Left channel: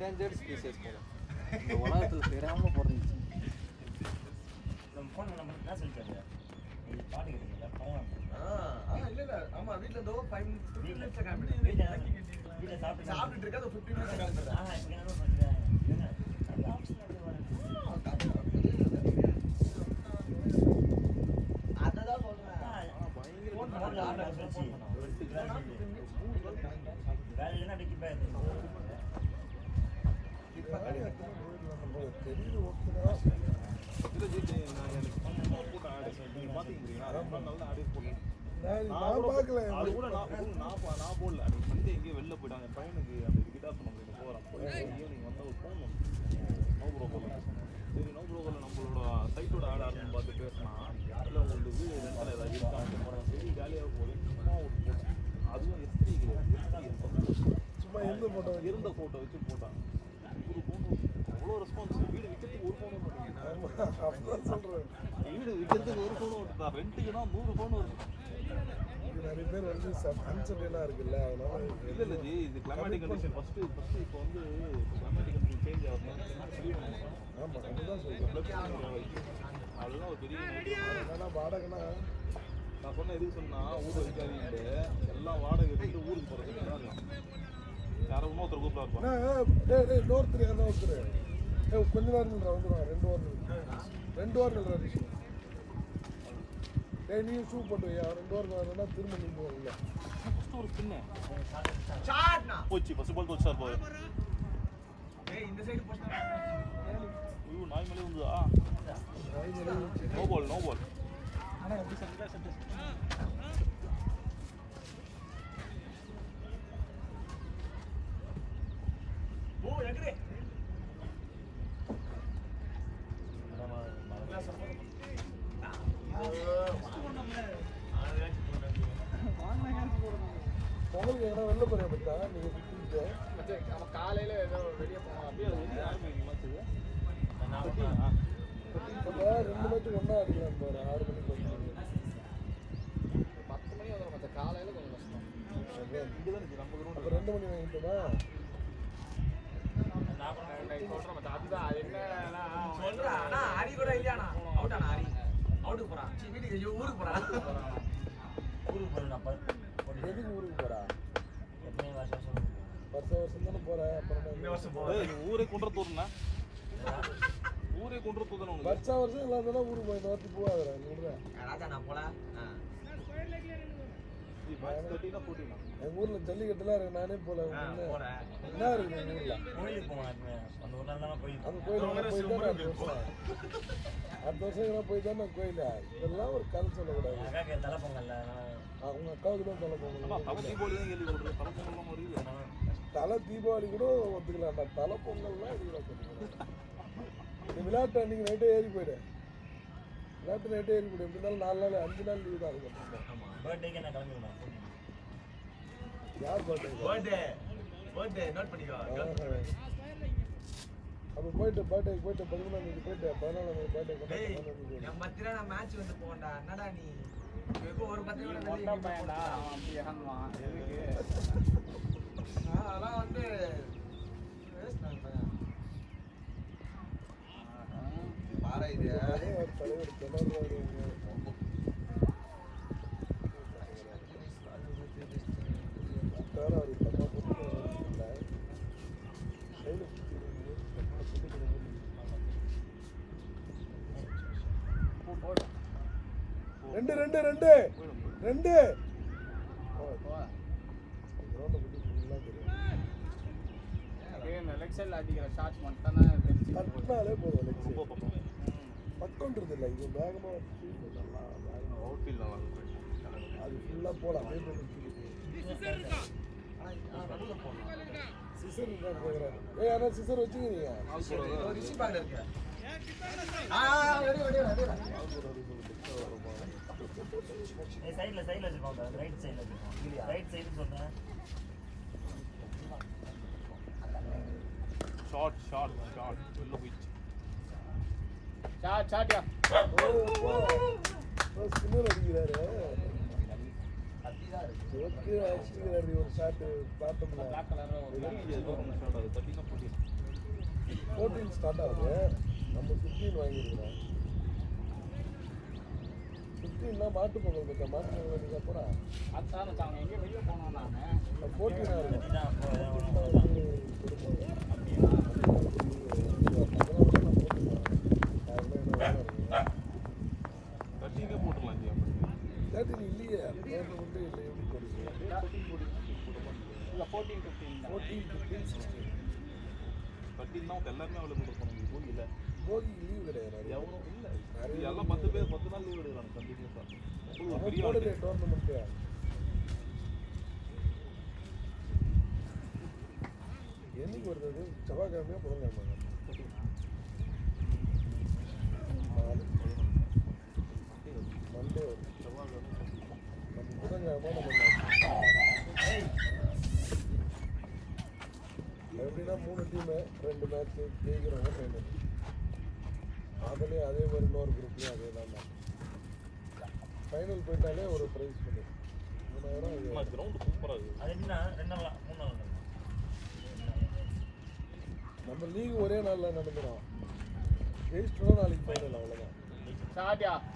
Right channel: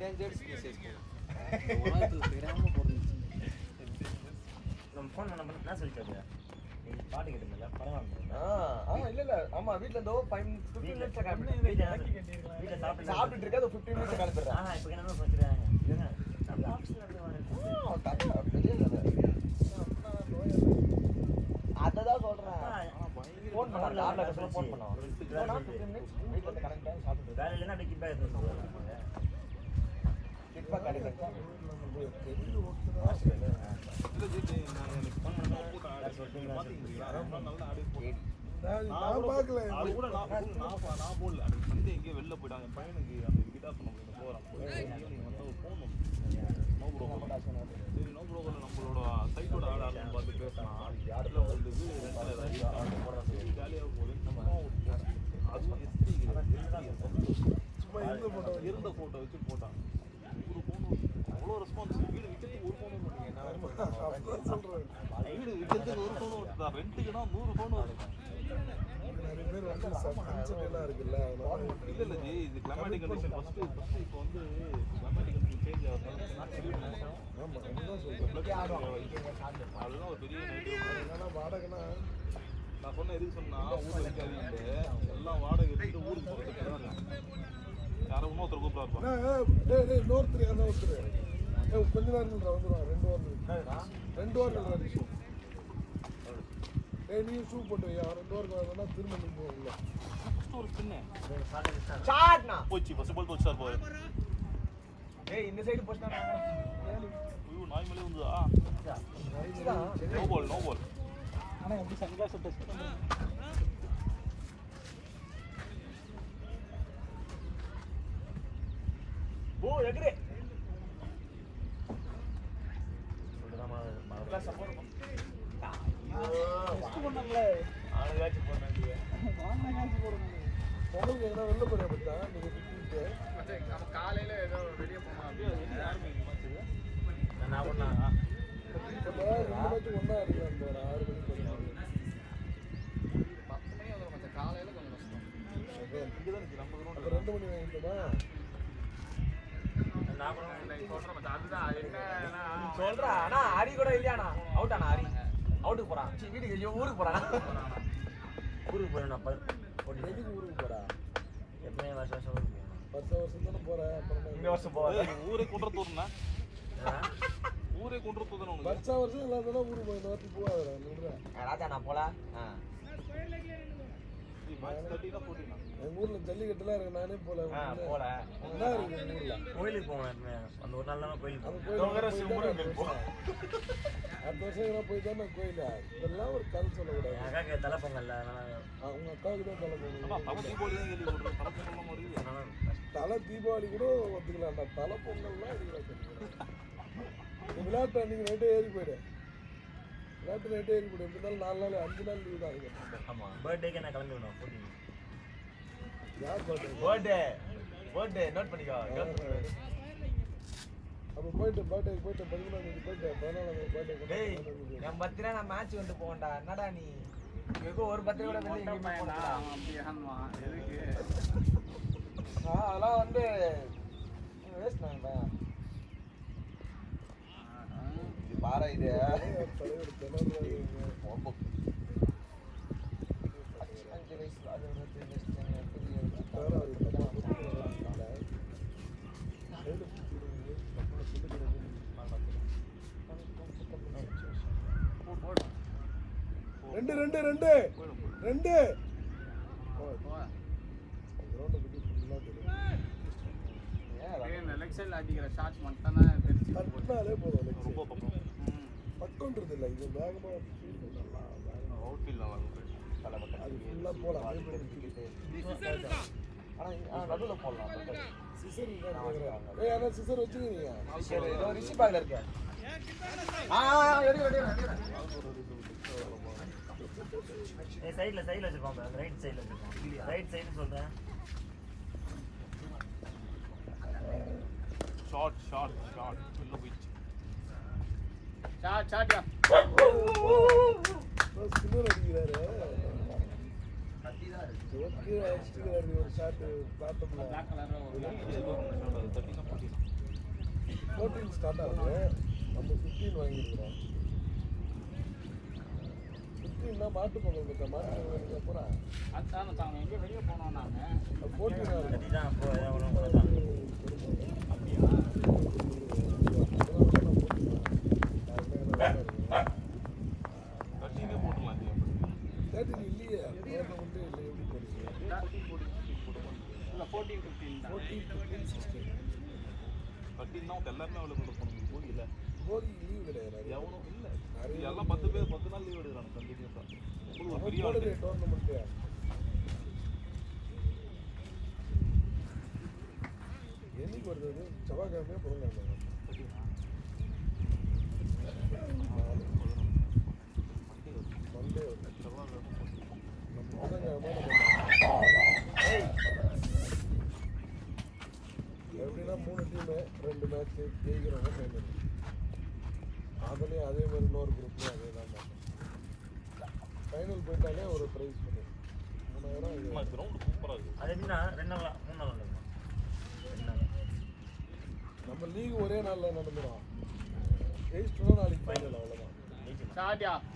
endangered species போல இந்த உலகத்துல தெரியாம பிறந்துச்சு. நம்ம ஃபோன் நம்பர் என்ன சொல்லிச்சாரு? நீ பாட்டு கேட்டீங்கல்ல பரவாயில்ல. இல்ல ஆமா வீட்ல இருந்தோ 15 மினிட்ஸ் காமிடு. வீட்ல சாப்பிட்டுட்டு இருக்க அது 15 மினிட்ஸ் காமிடுறேன். இப்போ என்ன சொல்றாங்க? இல்லங்க நம்ம ஆப்ஷன்ல அப்படியே வரேன். அததான் சொல்றேன். ஃபோன் பண்ணல ஃபோன் பண்ணோம். வேலை இல்லைன்னா அப்படியே கிட் பேக் எடுத்து போறாங்க. Kit bag அடிக்கட்டா. ஃபோன் பண்ணா யார் சொல்றீங்க நான் பார்க்கல அது கூட நான் போடல. அது வந்து எங்கேயோ வெளில போயிட்டாங்க. பையனுக்கு அந்த கிட்டாப் போறான். நம்மளோட சைட்டோட ஆள் ஆடுன்னு பார்த்து பேசணும். யாரில் வந்து இருந்த ஃபோட்டோ வச்சு போட்டாங்க. அவ்வளோ ரெஸ்பான்ஸ். வீடு விற்கிறது ஒரு ஃபோனும் வருதா? ரெண்டுக்குன்னா 100 ஃபோன் வரும். இல்லை ஜி, இது கிளைமேட்டிக் கண்டிஷன் ஃபஸ்ட்டு. இப்போ வந்து கிளைமேட்டிக் கண்டிஷன் சேஞ்ச் ஆகுது. அதெல்லாம் ஒரு பெரிய நான் சொன்ன எதுக்கு சொன்னா ஊர் வைக்காதீங்க. எல்லாம் வாடகை எடுத்து ஊருக்கு போகிறது. யாரும் இன்னொருத்தர் கூப்பிட்டா கொஞ்ச நேரம் வந்துடுவான். 2 வாரம் நீ ஷூட் பண்ணுவியா? 2 வாரம் வரணும்னா திரும்பி போச்சு. பஸ் போல் போச்சு சார். இந்த சைடு போஸ்டா ஐயோ நாய் மேலே வந்துதா? நோ பால் ஓ எகரே சப்போர்ட் சொல்றா அண்ணா ஹரி கூட இல்லையாண்ணா அவுட் ஆனா ஹரி அவுட்டுக்கு போறான். வீட்டுக்கு ஊருக்கு போறான். ஊருக்கு போறேன் நான் ஊருக்கு போறா. எப்பவுமே வருஷம் ஊருக்கு போவேன். இந்த வருஷம் போவேன். ஊரே கொண்டு தோதுனா ஊரே கொண்டு தோதுனா வருஷம் எல்லாரும் ஊருக்கு போய் போவாங்க. ராஜா நான் போல எங்க ஊர்ல ஜல்லிக்கட்டுலாம் இருக்கு. நானே போல கோயிலுக்கு போவேன். அந்த ஒரு நாள் தான் கோயிலுக்கு அடுத்த வருஷம் போய் தானே கோயிலா இதெல்லாம் ஒரு கதை சொல்லக்கூடாது. என் அக்காக்கு தலை பொங்கல்ல அவங்க அக்காவுக்கு தான் தலை தீபாவளி கூட ஒத்துக்கலாம்டா. தலை பொங்கல்லாம் விளையாட்டு அன்னைக்கு நைட்டே ஏறி போயிடு. விளையாட்டு நைட்டே ஏறி போயிடு. 2 நாள் 4 நாள் 5 நாள் லீவ் தான் இருக்கும். ஆமாம் பர்த்டேக்கு நான் கிளம்பிடணும். பர்த்டே நோட் பண்ணிக்கோ. அப்போ போயிட்டு போயிட்டு 11 போயிட்டு டேய் என் பர்த்டே நான் மேட்ச் வந்து போவேன்டா. என்னடா நீ ஒரு பர்த்டே கூட வெளியே எங்கேயுமே போனதா? அதெல்லாம் வந்து வேஸ்ட் பண்ண பாரு. இது ரெண்டு சிசர் வச்சுக்கிறீங்க. ரிஷி பேக்ல இருக்கு. சைடுல வச்சிருக்கோம். ரைட் சைடுல வச்சிருக்கோம். ரைட் சைடு சொல்றேன். ஷார்ட் இல்ல விச் ஷார்ட்யா சின்ன அடிக்கிறாரு. அடிதான் இருக்கு. ஓகே அடிக்கிறாரு. ஷார்ட் காட்டணும். 14 ஸ்டார்ட் ஆகுது. நம்ம 15 வாங்கிக்கிறோம். 15 தான் மாட்டு பொங்கல் கிட்ட மாட்டு அப்புறம் 14 அதுதான் அப்போ ஏதாவது ஒன்று கட்டிங்க போட்டுலாம் ஜி. 13 இல்லையே. 14, 15, 16. கட்டினா எல்லாமே அவ்வளோ கொடுக்கணும் இல்லை போகிக்கு லீவ் கிடையாது. எவனும் இல்லை அது எல்லாம் 10 பேர் 10 நாள் லீவ் எடுக்கிறாங்க கண்டிப்பாக பெரிய ஆள் டோர்னமெண்ட் என்னைக்கு வருது? செவ்வாய்க்கிழமையா புதன்கிழமை? எப்படின்னா 3 டீமு 2 மேட்ச் ஜெயிக்கிறவங்க பேமெண்ட். அதுலேயே அதே மாதிரி இன்னொரு குரூப்லேயும் அதே தான். ஃபைனல் போயிட்டாலே ஒரு ப்ரைஸ் பண்ணி கிரவுண்டு சூப்பராக இருக்குது அது எப்படின்னா 2 நாள் 3 நாள் நடக்கும். 2 நாள் நம்ம லீக் ஒரே நாளில் நடந்துடும். ஜெயிச்சிட்டோம்னா நாளைக்கு ஃபைனல் ஃபைனல் அவ்வளோதான். ஜெயிச்சிடும்.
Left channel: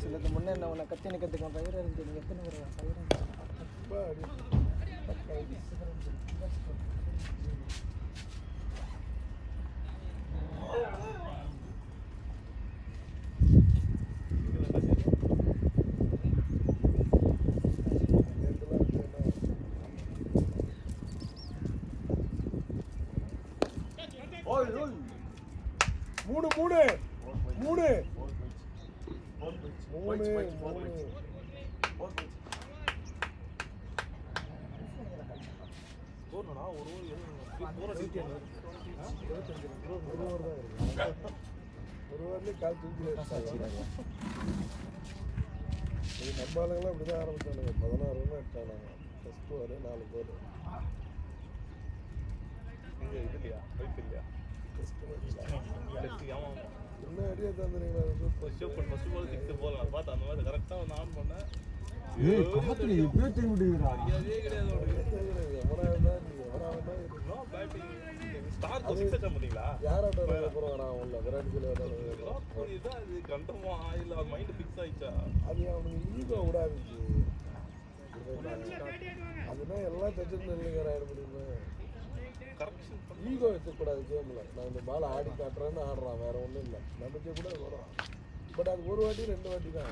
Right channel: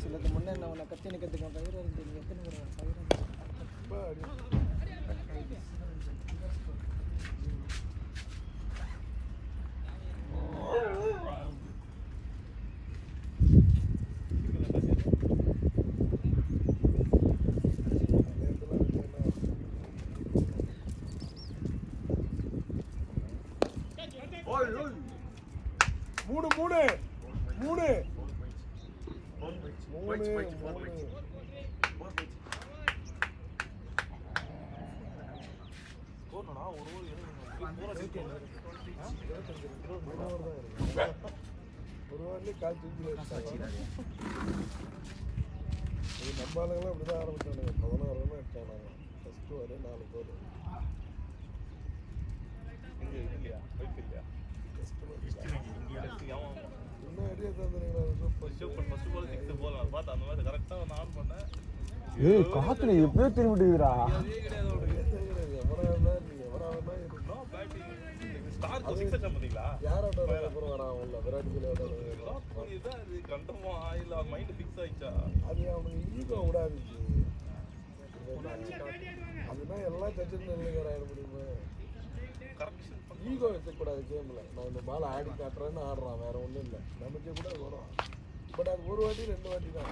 சிலது முன்னே என்ன உன்னை கத்தி நிற்கிறதுக்கு பயிர் இருந்து நீங்கள் எத்தனை பயிர் மூணு மூணு மூணு கால் தூக்கி நம்ம ஆளுங்களாம் இப்படிதான் ஆரம்பிச்சாங்க. 16 ரன் அடிச்சாங்க. ஃபர்ஸ்ட் வரை 4 கோல். என்ன ஐடியா ஏய் காத்துல எப்படியோ திரும்பிட்டுக்கிறா யாரோட போறாங்க உள்ள விராட் கோலி அது அவனுக்கு ஈகோ விடாது. அதுதான் எல்லாம் ஜட்ஜஸ் ஈகோ வச்சக்கூடாது கேம்ல. நான் இந்த பால் ஆடி காட்டுறேன்னு ஆடுறான், வேற ஒன்றும் இல்லை. நமக்கு கூட வரும். பட் அது ஒரு வாட்டி 2 வாட்டி தான்.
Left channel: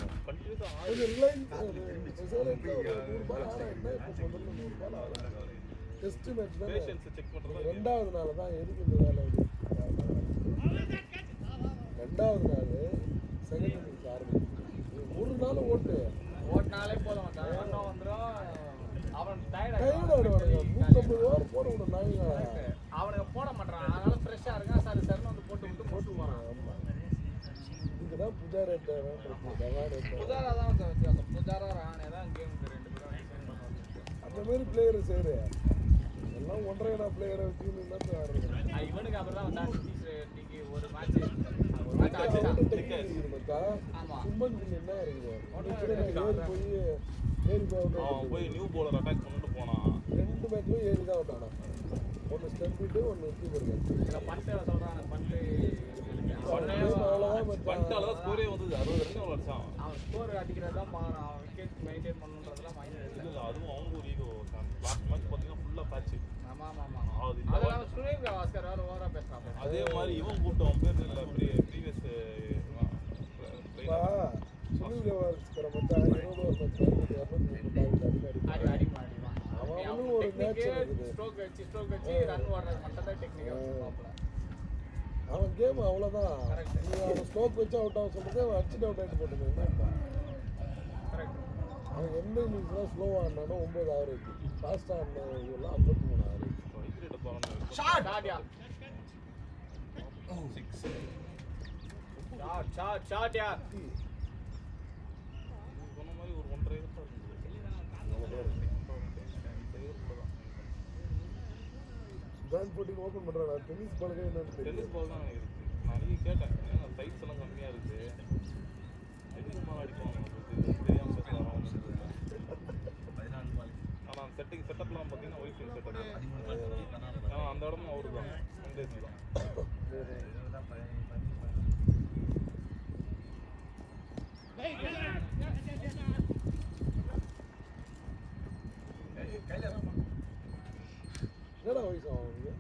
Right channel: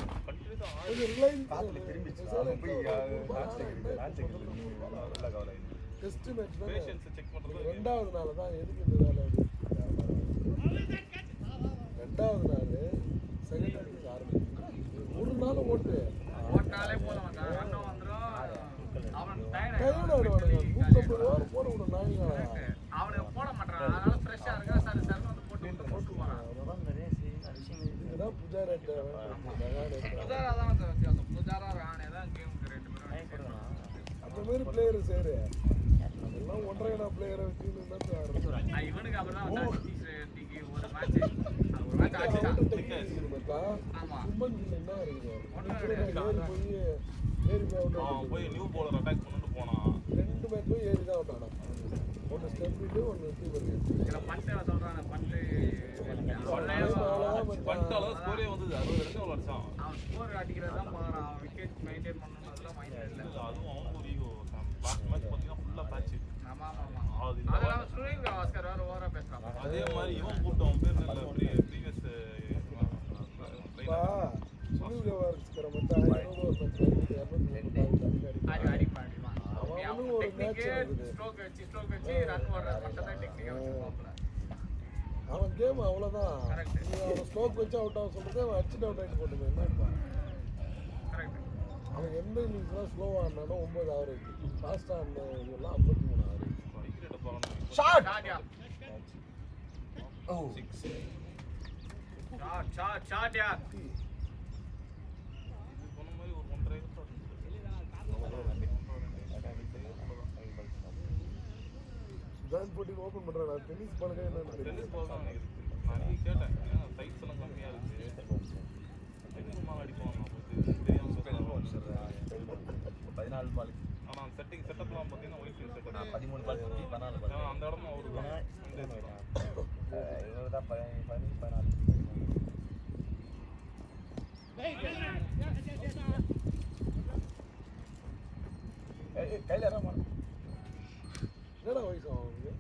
டெஸ்ட் மேட்ச் தான் 2வது நாள் தான் எதுக்கு இந்த வேலை வந்து 2வது நாள் செகண்ட் ஒரு நாள் ஓட்டு போட்டாலே போதும் ரன்னும் வந்துடும் அவன் போடணும் நாய்ங்க அவனுக்கு போட மாட்டான் அதனால ஃப்ரெஷ்ஷாக இருக்கா சார் சார் வந்து போட்டு போகிறான் அதான் புஜாரா புஜாரா தான் வித்தியாசம் புஜாரா ராணே தான் கேம் 2 பேரும் அந்த மாதிரி பிளேயர் சேரு 1.5 பிளேயரை வச்சு இவனுக்கு அப்புறம் தான் வந்தாச்சு ஒரு மேட்ச் ஆச்சுதான் போய் நியூ போலர் அட்டாக் பண்ணிட்டு போனான் 2 மேட்சும் 7 தான் விட்டாங்க. ஒன்று ஸ்டெப் விட்டு ஒன்று பட்டு சொல்கிறான் பட்டு பட்டால ஸ்கோரே வந்தது 60 ரன் அவ்வளோ அடிச்சான். அவன் ஸ்கோர் அடிக்கிறதான் அவன் விக்கெட் மெயின்டைன் பண்ணணுன்றதுலாம் மைண்டில் இல்லை. அதுவும் அவங்க ஒரு ஈகோ லாஸ்ட் மேட்ச் பார்த்தீங்கன்னா ஃபுல்லாக பேட்ச். ஆமாம் ஆமாம் அது இல்லாமல் சுரேந்திர பாஸ்கர் வேறு ஓவராக பேசுகிறான். அதே மாதிரி இவன் கூட்டம் அவன் பேர் நல்ல ப்ரீவியஸ் அவன் கேம் அவ்வளோதான். ஸ்ட்ரோக் வச்சு அவுட் ஆக சொல்லுறது அவன் அடிச்சுட்டு அவுட் ஆகிட்டு போட்டுருக்கான். அவன் எந்த இன்னிங்ஸ்லாம் ஸ்லோவாக ஆடினாலும் 9 ஆவரேஜ், ஃபாஸ்ட்டாக ஆடினாலாம் 53 ஷாட் ஷாட் யார் டிரான்ஸ்போர்ட்டிங் ஓப்பன் பண்றாங்க டென்னிஸ் பாலுக்கு என்ன டென்னிஸ் பால் தான் நினைக்கிறேன். நான் இன்னைக்கு கேட்டேன் சைஸ் எல்லாம் கம்மியா இருக்கு டென்னிஸ் பால் அடிக்கும் தெரியாம சுத்தலாம் 14 பால் ஆனா செட்டப்லாம் பார்த்தீங்கன்னா ஒய்ஃபை செட்டப் 13 பால் 14 பால் அந்த இடம் ஒரு இதே மாதிரி தான் இவங்க தான் 14 கையில் இறங்க என்னடா வயசு அவங்களுக்கு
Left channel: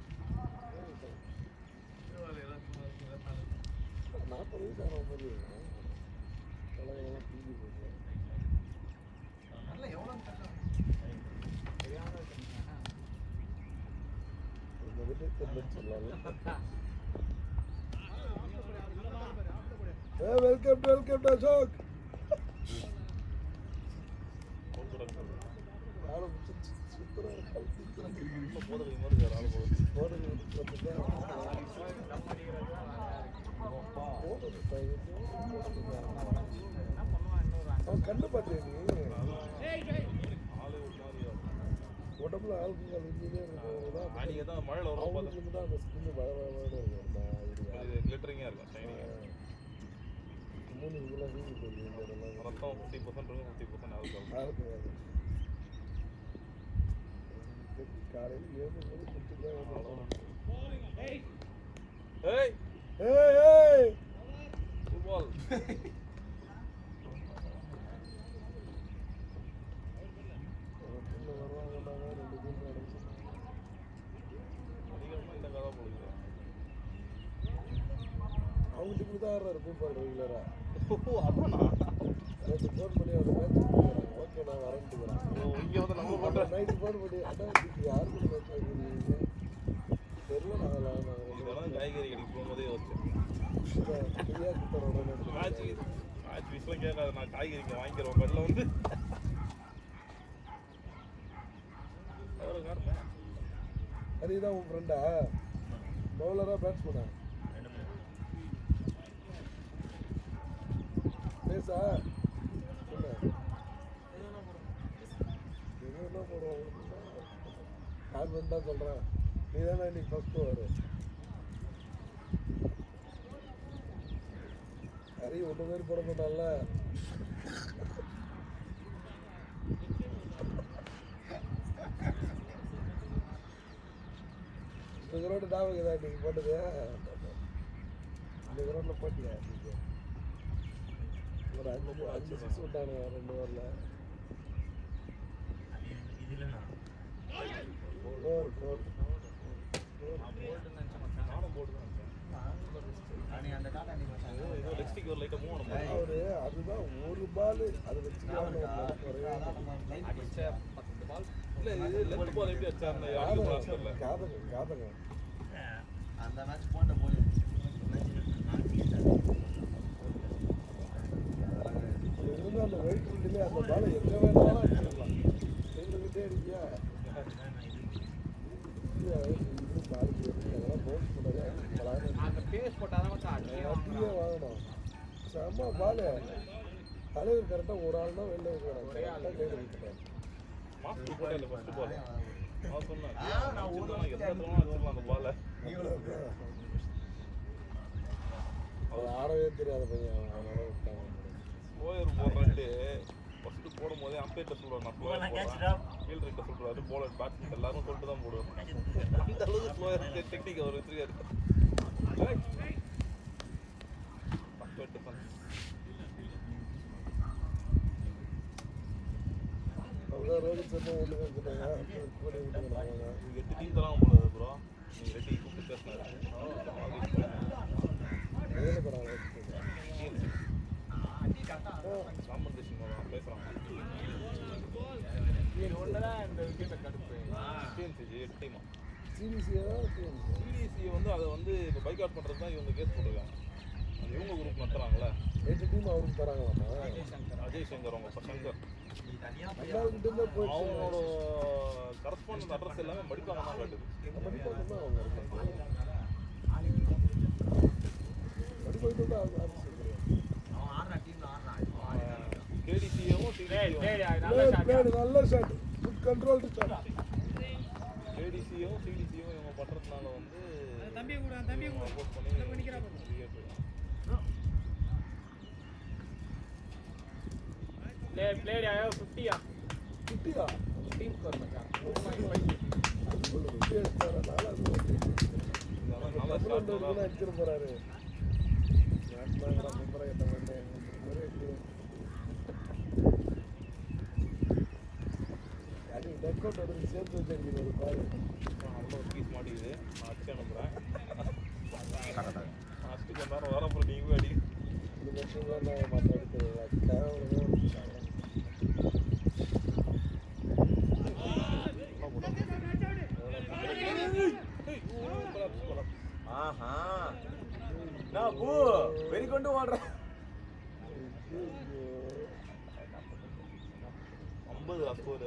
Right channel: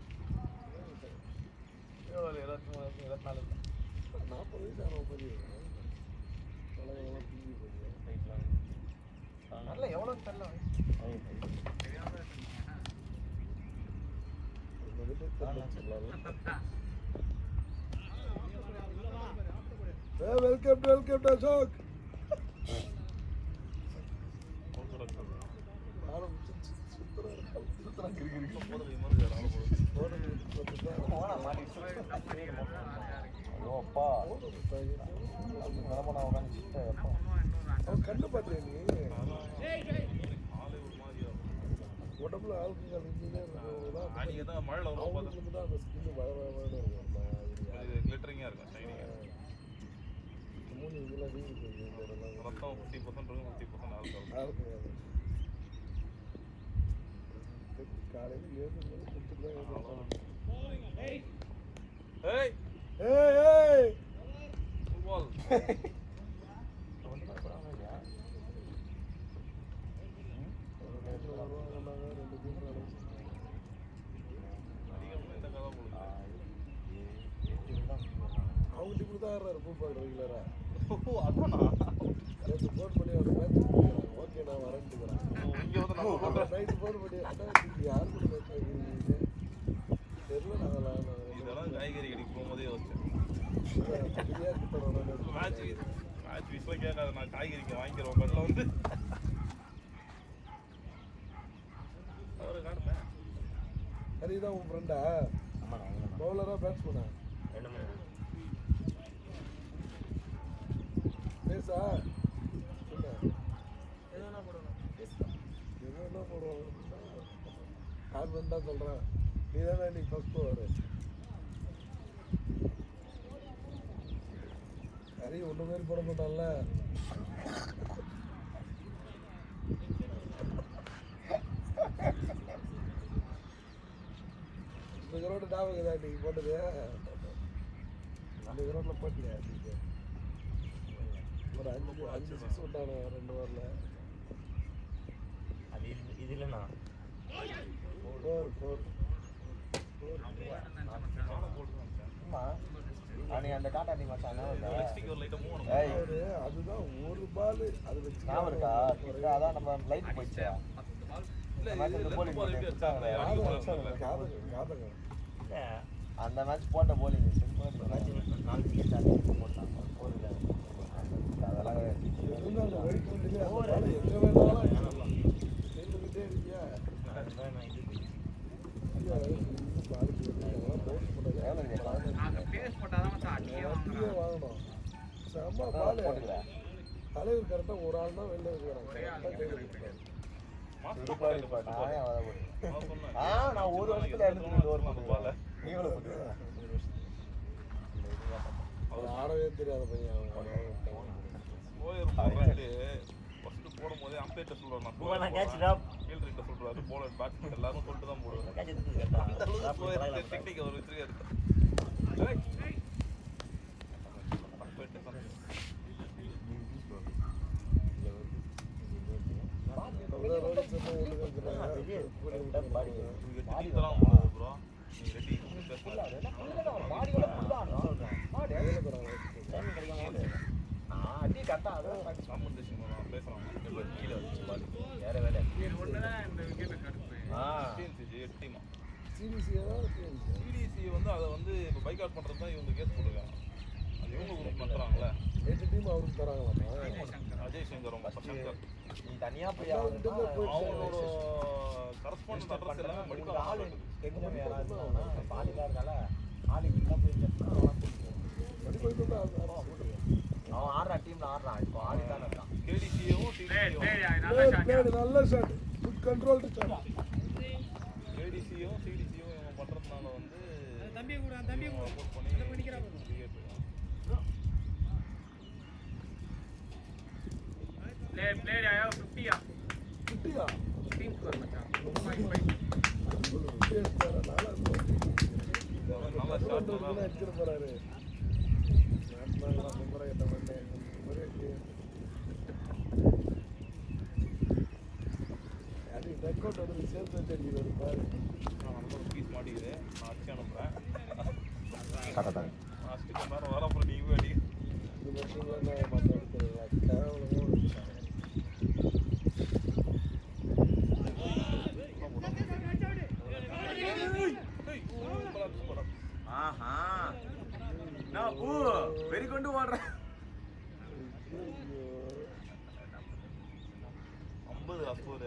24 40 வயசு ஆகுது நல்ல எவ்வளோன்னு தெரியல வெல்கம் அசோக் கண்ணு பாத்தியா நீ உடம்புல ஆல்கஹால் அன்னைக்கு தான் மழையில் வரும் பார்த்து கிளிட்டரிங்காக இருக்கும் ஷைனிங்காக இருக்கும் ரத்தம் 50% இருக்கும் 50% ஆல்கஹால் ஏய் ஃபுட்பால் அவங்களுக்கு தான் இருக்கும் பாரு ரெகுலரா இங்கே வந்து நம்ம போட்டோம் நைட் போன் பண்ணி இதெல்லாம் காய்கறி கடைக்கு போகும்போதே யோசிச்சேன் மேட்ச் வீஸ்லாம் கேட்காது நான் காய்கறிக்கு வாங்கிக்கிறேன் பதில் வந்து ஹரிதான் உன் ஃப்ரெண்டா பவுலரா பேட்ஸ்மேனா பேசா ஹாஸ்பண்ட் தான் சொல்கிறேன் நீ தானே இன்னைக்கு ஃபஸ்ட்டு வரு ஹரி ஒன்று மாதிரி போட மாட்டான்ல இதோட டாபகம் தான் இன்னைக்கு போட்டது அந்த கிரௌண்டில் போட்டியா ஒரு 5 சிக்ஸ் விட்டாங்க 2 ஓவரில் அது இது இல்லைண்ணா அன்னைக்கு அந்த டாட்டா நீ மச்சான் லெக்ஸ்டிக் ஒரு லைட்டாக மூணு அதுதான் ஒரு பால் அது ஞாபகம் இருக்கா இப்போ அதான் நம்ம லைட் போச்சு அந்த மேட்ச் போட்ட போலி பேஸ் போட்டாதான் அடியே வாங்குறான் தலைவர் கரெக்டாக ஒரு ஆள் தான் வெளில நான் ஒரு வருஷத்துல 2 ஓவர் பண்ணுவேன் நீ எவ்வளோ பண்ணுவேன் ஆடவே தெரியாத பையன் போடும்போதே அம்பேட்ட சொல்லுவாங்க பூவா கேட்ச் டாப் கீழ் ரெண்டு சொல்லுவாரு போலர் பேட்ஸ்மேன் எல்லாரும் சொல்லிட்டு தான் போடுவாங்க கேட்ச் எடுத்து டெக்னிக் அவர் வச்சிருக்காரு டீம்லாம் ப்ரோ ரெடி இது ஒண்ணுதான் இந்த விக்கெட்டை கடுப்பு சிபிசிஏ தான் சிடிசி வந்து அதை வந்து இப்போ பைக் அவுட் பண்ணுறது தான் இவங்க கேஸ் போடுவாங்க இவங்க குரூப் பண்ணுறாங்களே 8 டீம் அவங்க தராங்க அஜய் சங்கர் அவங்க பசங்க நீ தனியா போய் அவங்களோட கரஸ்பாண்டன்ட் அட்ரஸ் எல்லாமே மடிப்பாங்க ஆளு தெரிஞ்சவங்க யாராவது இருந்தாங்கன்னா பாதிலாம் இருந்தால ஆளு ஃபுல்லாக போயிட்டு அவன் ஆடுறான் டீம்ல ஆடுறான் இப்போ ஆளு தான் இருக்கான் கேடிசியும் நல்ல ஷாட் நல்ல ஷாட் குட் கண்ட்ரோல் கேடிசியும் சிடிசியும் பண்ணுறதுனால தம்பி கூட அந்த போய் நிக்கிறா பாரு. Play आया 50 आ 15 स्कोर मचा 2.5 நல்லா ஷாட் நல்லா போறாரு. பீஸ் மாட்டிக்குது நான் அடிச்சு அனுப்புறேன் கரெக்டாக ஹாஸ்பிட்டல் மேலே வர அப்புறம் நீங்க போய் அடி ஆஹா நான் பூ வெறி கொண்டு ஓடுறேன் 50 அஸ்கோர்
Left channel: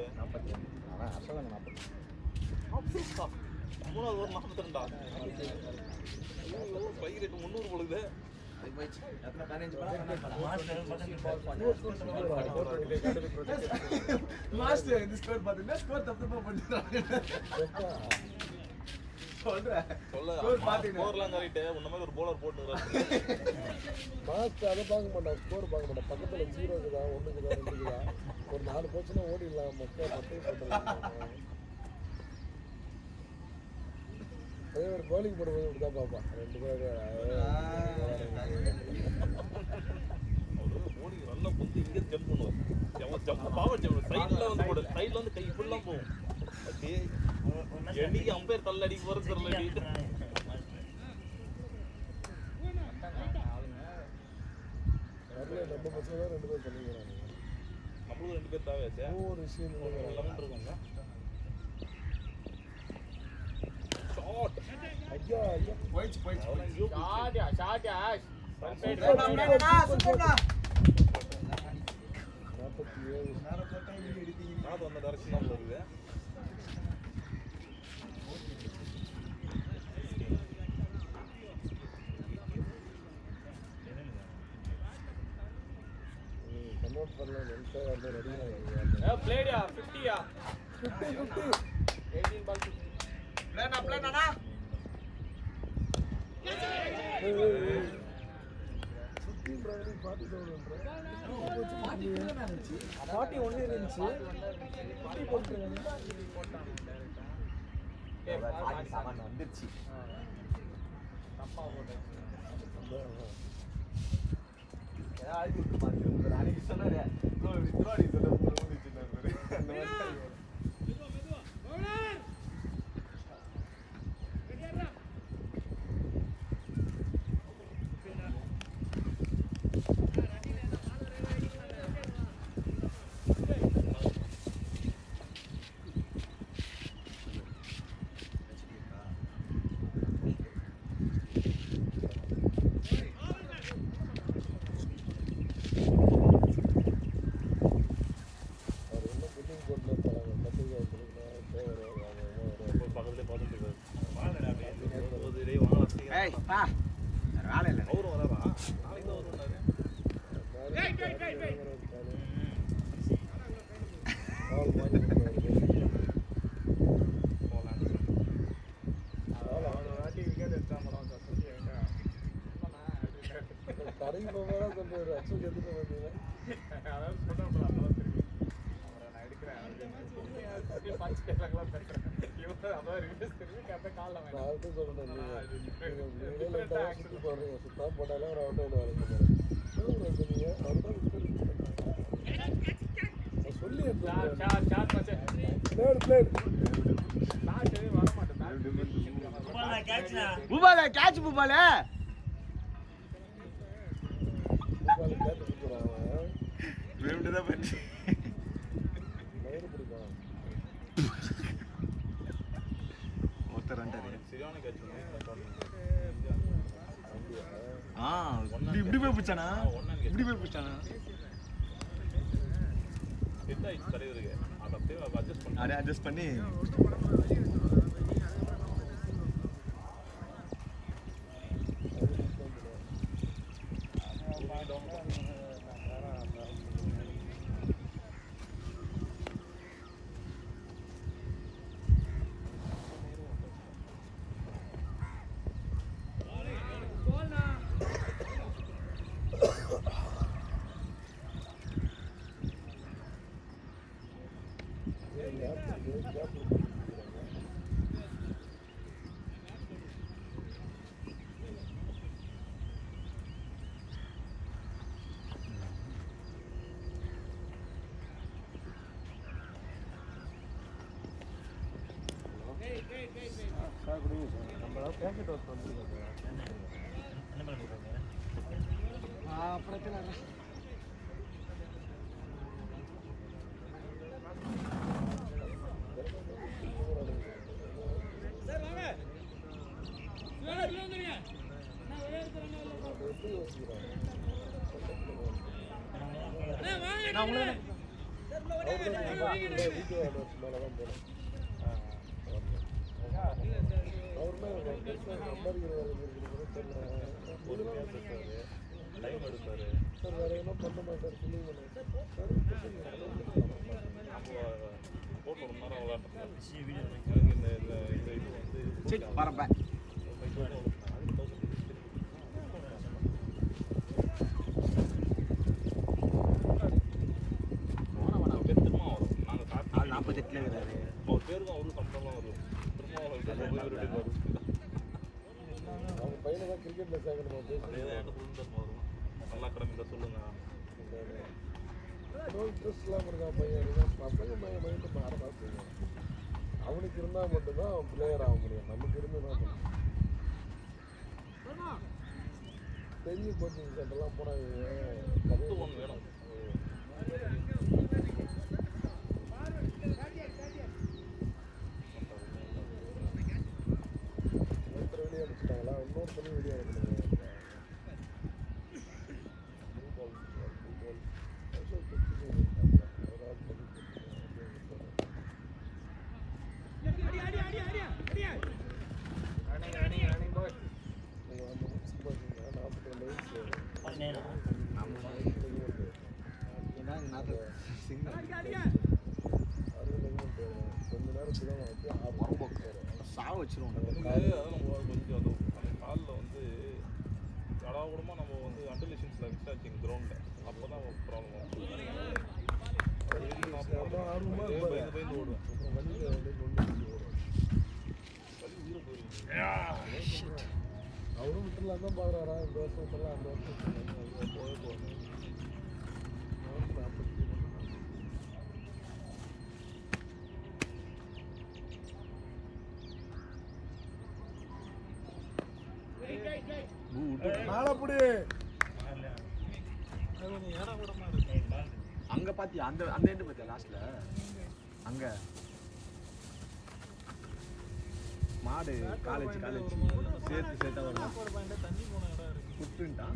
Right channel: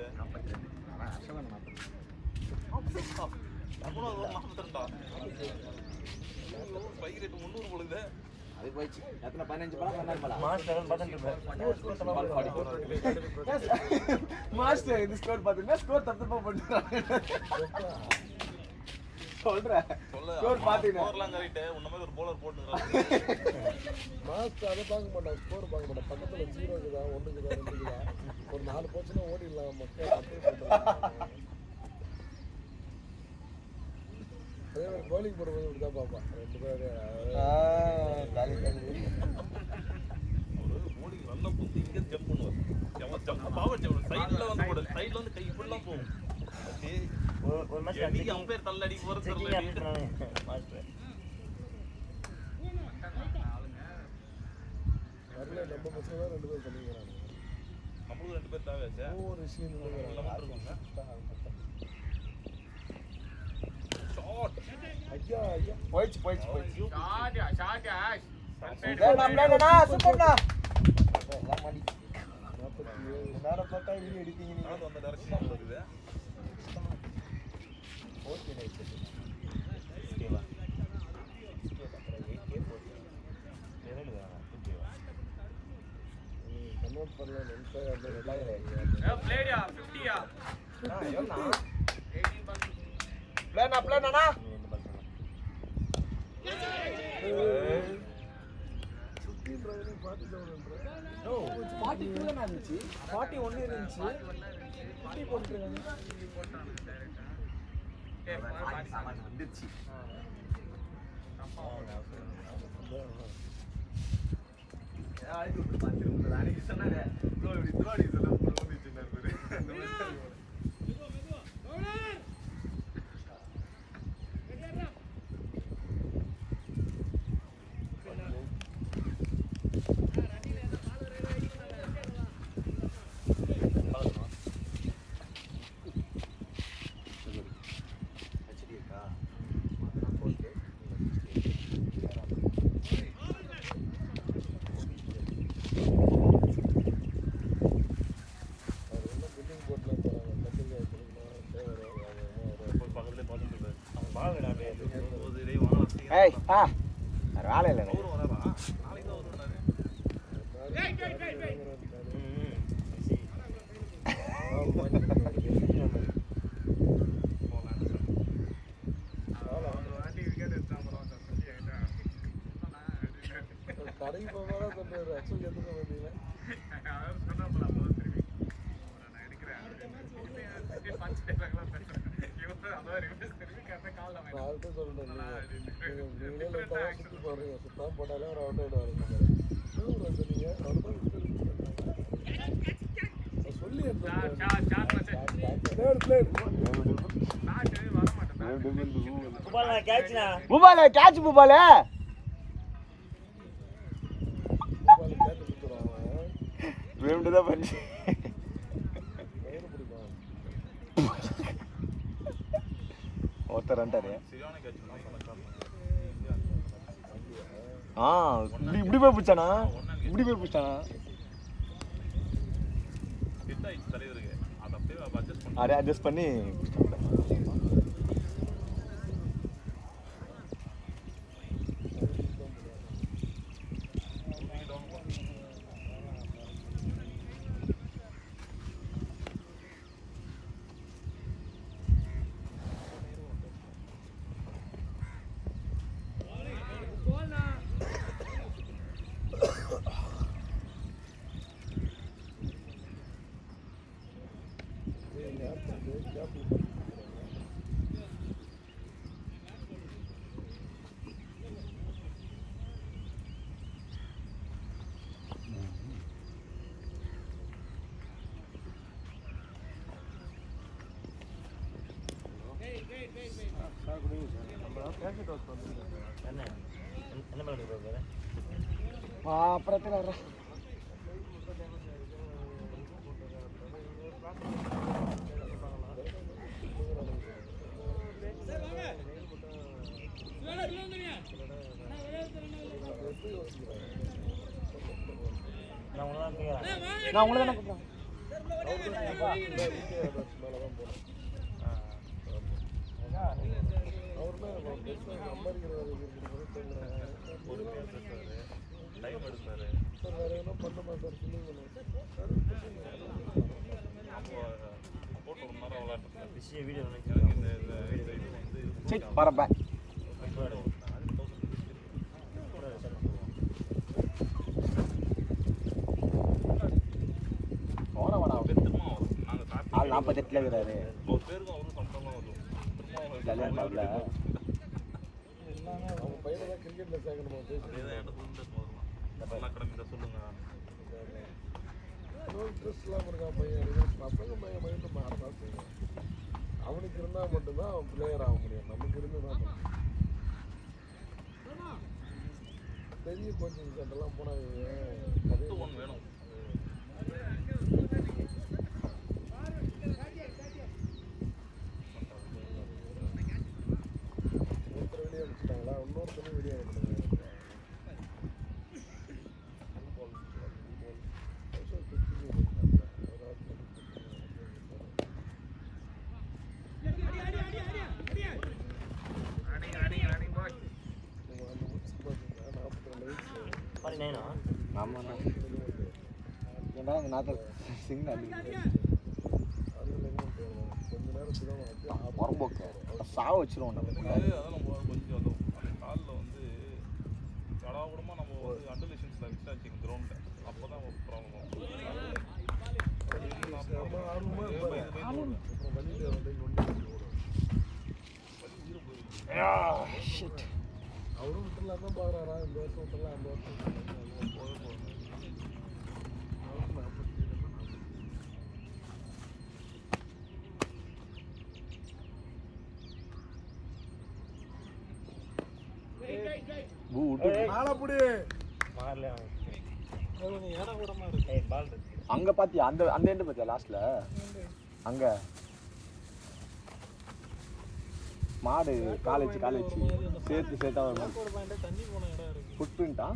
நம்மளும் அதை மாத்தண்டா ஸ்பைக் ரேட் 300 போடுது அது போயிடுச்சு எத்தனை 15 படம் 14 படம் மாஸ்டர் பார்த்துட்டு மாஸ்டர் இந்த ஸ்கோர் பாத்தீங்கன்னா ஸ்கோர் தப்பு பண்ணிடுறாங்க சொல்றேன் ஸ்கோர் பாத்தீங்கன்னா ஸ்கோர்லாம் சொல்லிட்டு உன்ன மாதிரி ஒரு bowler போட்டு மாஸ்டர் அதை பார்க்க மாட்டான், ஸ்கோர் பார்க்க மாட்டான். பக்கத்தில் ஜீரோ இருக்குதா, ஒன்று இருக்குதா, ஒரு 4 போச்சுன்னா ஓடிடலாம் பவுலிங் போடும்போது இப்படி தான் பார்ப்பான். 2 பேர் ஓடி நல்லா பூந்து இங்கே ஜம்ப் பண்ணுவார் எவன் ஜம்ப் பாவம் செய்வார் சைடில் வந்து போடு சைடில் வந்து கை ஃபுல்லாக போகும் ஒரு மேட்ச் எடிக்கு அம்பேர் தள்ளடி போகிற செக்கிங் தள்ளடி ஆடுறானே மாஸ்டர். நிறைய 2 பசங்க 2 பேர் பண்ணிடுவாங்க. நம்மளும் 2 பேர் தேவையாச்சா ஒவ்வொரு விஷயங்களும் போயிடுச்சு போயிடுச்சு போயிடுச்சு ஷாட் வேணா சூப்பர்டா வேற பார்த்தா வீடியோ எடுத்தீங்க நான் அந்த டைரக்ஷன் இருக்குது played ya 50 ya ஏன்னா 18 ball பிளேனா பாட்டி ஒண்ணு இருந்துச்சு சாமான் வந்துருச்சு ஆழ்த்தி விட்டு பார்த்து அன்னைக்கு சொன்னாரு இப்படி திருவாடி சொல்ல வந்துச்சு அந்த மாதிரி ஏய் வேலை இல்லை கடைக்கு போகும்போது கொஞ்சம் அச்சீவ் எடுத்துக்க பூபால கேட்ச் பூபால தான் பண்ணி ஒருத்தர் வந்துட்டாரு இப்படி போய் பிடிச்சானா அப்படியே அட்ஜஸ்ட் பண்ணி என்ன என்ன மேலே கொடுக்குறாரு? பிரச்சனை நான் உங்களை தான் கேட்குறேன். வீடியோ சரி வரப்ப ஆள் 48 இருக்கிறாரு கல்யாணம் ஆகல. அவனுக்கு இருந்தா மட்டும்தான் பிளேயர் ஆக முடியும். நமக்கு இருந்தா டெல்லி கோச்சிங் சென்டர்லாம் போனாங்க. ஆமாண்ணா ஏன்னா இங்கே நாத்த சிங்கம் மரம்போக்கு சாவ வச்சிருவோம் அங்க பாத்தியா அந்த அந்த எண்டு பாத்தியா லாஸ்ட்ல அங்க மாடு காலேஜ் சேர்த்து சேர்த்தா வரணும் ஃபுட் பிரிண்டா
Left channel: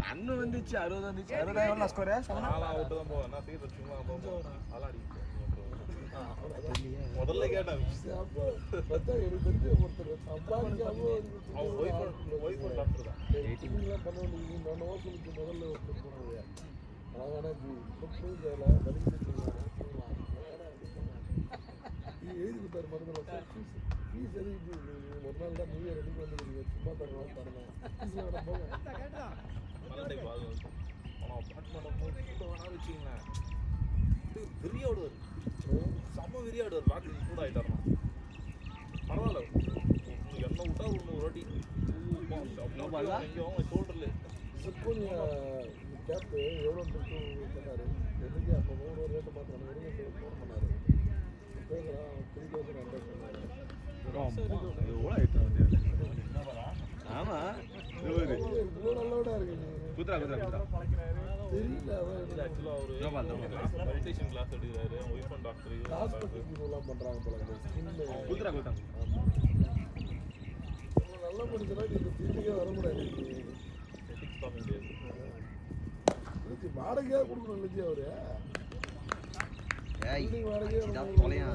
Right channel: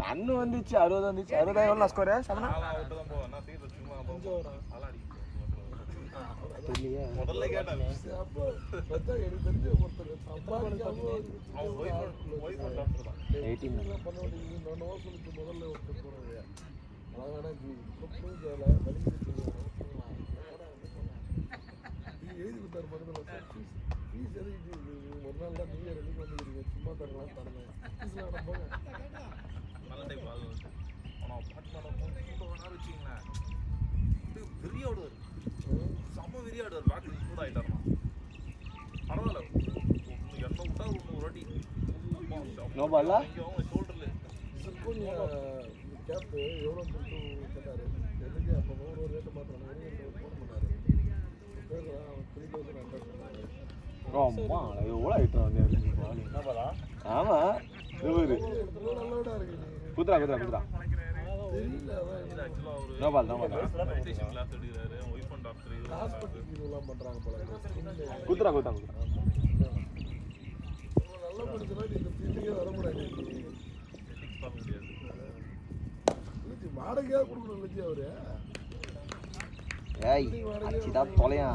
ரன்னு வந்துச்சு 60 வந்துச்சு 60 எவ்வளோ ஸ்கோரு சமனா தெரியலையே முதல்ல கேட்டேன் நோபாலா எவ்வளோ ஆயிட்டு வந்தேன் என்ன போலாம் ஆமாம் நல்லவனா இருக்கு குத்துறா குத்துறா குத்துறா தெரியல அதான் no ball no ball meditation class எடுக்கிறாரு அவங்க ஒய்ஃப் அண்ட் டாக்டர் ஹாஸ்பிட்டல் இதெல்லாம் பண்றாங்க போல குத்துறா குத்துறா நல்ல மனுஷனா இந்த ஃபீல்டுக்கே வரக்கூடாது வாடகையாக கொடுக்கணும் இல்லையா அவரு ஏய் அடிச்சுதான் தொலையா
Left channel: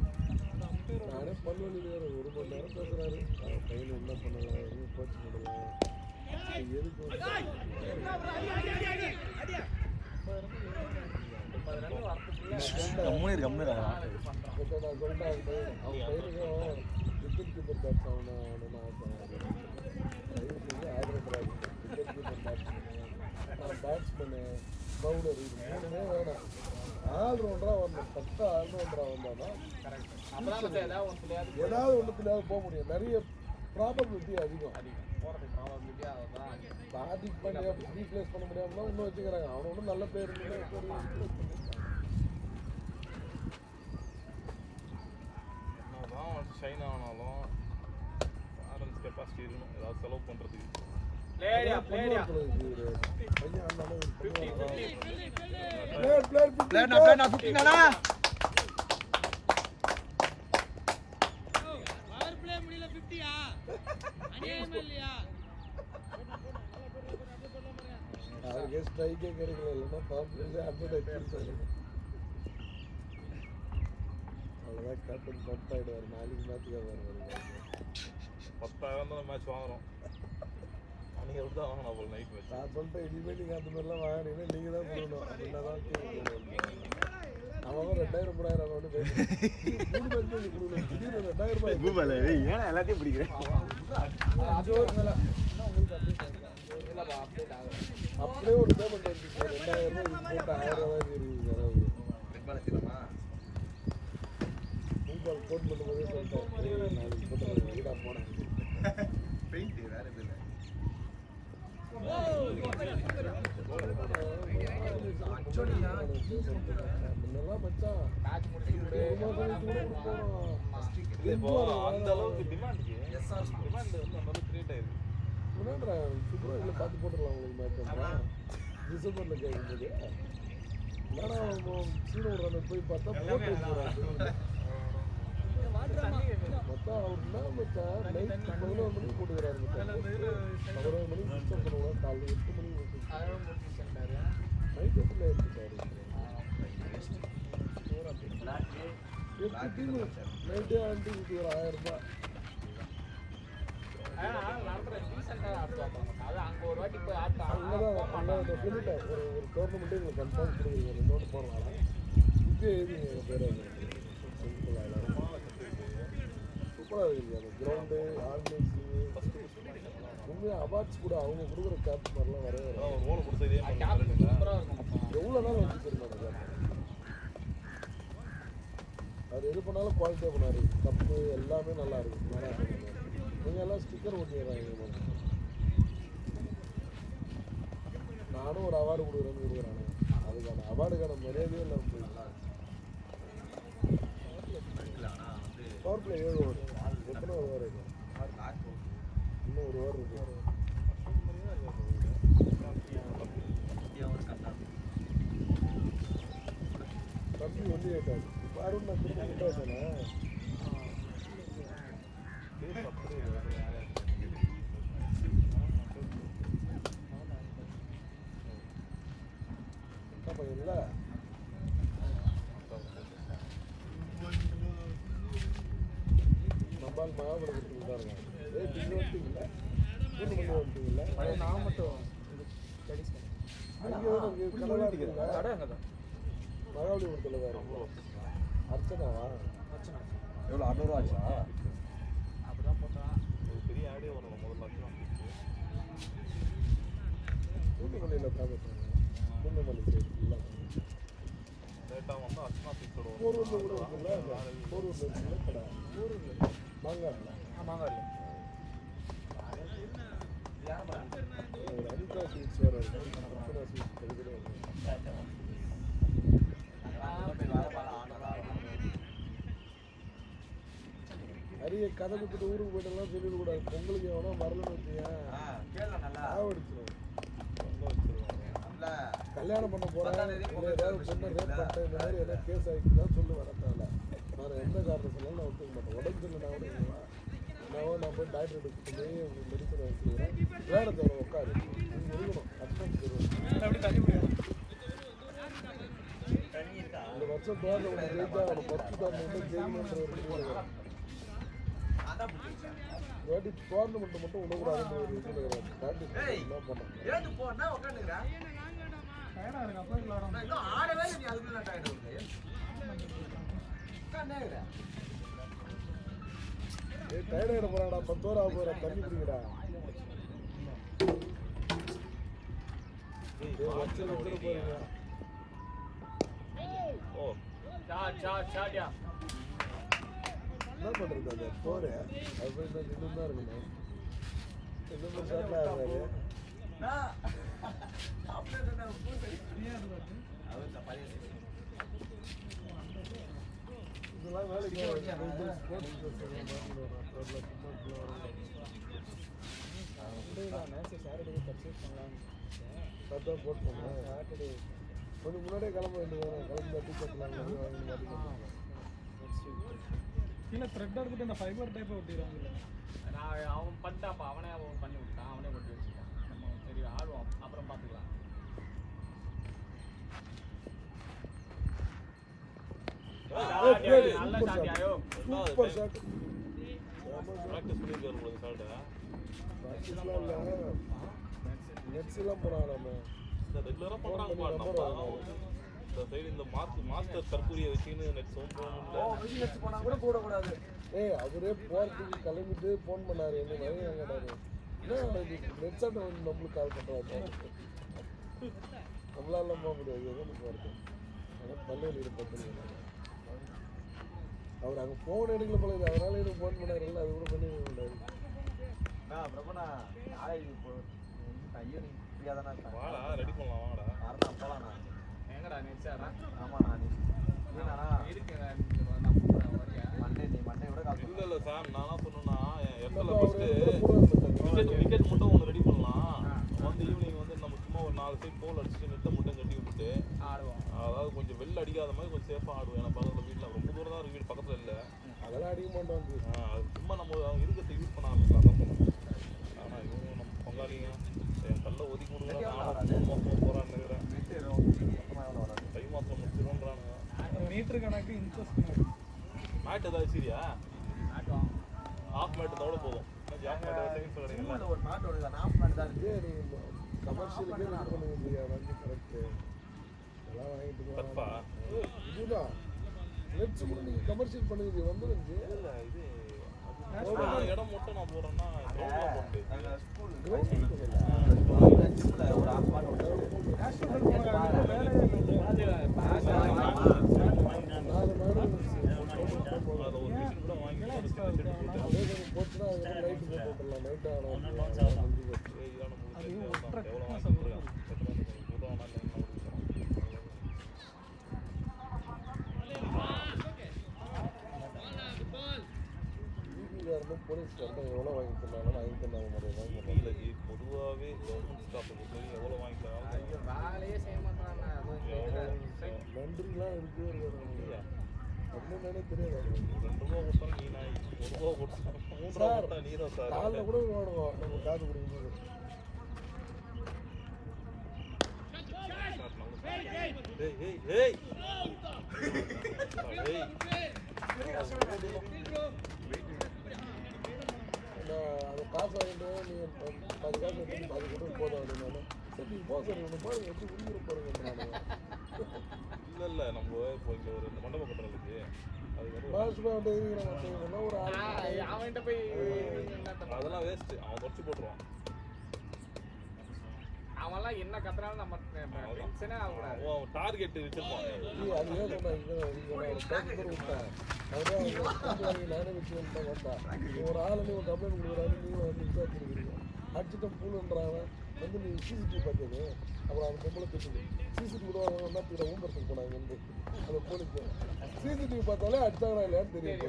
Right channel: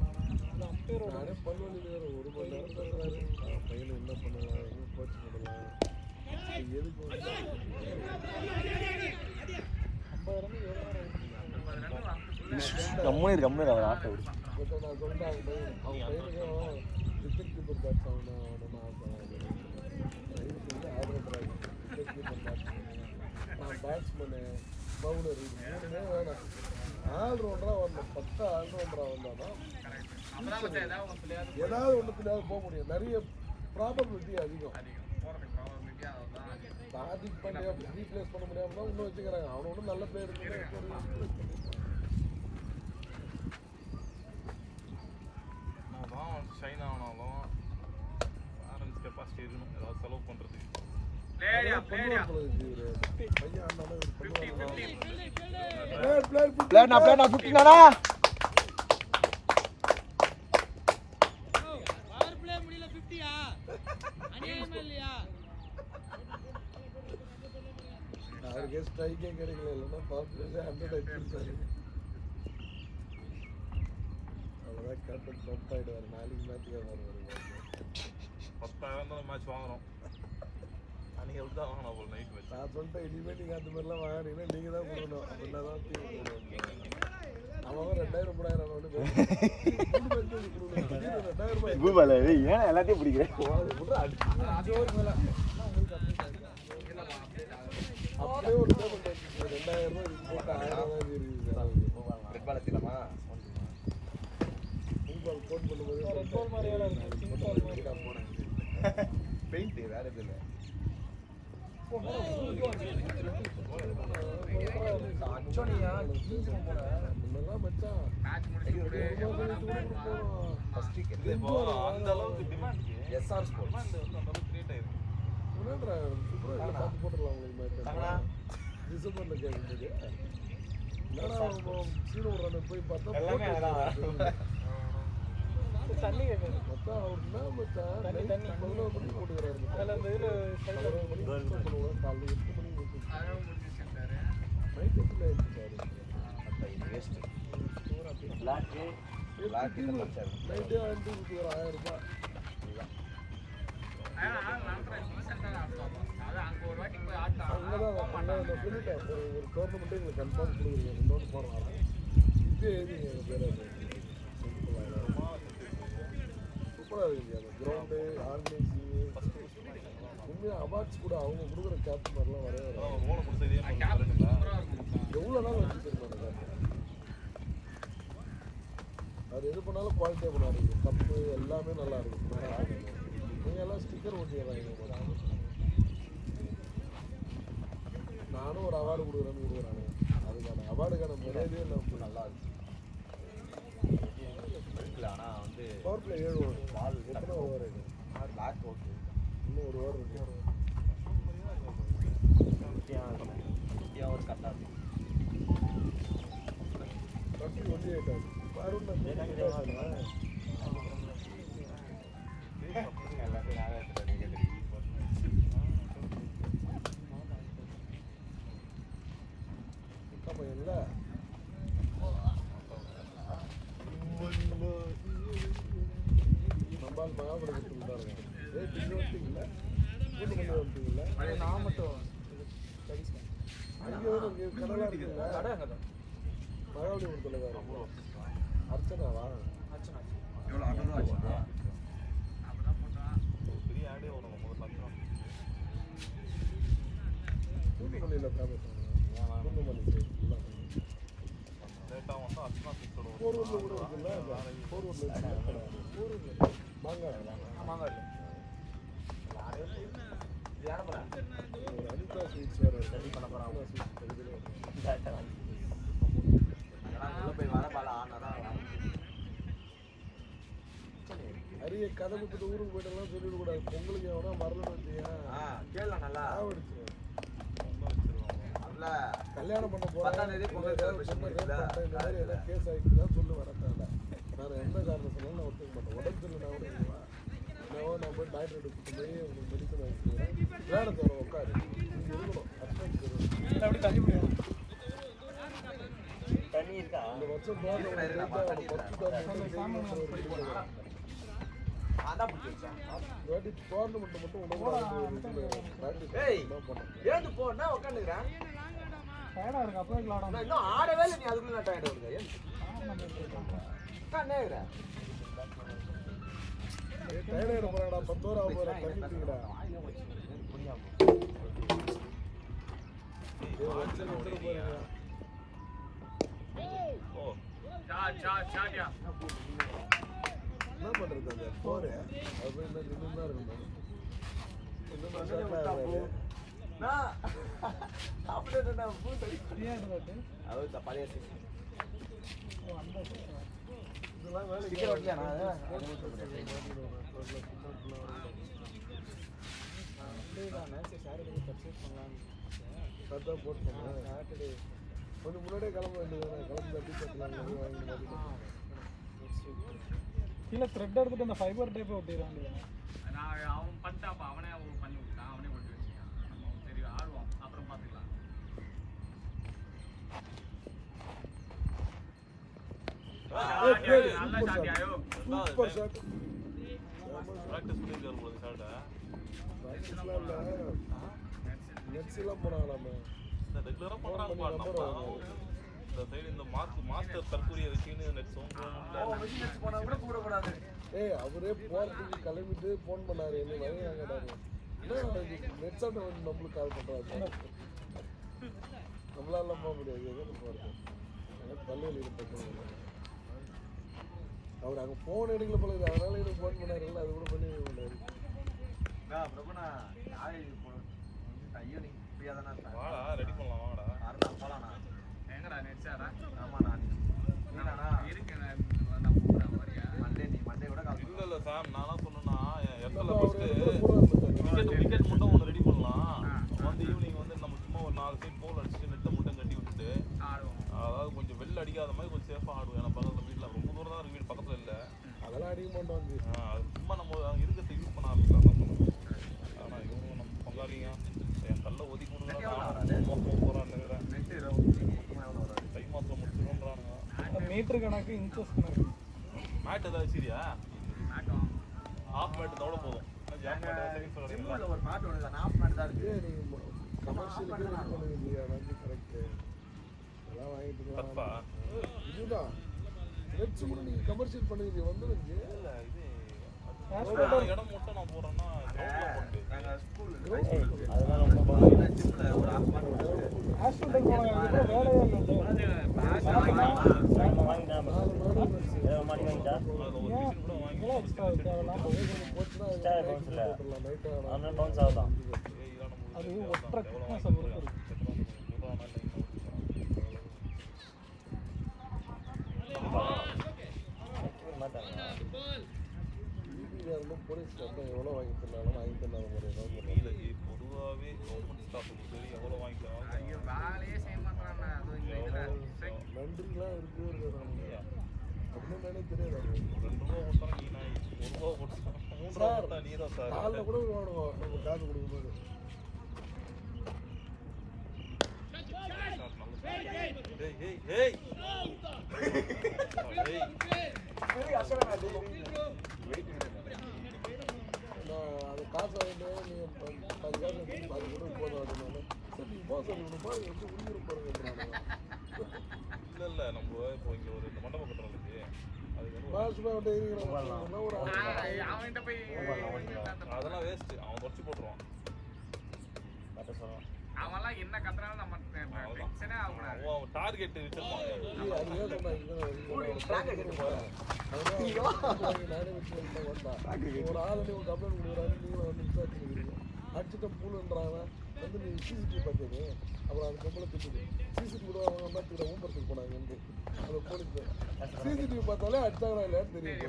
நானே பல்வலி வேறு ஒரு மணி நேரம் தங்குறாரு கையில் என்ன பண்ணுவாங்க கோச் பண்ணுவாங்க கம்முனு கம்முனு அவர் ஆட்டோ ஏதாவது ஒன்று பிள்ளையாவது போக முடியும் நிறைய ப்ராபபிலிட்டி அதிகம் பாதிக்கு பண்ண ரீப்ளேஸ் பண்ண முடியாமல் இன்னும் வச்சுக்கிறாங்க அவங்க ஒன்றும் நல்ல பேர் ஷைன் ஆனாலும் பேரண்ட்ஸ் கெப்பாசிட்டி இருக்கணும் ஏதாவது செலவு பண்ணுறதுக்கு Play 50. பிளேட் நான் 15 நானா ஸ்ட்ரைக்கே கிடைக்கல இல்லைன்னா கான்ஃபிடன்ஸே 100 ஆகிடுச்சு அதான் கேப்டன் பம்ப் ஆகிடுவார் நாளைக்கு மேட்ச்சுக்கு 10,000 தான் மேட்ச் வாங்குறோம் அன்றைக்கி வந்து தான் வாங்கணும் அப்புறம் நைட் மேட்ச் நான் சொல்லிட்டேன் இனிமேல் நீங்கள் அந்த மாதிரிலாம் வாங்கினீங்கன்னா நீங்கள் தான் போகணும் அவங்க 2000 கூபால ஏன் எல்லாத்தையும் பிடிக்கிறேன் அப்படியே ஒரு பேமெண்ட் பெயிண்ட் வேற இல்லை இப்போ அந்த அளவுக்கு டிமாண்ட் எஸ்ஆர் ஸ்போர்ட்ஸ் அந்த அளவுக்கு கிரியேட் ஆயிருக்கு போய் பார்த்தா நைட்டே வாங்கி ஒரு 1000 ரூபாய் அவார்ட்ஸ் கூட அவங்க கொடுக்குற கேம்ப் எவ்வளோ நாள் அது எது பண்ணாலும் குவாலிட்டியாக பண்ணாரு கப்பு எல்லாமே நல்லா இருக்கும் நீங்கள் எல்லாம் ஸ்டிக்கர் வச்சுக்கிறாங்க நானும் ஒரு அவார்டு கொடுக்குறேன்னு அதுக்கான அவார்டுக்கான முறையிலே இல்லை ரொம்ப நல்லா இருக்கும் பவர் 7 ஓவர் அப்புறம் ஓவர் இன்னும் ஒரு ஓவர் எவ்வளோ 800 ரூபா ஆச்சுண்ணா அடுத்த ஊருக்கு போயிட்டுலாம் சொல்லிடக்கூடாது. பொங்கலுக்கு எவனா மறந்து வச்சியா கேளு நல்லா அதுல கல்யாணம் பண்ண 10ஆம் தேதி பொங்கல் செலிப்ரேஷன் பண்ணிக்கல காலேஜ்ல கேஸ் ஆகிட்டு தான் சொல்லுவேன். நான் எந்த காரணத்துலையும் நான் ஒத்துக்க தண்ணி இருக்கா? அதான் பிடிச்சிருக்கேன். ஏய் ஏன் போனா உட்காந்துக்கிறேன் இன்னும் ஆடவே இல்லை நீ அதுக்குள்ள நான் டயர்ட் வருது உட்காந்துக்கிறேன் சாட்டியா கீழே த்ரெட் எடுத்துட்டு அந்த ஃபைபர் டைப் ஒட்டிடுவாங்க. அவன் பண்ணிட்டாப்பா அவனே பண்ணி விட்டான் அவனே பண்ணி வச்சுட்டான். சரி ஆடுவோம் அப்புறம் பார்த்துக்கலாம். நல்லா சாட்டியாயோ சூப்பர் ஷாட். ப்ராக்டிஸ் பண்ணிருக்காரு உங்களுக்கு ஷாட்டை. நெட்ஸ்லாம் போறாங்க. இந்த ரெகுலரா பண்றாங்க பாருங்க. இந்த சைடு இந்த மாஸ்டர் தற்கூரிய வச்சுன்னு நெட் சவுண்ட் போனா கூட கூடக்கூடாது. ஏய் அவரே போறதுக்கு கிளம்பிட்டு ஃபோன் பண்ணாரு. நெட் ஷாட் வந்து நம்மளுக்கு கால் பண்றாரு. நம்மளால போக முடியாது. பள்ளியில் இருப்பாரு. அவர் அங்கே ஃபோன் எடுக்கல போல அதனால எனக்கு ஃபோன் பண்ணாருல்ல அது கூட பண்ணி முடியாது. பிரபுண்ணா காலேஜ் ஈவினிங் ஃப்ரீயாக தானே இருப்பேன். ரெடி பண்ணலாம் வாடா. வரலாம் போகலாண்ணா. எங்கடா நெச்சாரா ஆமாண்ணா நீண்ணா இருக்கு மண்ணை விட கால் இல்ல இல்ல சாம் நான் என்ன சொன்னேன்னா எஃப்எல்ல ஃபர்ஸ்ட் விக்கெட் மட்டும் ஒன்று ரெடி பண்ணலாம். வந்து ஈவினிங் வந்து நம்ம சும்மா ஒரு 4 சைட் கோல் அடிச்சுட்டு நெட்டை மட்டும் கட்டி விட்டுட்டு ஆடுவோம். அதாவது கொஞ்சம் வெளில அடிக்காத மாதிரி கொஞ்சம் சேஃபாக ஆடுவோம். ஏன்னா பக்கத்தில் வீட்டில் ரொம்ப தூரம் தான் வீடு பக்கத்தில் இல்லை. அதெல்லாம் அடிக்க மாட்டோம். சும்மா நம்ம அவங்க இருக்கிறத யூஸ் பண்ண ஆரம்பிக்கலாம். கல்ல ஒதுக்கி நெட் எவ்வளோ வராது போகிறாங்க நெட்டு மொத்தமாக எவ்வளோ வராது கை மாதம் சொல்கிறாங்க. மீட்டர் கணக்கு இன்ச்சஸ் மேட் ஏதாவது சரியா ஆட்டோம் ஹாஃப் மேட்டோட போதும். எங்கள் ஜிம்மில் ஒரு நாட்டு ஒன்று தான் ஆஃப் நாட்டு தான் இருக்குது. நம்ம ஆஃப் நாட்டு தான் ஆடுவோம். கப்பா நெட்ஸ் கூட நீங்கள் கமர்ஷியல் பண்ணிருக்கு வந்துருக்கு. இடம் மட்டும் நான் போகிறேன்னா எங்கள் ஸ்கூல் அதெல்லாம் ரொம்ப ஜிம்மில் ஒரு ஆஃப் நாட்டு ஒன்று இருக்குது. வாங்கிட்டா ஸ்டார் பவுன்ஸ்ல அவனால பவுன்ஸ் ஆகலாம். அது ஒற்றை திக்னஸ் அப்படி இருக்கும். பொதுவாகவே எவ்வளோ வாங்கிக்கலாம். வேலையே செய்ய மாட்டான். அது இந்த இதுல ரெண்டுலாம் இருக்கு. சார் காலைல கூட விளையாடுவோம் காசு கொடுக்கும்போது. காசு இல்ல நம்ம இப்போ இங்க ஒரு மண்டபம் கட்டுறதுக்கு அவன்கிட்ட போய் அதெல்லாம் வேஸ்ட். அவன் முடிச்சு போட்டுருவான். அவன்லாம் என்ன கத்துறாலும் நம்ம டென்ஷனே ஆகக்கூடாது. அவன் டார்கெட் ட்ராக் அடிச்சுட்டு போகிறேன். அடிச்சுட்டு பூலுன்றாங்க வந்து நீ சிசிடிவி பார்த்தது அப்புறம் அது பொம்பளை பேசுது சிசிடிவி கூட ஊம்பத்துக்கு போனாங்க வந்து அதில் போலீஸ் சிசிடிவி பார்த்தாலே அடிச்சாங்களா இல்லையான்னு தெரியும்.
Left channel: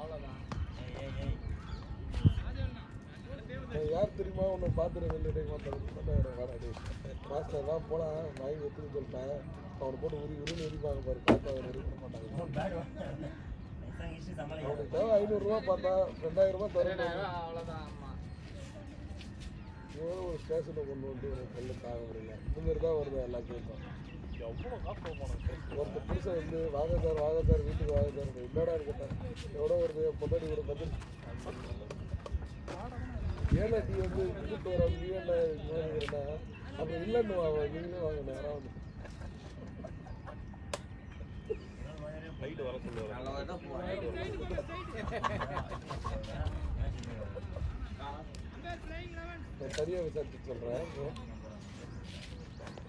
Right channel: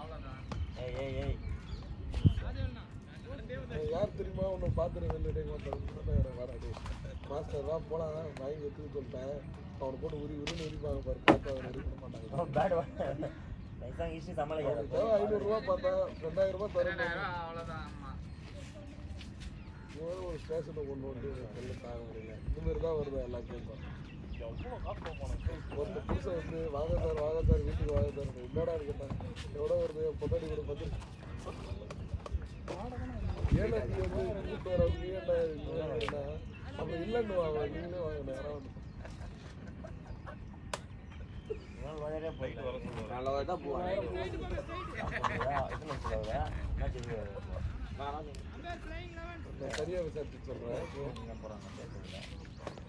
அவ்வளோதான். ஏய் பார்த்துட்டு மாஸ்டர்லாம் போனால் வாங்கி கொடுத்துன்னு சொல்லிட்டேன். அவர் போட்டு உரி உரிப்பாங்க பாரு. பேட் நைஸாக ஈஸி சமாளிக்காத. 500 பார்த்தா 2000 தரும். அவ்வளோதான். ஆமாம், ஒரு ஸ்டேஷனில் கொண்டு வந்து இவங்க தான் வருது எல்லாத்தையும். ஒரு புதுசு வந்து வாங்க சார் வீட்டுக்கு வாங்க சார் என்னடா இருக்குது எவ்வளோ வருது பொண்ணு ஏழை அப்படி இல்லைன்னு வாங்க நல்லா தான் போவாங்க. சரியாக விசாரிச்சு சொல்கிறேன்.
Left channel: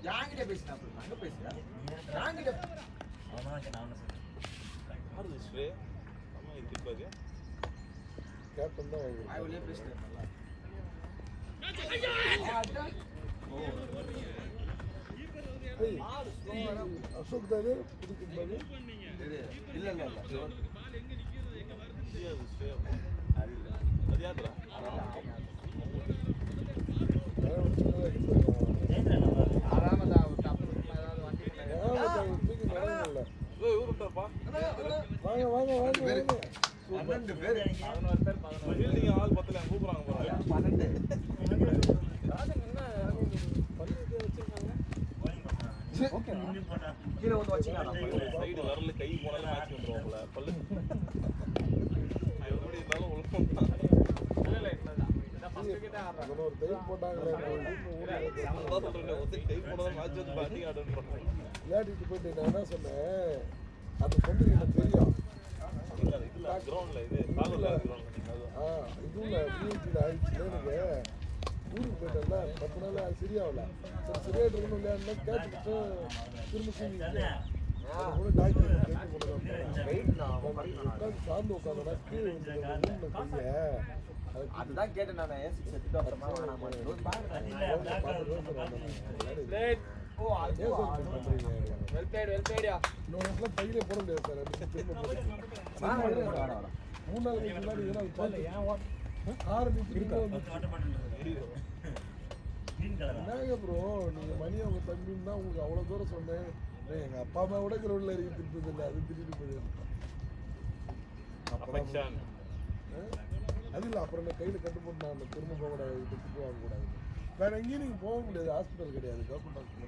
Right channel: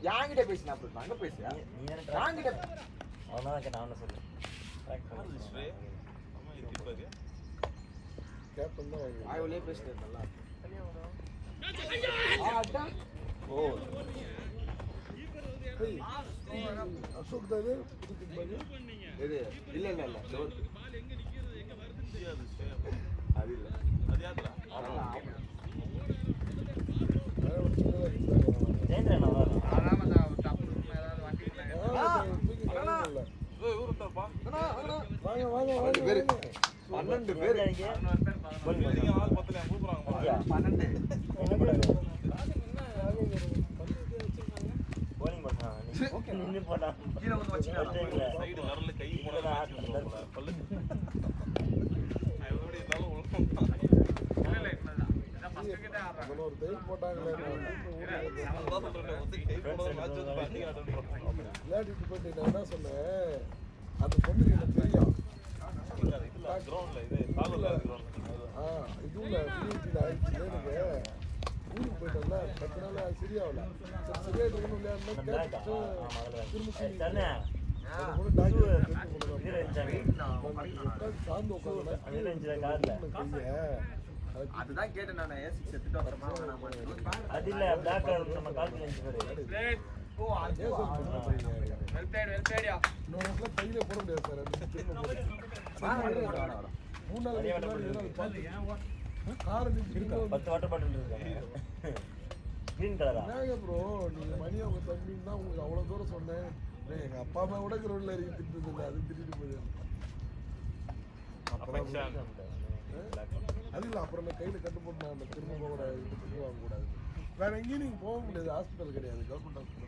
யாங்கிட்ட பேசினா அப்புறம் அங்கே பேசுறா யாங்கிட்ட அவனாதான் கேட்டான். அவனை சொல்லு. கேப்டன் தான் வாங்கி ஆய்வுலேயே பேசிட்டு நல்லா. ஓ அசோக் தானே இது இல்லை இல்லை இல்லை அது இல்லை ஜெயந்திரன் நல்லா பன்னெண்டு பேர் 12 பேர் bowling பண்ணான். நின்னு போட்டான். கீழே வந்து வச்சுக்கலாம் சைடு வரல கை பல்லு பல்லு இன்னொரு பேர் போட்டாங்க விளையாடிட்டு போயிட்டு நான் என்ன சொன்னேன் அந்த பொண்ணு எனக்கு தெரியும் கிரவுண்ட்ல இது காலில் ஊருக்கு போயிட்டோம்னா அதனால சரியாகல சரியாயிட்டு ஒன்றும் பிளாக்கா? ஆமா, அதுல. அதுதான் கேட்டேன் நான் ஏசி செத்துட்டு வரமா வேணாமா அது இல்ல பிளாக் கலர் நம்ம கால்குலேட் பாரு. ஓ அதுவா வெல்பேடியா இன்னொரு பையில போட முடியாது சார் மூணாவது ஆரம்பிச்சு 10 வாட்டர் பாட்டில் இருக்கு. கிரீன் கலரா? ப்ரோ நீங்க மணியா தம்பின்னு தான் உங்களுக்கு அவ்வளோ தூரம் சொன்னேன். எங்கள் அப்பா அம்மா கூட கிரௌண்டில் இறங்கி திட்டு இல்லை அது திட்டிட்டு போயிடுது. அது இல்லை அப்புறம் நான் கையில் கட்டு போட்டு நான் திரும்ப வேற எங்கேயும் நீங்கள் போக முடியாது. ஹாஸ்பிட்டல் கிடையாது, கவர்மெண்ட் ஹாஸ்பிட்டல்.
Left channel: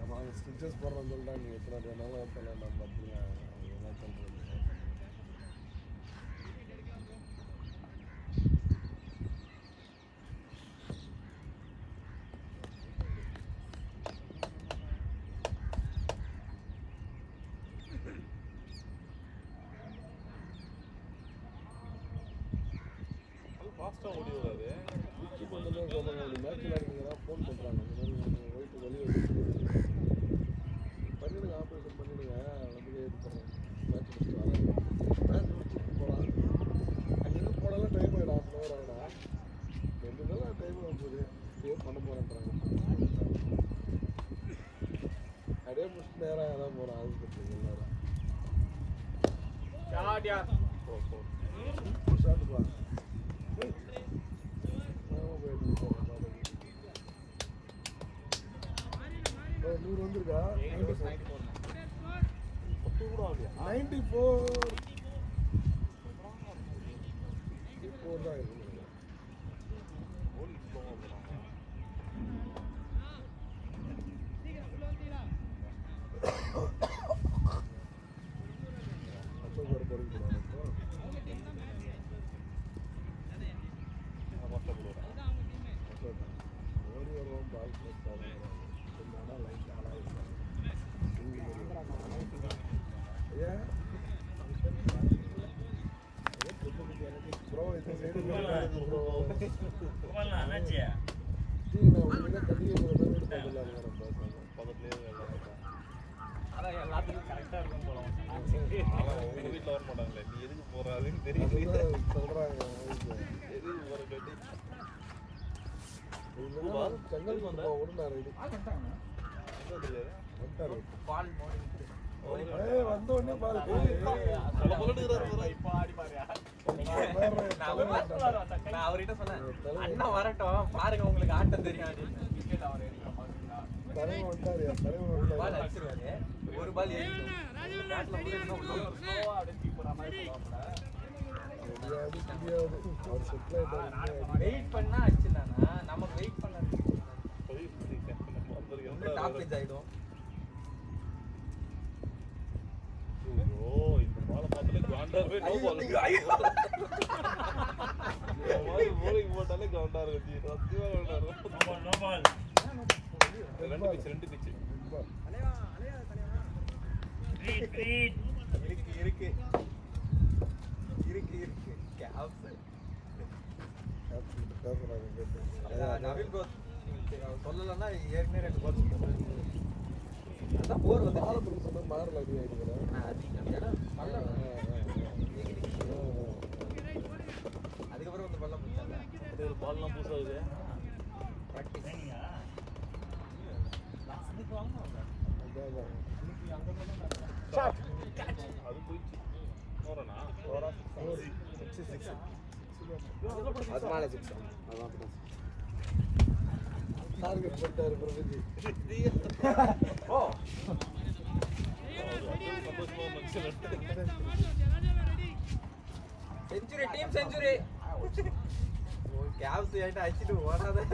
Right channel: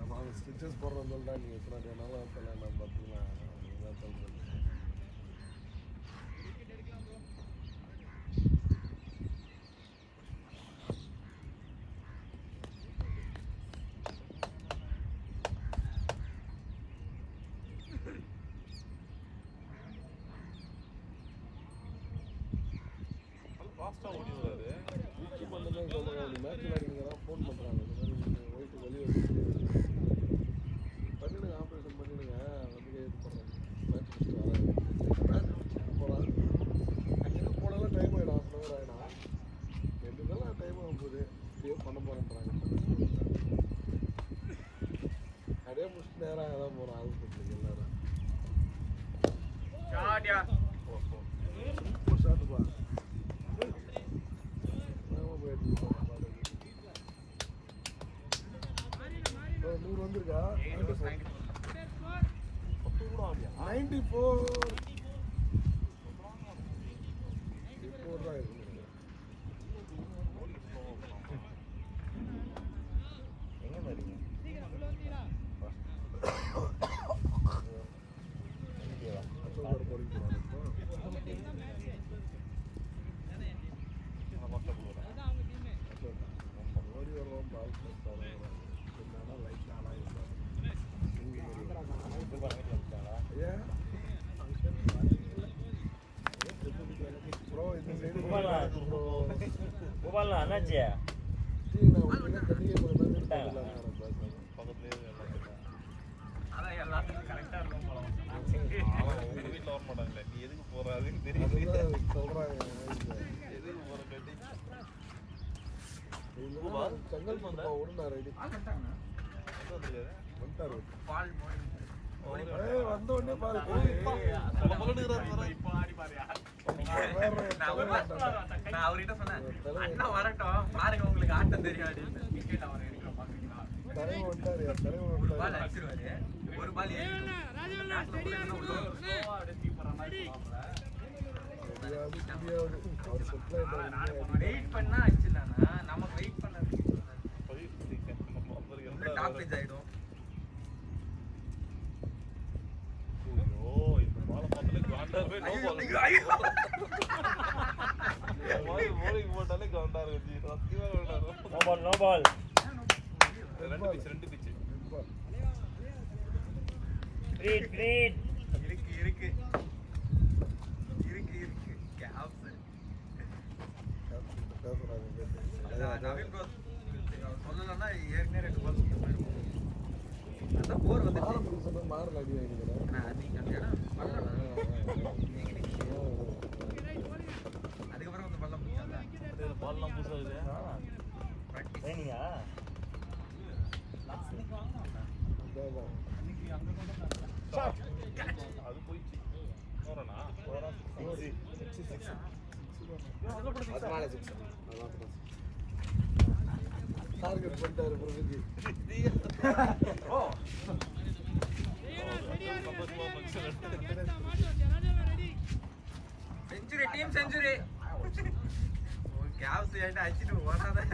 அப்புறம் ஸ்டிச்சஸ் போடுறது சொல்கிறேன் நீங்கள் நல்லா பண்ணலாம். என்னாச்சு? அதான் எல்லாத்துக்கும் கரெக்டாக இருக்கும் போல. வீட்டில் வர மாட்டாங்களே, நீ எதுக்கு போறாதுன்னு தெரியல. சொல்கிறாங்க செங்கல் பால் வந்த உடனே பாரு நான் அவர்கிட்ட சொன்னேன் அண்ணா வரட்டும் பாருங்க உங்களுக்கு ஆட்டம் தெரியும் அப்படின்னு விக்கெட் அவர் எடுக்கிற பாக்குறீங்களா பால் அடிச்சிருவாரு ஒரு பால் வெயிட் பண்ணா அடிச்சிடலாம்னா நமக்கு வெயிட் பண்ண டாப் பேஜ் ஆயிடும் நோ பால் இருக்கு நவீன் ப்ரோ சொல்லலன்னா ஏற்கனவே 2 பால் அதான் போர் வந்துச்சு அதுக்கப்புறம் வந்து பள்ளம் ட்ரைனிங்கா டார்கெட் பண்ணிட்டாரு Pragathi. Century team century caps ஏன்டா அடிச்சிட்டு ஓடுறது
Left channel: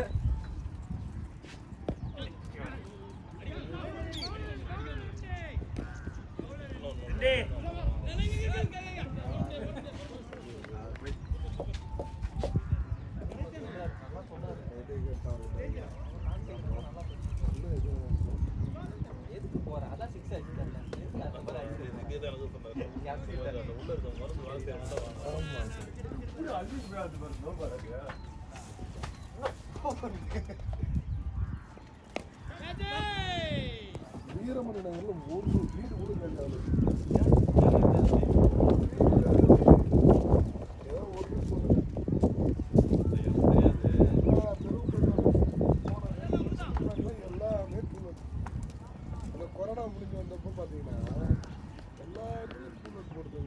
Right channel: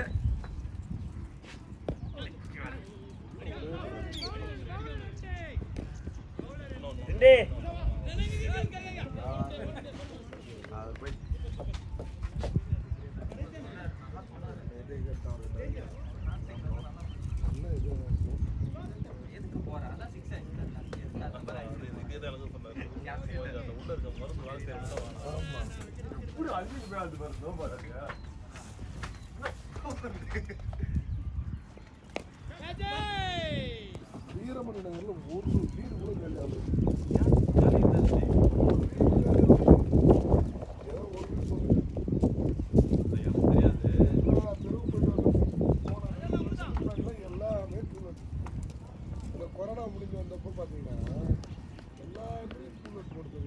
எதுக்கு போற அதான் 6 அடிச்சிட்டாங்க எதுக்கு அந்த மாதிரி வீரமணி நகர்ல ஒரு வீடு கூட கண்டாங்க. கொரோனா முடிஞ்சு வந்தப்போ பார்த்தீங்கன்னா எல்லா இடத்துலையும் போட்டு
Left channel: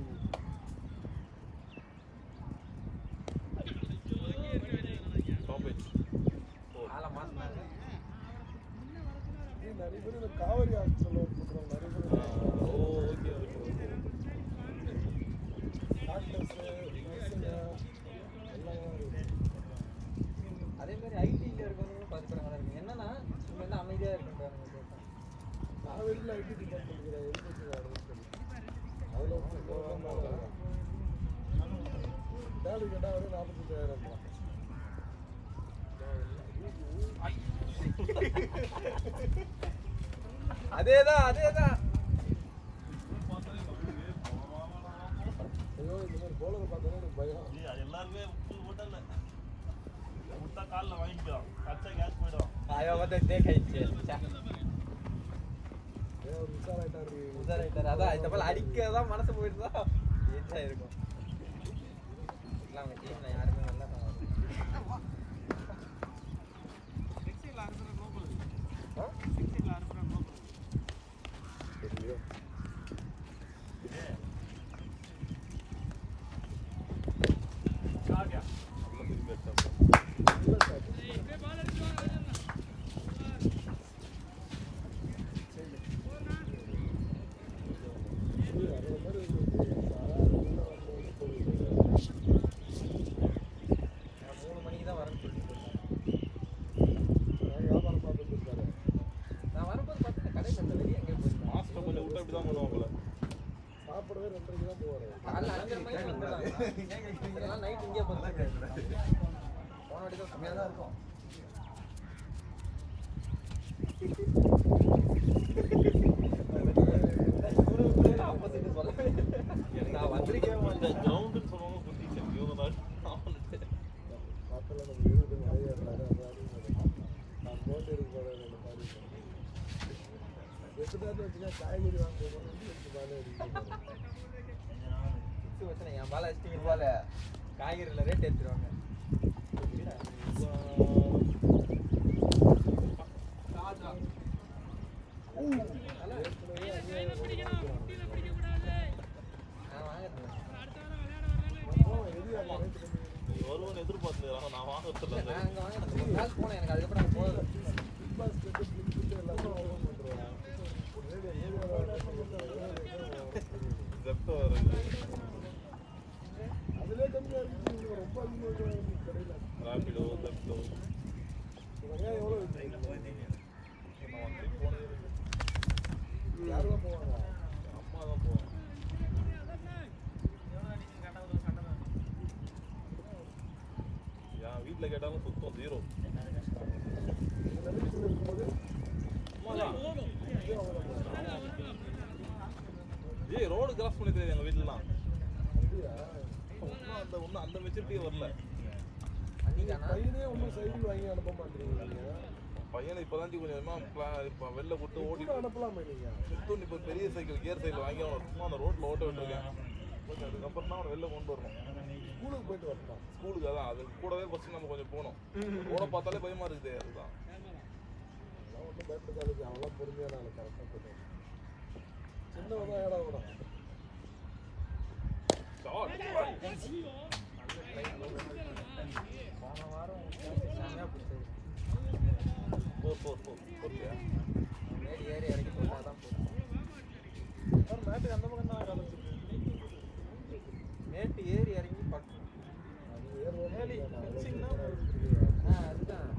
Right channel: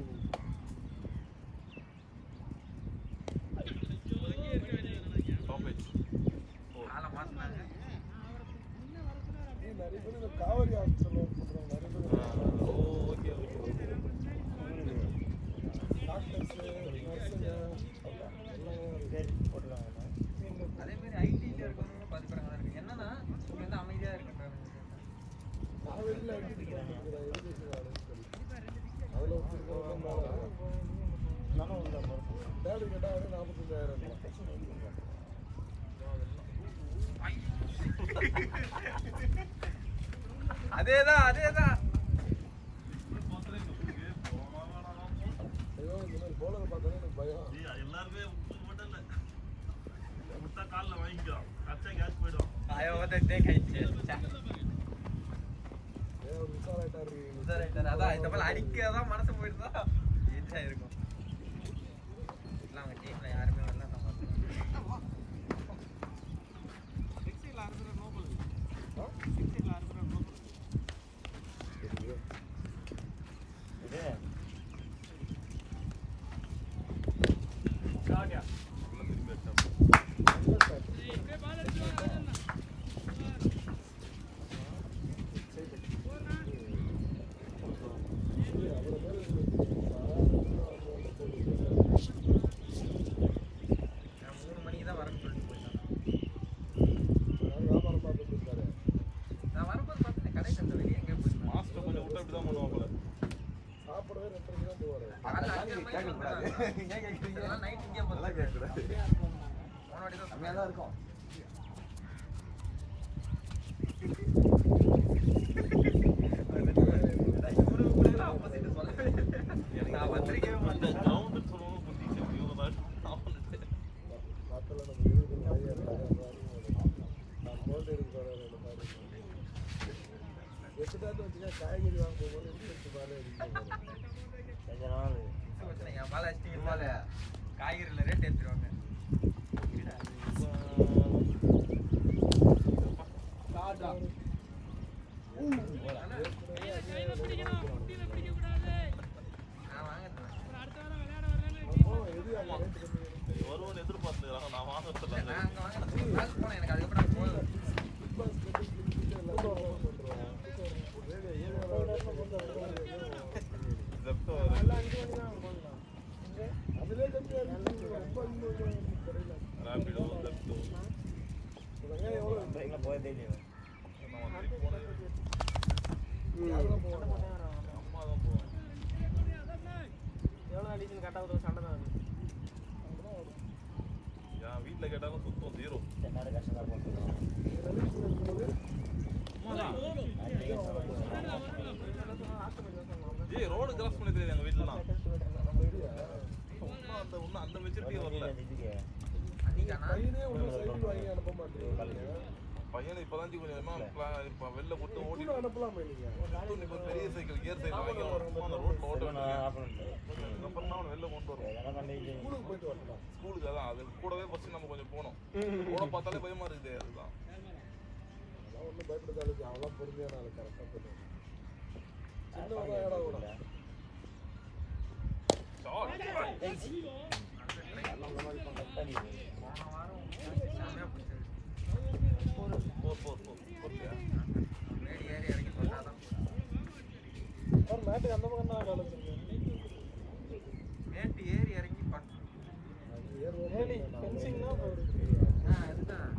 ஆளை மாத்தினாரு நிறைய பேர் இந்த காவிரி ஹாஸ்பிட்டல் அதே மாதிரி ஐடில இருக்கவங்களும் பாத்துக்கிறாங்க இருக்கு என்னன்னா இவங்க வந்து அமைதியா இருக்காங்க அதேதான் எல்லாருமே போட்டல முட்டா காலில் வாங்கிக்கலாம் கச்சா கேஸ் போயிடும் ஐயோ வந்து டேக் ஆயிடுச்சு அதான் இந்த மாதிரி அடிக்கதான் மனசு போயிட்டு தான் ஏச்சா இருக்கும் இல்லை அவங்க டீம்ல யாருமே நல்லா நைட் இங்கே போகலாம் கேட்கக்கூடாது கம்மியாக தான் இருக்கும் ஆப்போசிட் சொல்ல நான் வந்திருக்கவே மாட்டேன் கிரவுண்டுன்னு சொல்லுவாங்க புத்தி இவங்க தான் என் பால அடிச்சிட்டு காய்கறில ரேட் ஏற்றுருவாங்க வருவன் எதிர்பார்த்து வெளில விட்டு ஓடிட்டு அனுப்பலாமே நீங்க. இப்போ பெரிய சைக்கிள் கியர் சைக்கிள் வாங்கி அந்த ரோட்ல ஓட்ட நான் ஆஃப் பண்ணிட்டேன். அப்புறம் அவனை வெளில கொண்டு வரோம் அதெல்லாம் கண்டிப்பா. ஸ்கூலுக்கு போயிட்டு வரலாம். ஸ்கூலுக்கு அதான் அது கூடவே ஃபர்ஸ்ட் நம்ம கொஞ்சம் போகணும் ஓட பார்த்தாலே பயமா இருக்குது அதுதான் ஒன்றும் பயப்படாது, அதெல்லாம் பொறுமையான ஆளு கரெக்டாக. சின்ன இடம் கூட. மேடி ஏறி இறங்கி போனாதான். மேட்டு எந்த பக்கம் தான் வேலை செய்யுது? மேட்டு ஏறி இறங்கி பட்டு. மேலி ஃபென்சிங் தான் அதுதான்.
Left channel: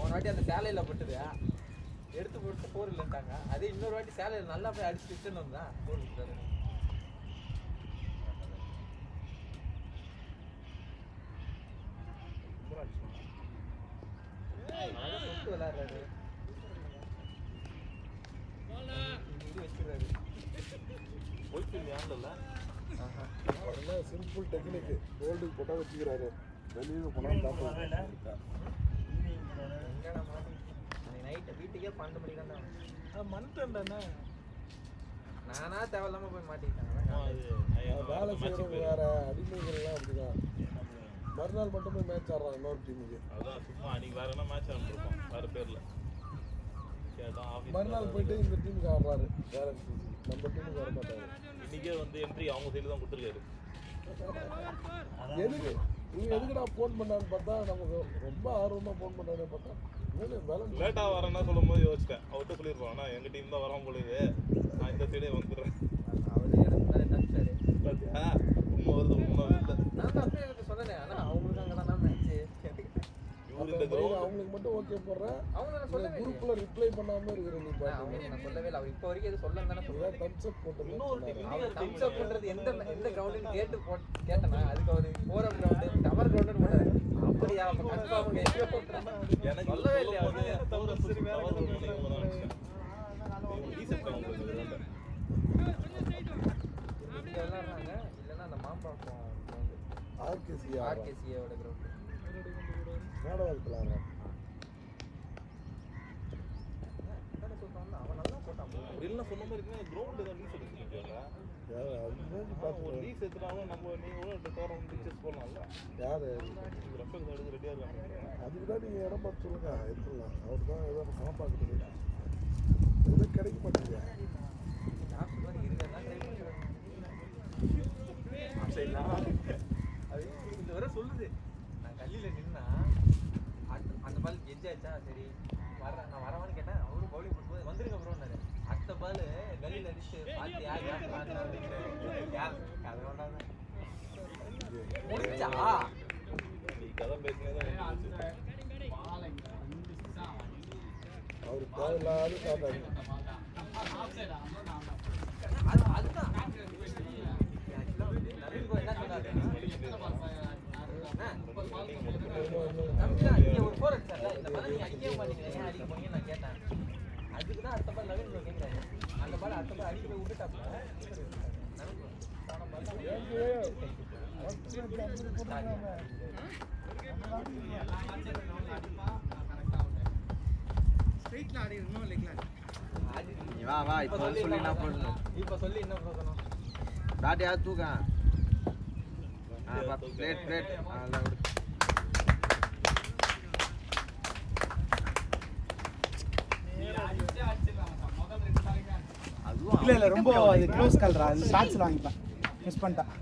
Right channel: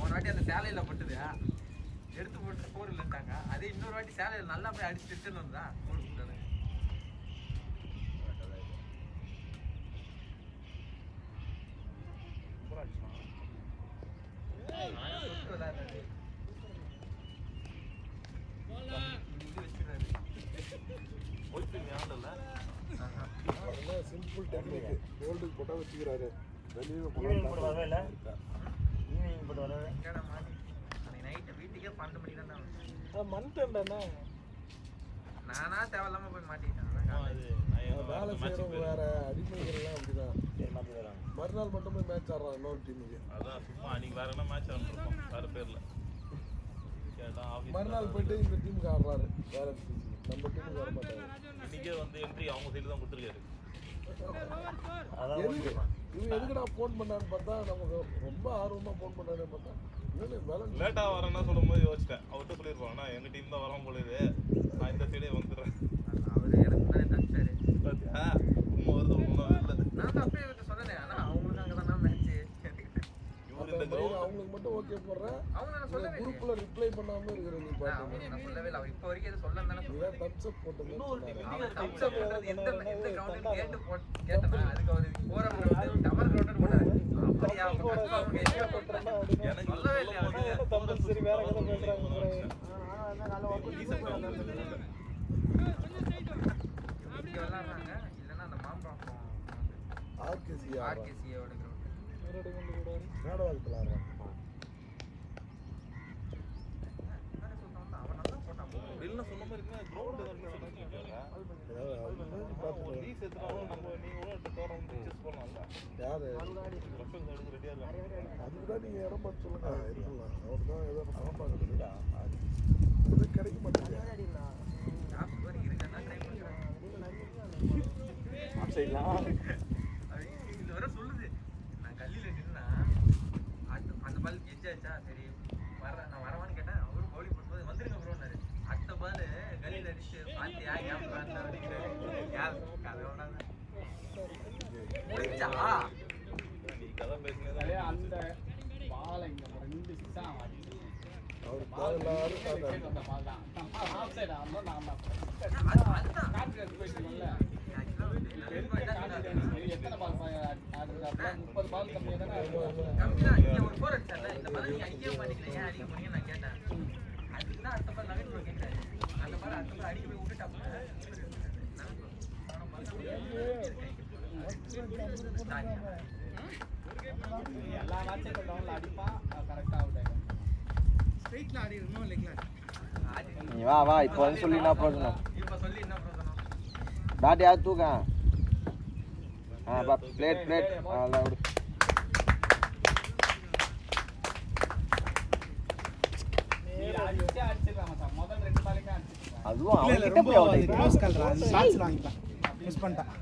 ஒரு வாட்டி அந்த சேலையில பட்டுது எடுத்து போட்டு போர் இல்லைட்டாங்க. அதே இன்னொரு வாட்டி சேலையில நல்லா போய் அடிச்சு ரிட்டர்ன் வந்தா போர் போட்டாரு. உடனே சிம்பிள் டெக்னிக் கோல்டுக்கு போட்டால் வச்சுக்கிறாரு. வெளியில் ஈவினிங் போட்டு வரவே இல்லை. ஈவினிங் போட்டு வரவே. எங்கடா மாட்டி? அன்னைக்கு நைட்டு வீட்டுக்கே 12 மணிக்கு தான் வந்தேன். மந்த் என்ன நானா தேவையில்லாம போய் மாட்டிக்கிட்டேன். வேலை செய்யறது வேற, அடிக்கிறதுலாம் அப்படிதான். என்ன பண்ணுறாங்க? மறுநாள் மட்டும் போய் மேட்ச் ஆடுறான் இன்னொரு டீமுக்கு. அதான் நீங்க வேற என்ன மேட்ச் ஆடணும் வேற பேர்ல மறுநாள் போயிட்டு இந்த டீமுக்கு ஆடுறாரு. நம்ம டீம் இன்னைக்கே வந்து என்ட்ரி அவங்க சைடு தான் கொடுத்துருக்காரு அதான் ஓகே. நீங்க எதுக்குடா ஃபோன் பண்ணான்னு பார்த்தா நம்ம ரொம்ப ஆர்வமா ஃபோன் பண்ணாரு பார்த்தா வேலை லேட்டா வரேன்னா சொல்லும்போது யோசிச்சிட்டேன் அவர்கிட்ட சொல்லியிருப்போம் ஆனா எங்க டீம் தான் வரோம் போல நான் இந்த சைடே வந்துடுறேன் அவரு எனக்கு முன்னாடி தப்பிச்சாரு. உண்மை வருது உண்மை வருது நான் தான் அப்படியே எனக்கு சொல்லலை. ஆனா அவங்களுக்கு அங்கே தான் நினைச்சு கேட்டுக்கிட்டேன். இவரு இந்த கிரௌண்ட் அவங்களுக்கு மட்டும் ஓகே போடுறேன். அவங்க நான் சொல்லவே இல்லை. குரூப்ல ரிப்ளை பண்ணாம இருக்கிறீங்க. நான் அவங்களுக்கு நான் சொல்லவே இல்லை. அவன் இப்போ வரைக்கும் எதுவும் சொல்லல தானே சொல்லுவேன். தம்ஸ் அப் போட்டு இன்னொரு டீம் அவன் தம்ஸ் அப் பண்றது எந்த கிரவுண்டுன்னு கேட்டனா அதுக்கு ஒரு போற கிரவுண்ட் டவர் கிரவுண்ட் போனாரு. அப்படியா அப்ப கன்ஃபார்ம் எங்கேயோ எனக்கு சொல்லவே இல்லையா அவங்க? சரி வேற இல்லைன்னா அந்த மாம்பழம் ஆர்கேசியா ஆர்கேசியோட கிரவுண்ட் நாடகம் வெளில சொன்ன மாதிரி இருக்குன்னா கிரௌண்ட் ஒரு லீஸ் எடுத்துட்டு நீங்க கூட டோர்னமெண்ட் போடலாம்ல யாரு ரஃபேல் எடுத்து ரெடியா இருக்காங்க அதுக்கு தான் நீங்க இடம் பார்த்து அதுதான் ஏதோ பணம் பார்க்குறீங்களா அது கிடைக்க மாட்டேங்குது. இது வர சொல்லுது. நான் கல்லில நின்னா அந்த பால் எஜ்ஜாச்சா சரி நான் வரமான்னு கேட்டேன். அவரும் பவுலிங் பண்ணும்போது வந்துருங்க ப்ரோனாரு. அடுத்த பால் கல்லில அடிச்சு பாத்தியா முடிச்சா நீ கதை பேசினதே அந்த பால் இங்க 2 சிக்ஸா அடிச்சு அவர் பால் பால் விக்கெட் வந்த பால் தான். ஆஃப் சைடு ஆனோ நான் தான். அதுதான் கான்ட்ராக்ட் போயிட்டீங்கல்ல. எத்தனை பால் ஆடுறது? அப்புறம் 30 பால் கம்மியா தானே ஆடுறது. கம்பிதான் இங்க ஒரு போர் அடிச்சார்ல. இந்த பால் நீங்க அடிக்க மாட்டீங்களா, ஏன் அடிக்க போனீங்கன்னு நான் கேட்டேன். அதுக்கு தான் அடுத்த பால் நவீன் ப்ரோ கேட்டேன். அந்த பால் அடுத்த பால் அடிக்க போய் விட்டுட்டா எல்லா மேட்சும் டவுன்ல அடிப்பான் கரெக்டா அவுட். ஸ்ட்ரைட்ல ஆடி இன்னும் லெக்ல நீ வா வா இப்போ வந்து சொல்லி என்ன போடணும் இப்ப சொல்லி என்ன சொல்லணும்? டாடி யார் தூக்க பா பிளேட் அதான் விடு நீ அடிச்சே அடிச்சிடலாம் சார். முதல் 2 பாலுமே அடிச்சிடலாம். அதுவும் இல்ல ரொம்ப அது க்ளோஸ் கால்ரா, அது ஷாட்ஸ்ல வாங்கிப்பேன், மிஸ் பண்ணிட்டேன்.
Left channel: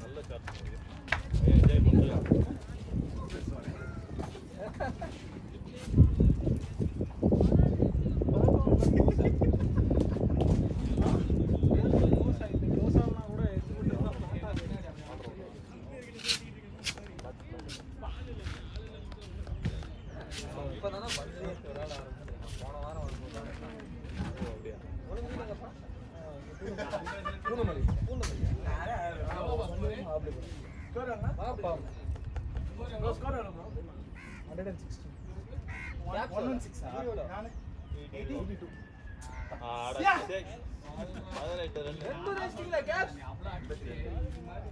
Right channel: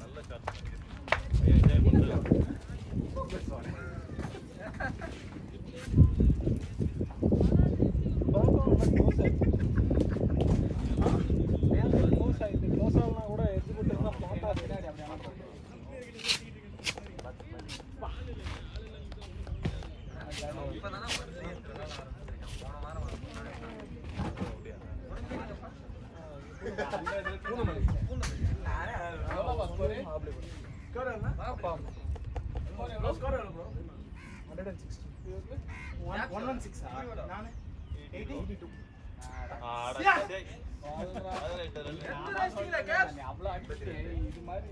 அவ்வளோ அடிச்சு இது மாதிரி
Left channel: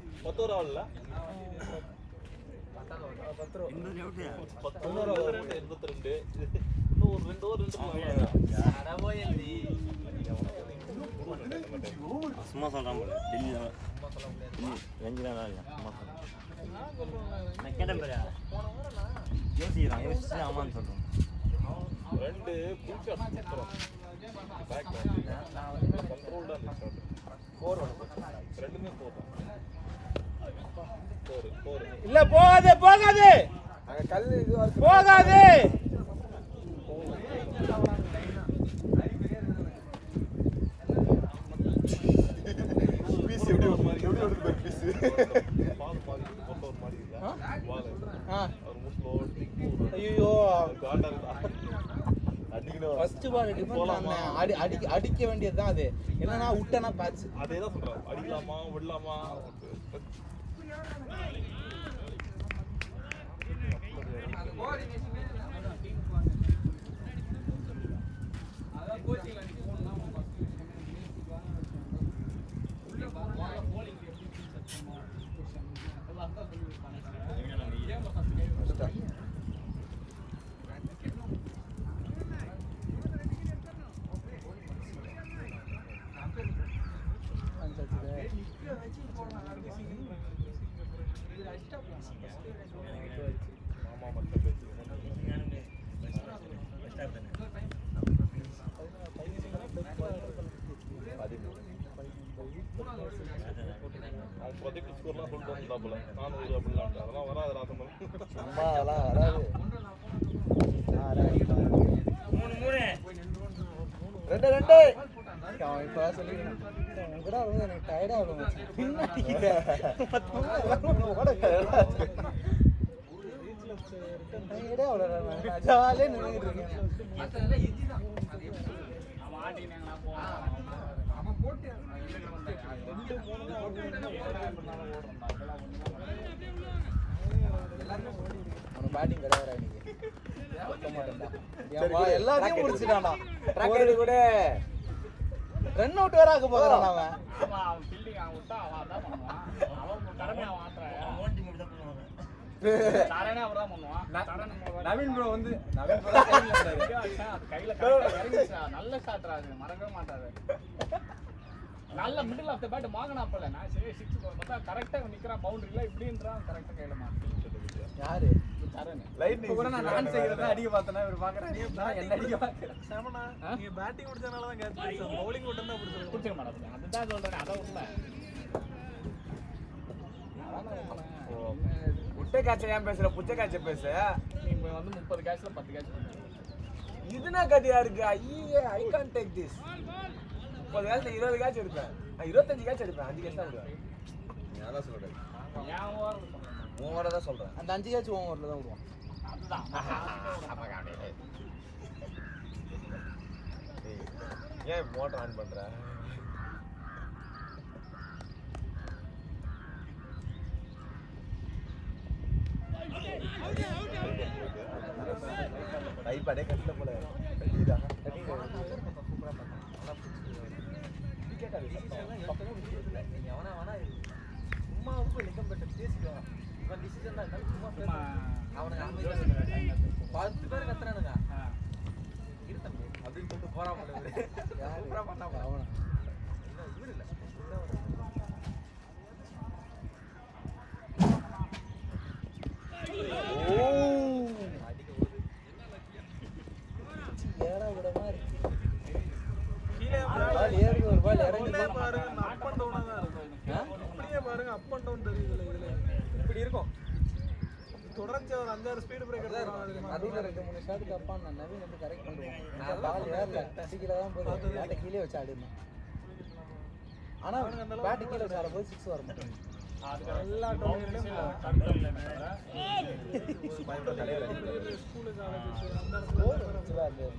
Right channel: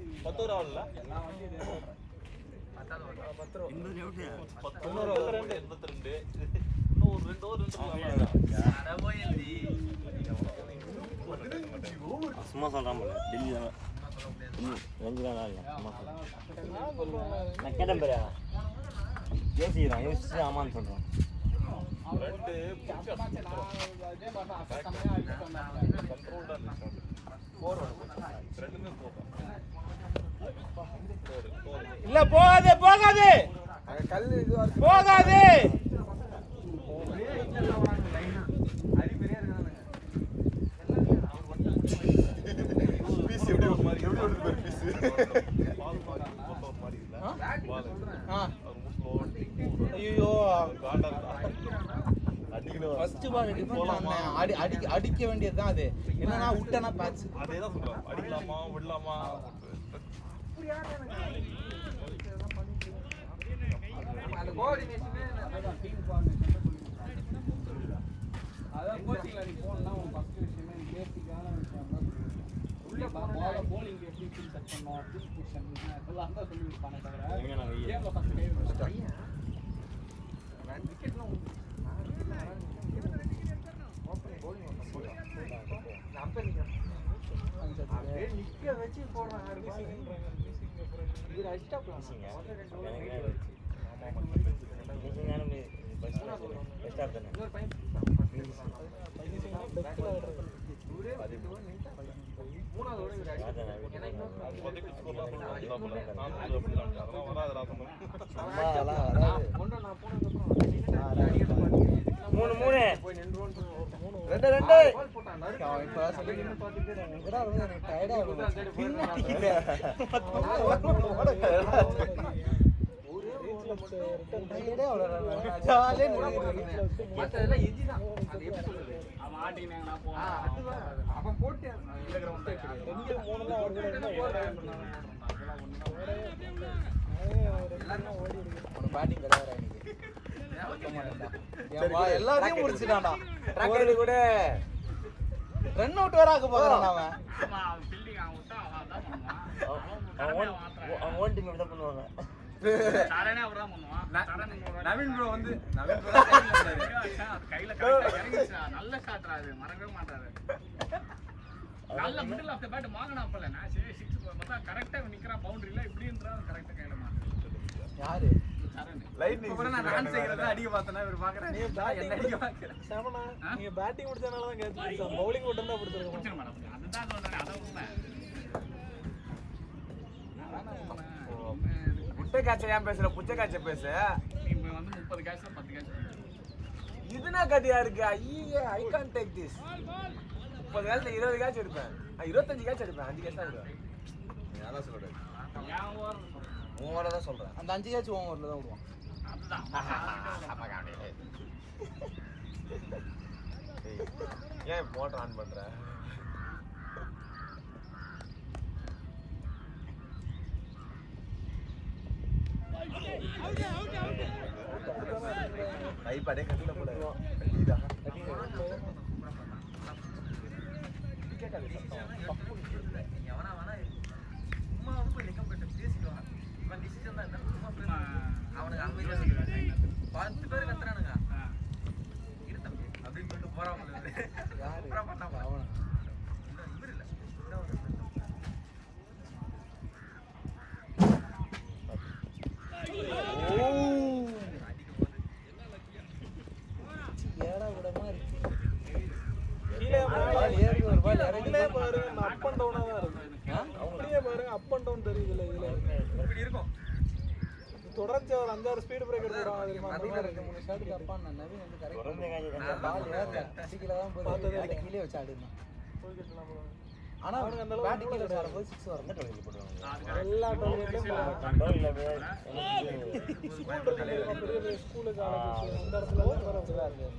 எல்லா வண்டியும் இன்னொரு எவ்வளோ 82 இன்னும் அதான் போயிருந்தி. சும்மா சொல்கிறான் போல டெல்லியில் வெஞ்சிலாம் இல்லை சும்மா சொல்கிறேன். நான் கேட்டேன் பாரு யோசிக்கிறான் யோசிச்சு ஆமான்னு சொல்கிறான். இல்ல போகாதே போகாதே கல் இதுவா இருக்கு. போகாதே. பீஸ் எப்படி ஒரு மாதிரி எப்படி ஒரு பீஸ் ஐயோ ஃபர்ஸ்ட் பால் டிஃபன் அடிக்க வேண்டியதுதான் அது. என்னன்னா விட்டனா பேட்ச். அதேதான் சொல்றேன். அடிக்கலாமா விடலாமா அந்த கோஆர்டினேஷன் அதான் கோச்சிங்ல நீ போனா உன் ஃபர்ஸ்ட் விஷயமே நீ பேசிக்கான விஷயம் தான். உள்ள பால bowling எப்படி செட் பண்ணனும் டிஸ்ட்ரிபியூஷன் அதெல்லாம் தான் சொல்லி கொடுப்பாங்க. எங்க நாங்க ஏன் ஃபர்ஸ்ட் டைம் மத்ததெல்லாம் ஈஸி தான். அது எப்படி சொல்றது? அவன் ஆடினாங்கனா போவா. அவன் போட்டு இந்த கிரவுண்ட் இங்க போறதுனா போறதுனால ஓடுறா. அதெல்லாம் ஒண்ணுமே எல்லாத்தையும் முடிச்சிட்டானா. ட்ராக்கர் கூட ரன் அவுட் வேற ஆக போறான் அவன். ஆமா அவன் ஃபீல்டிங் அவன் விட்டா அவன் அதான் பண்ணுவான். அவன் ஓன் டீம் தான் பண்ணுவாங்க. சரணே அவர்தான் பண்ணுவான். நவீன் ப்ரோ வந்து நவீன் ப்ரோ அது கையில கரெக்டா இறங்கிச்சா. நல்ல ஷாட்ரா அது. மறக்கவே மாட்டாரு. நல்ல மிடில் ஆஃப் தி பேட் மாங்கனாப்பல நான் சரி 6 பார்த்தா கரெக்ட்டா நிக்கறான் பவுண்டரியில இப்படின்றான் கரெக்ட்டா கையில மாட்டேன். யாரு? சரண். இப்போ கூட நான் செய்யறத அடிக்க பார்த்தேனா இவர் பாக்குறானே என்ன அடிக்க பாக்குறேன். நீங்க பேட்டிங் முடிச்சனால தான் கேட்பாங்க. பவுலிங் மட்டும் தான் புடிச்சிர மாட்டேன். அதுதான் சொல்றேன். அத உண்மை. புச்ச காட்சி ஏன் பேசுற புச்ச காட்சி பேசு. இப்போ வந்து 30 கேட்ச்ல 10 கேட்ச். இதுனா கதையா இருக்கு. ஐயே I can't take this. 30 கேட்ச்ல 20 catch எடுப்பேன். 25 கேட்ச் எடுப்பேன். 5 கேட்ச் தான் எடுப்பேன். அதான் சொல்றேன் ஏன் ஓவர் ஓவரா தான் சொல்றேன். அந்த 5 கேட்ச் ஓவர்ல தான் வரும். அதுதான் ஏன் மோட்டர் ஆன் பண்ற ஐபாடே கட்டல போல இதா எவனா வேணா சும்மா வந்து போய் நிக்கம் பெட்டு பேசிட்டு வரான். இவன் டிசிஷன் தான் சும்மா அவனுக்கு அங்க போய் 10 பேர் கத்துறானுங்க. இருத்தம் அப்படின்னு சொல்லிட்டு போறான் போல இவரு. சூப்பரா பண்ணா போல அவன். இவரு இல்ல இப்படி இருக்கும். தொடர்ந்து ஒரு 5-6 ஸ்பீடு பிரேக்கர் அதுல 2-3 ஷாட் கப்பான் நவீன் வந்து கரெக்ட். தொடர்ந்து காய்ச்சி டசிக்கல தான் போய் கீழே வச்சு ஆடுது. ஆனா பேட் கீழ வச்சு ஆடும்போது 6 வரும். எந்த டோனில் போடுவாங்க? அது கரெக்ட். டோனில்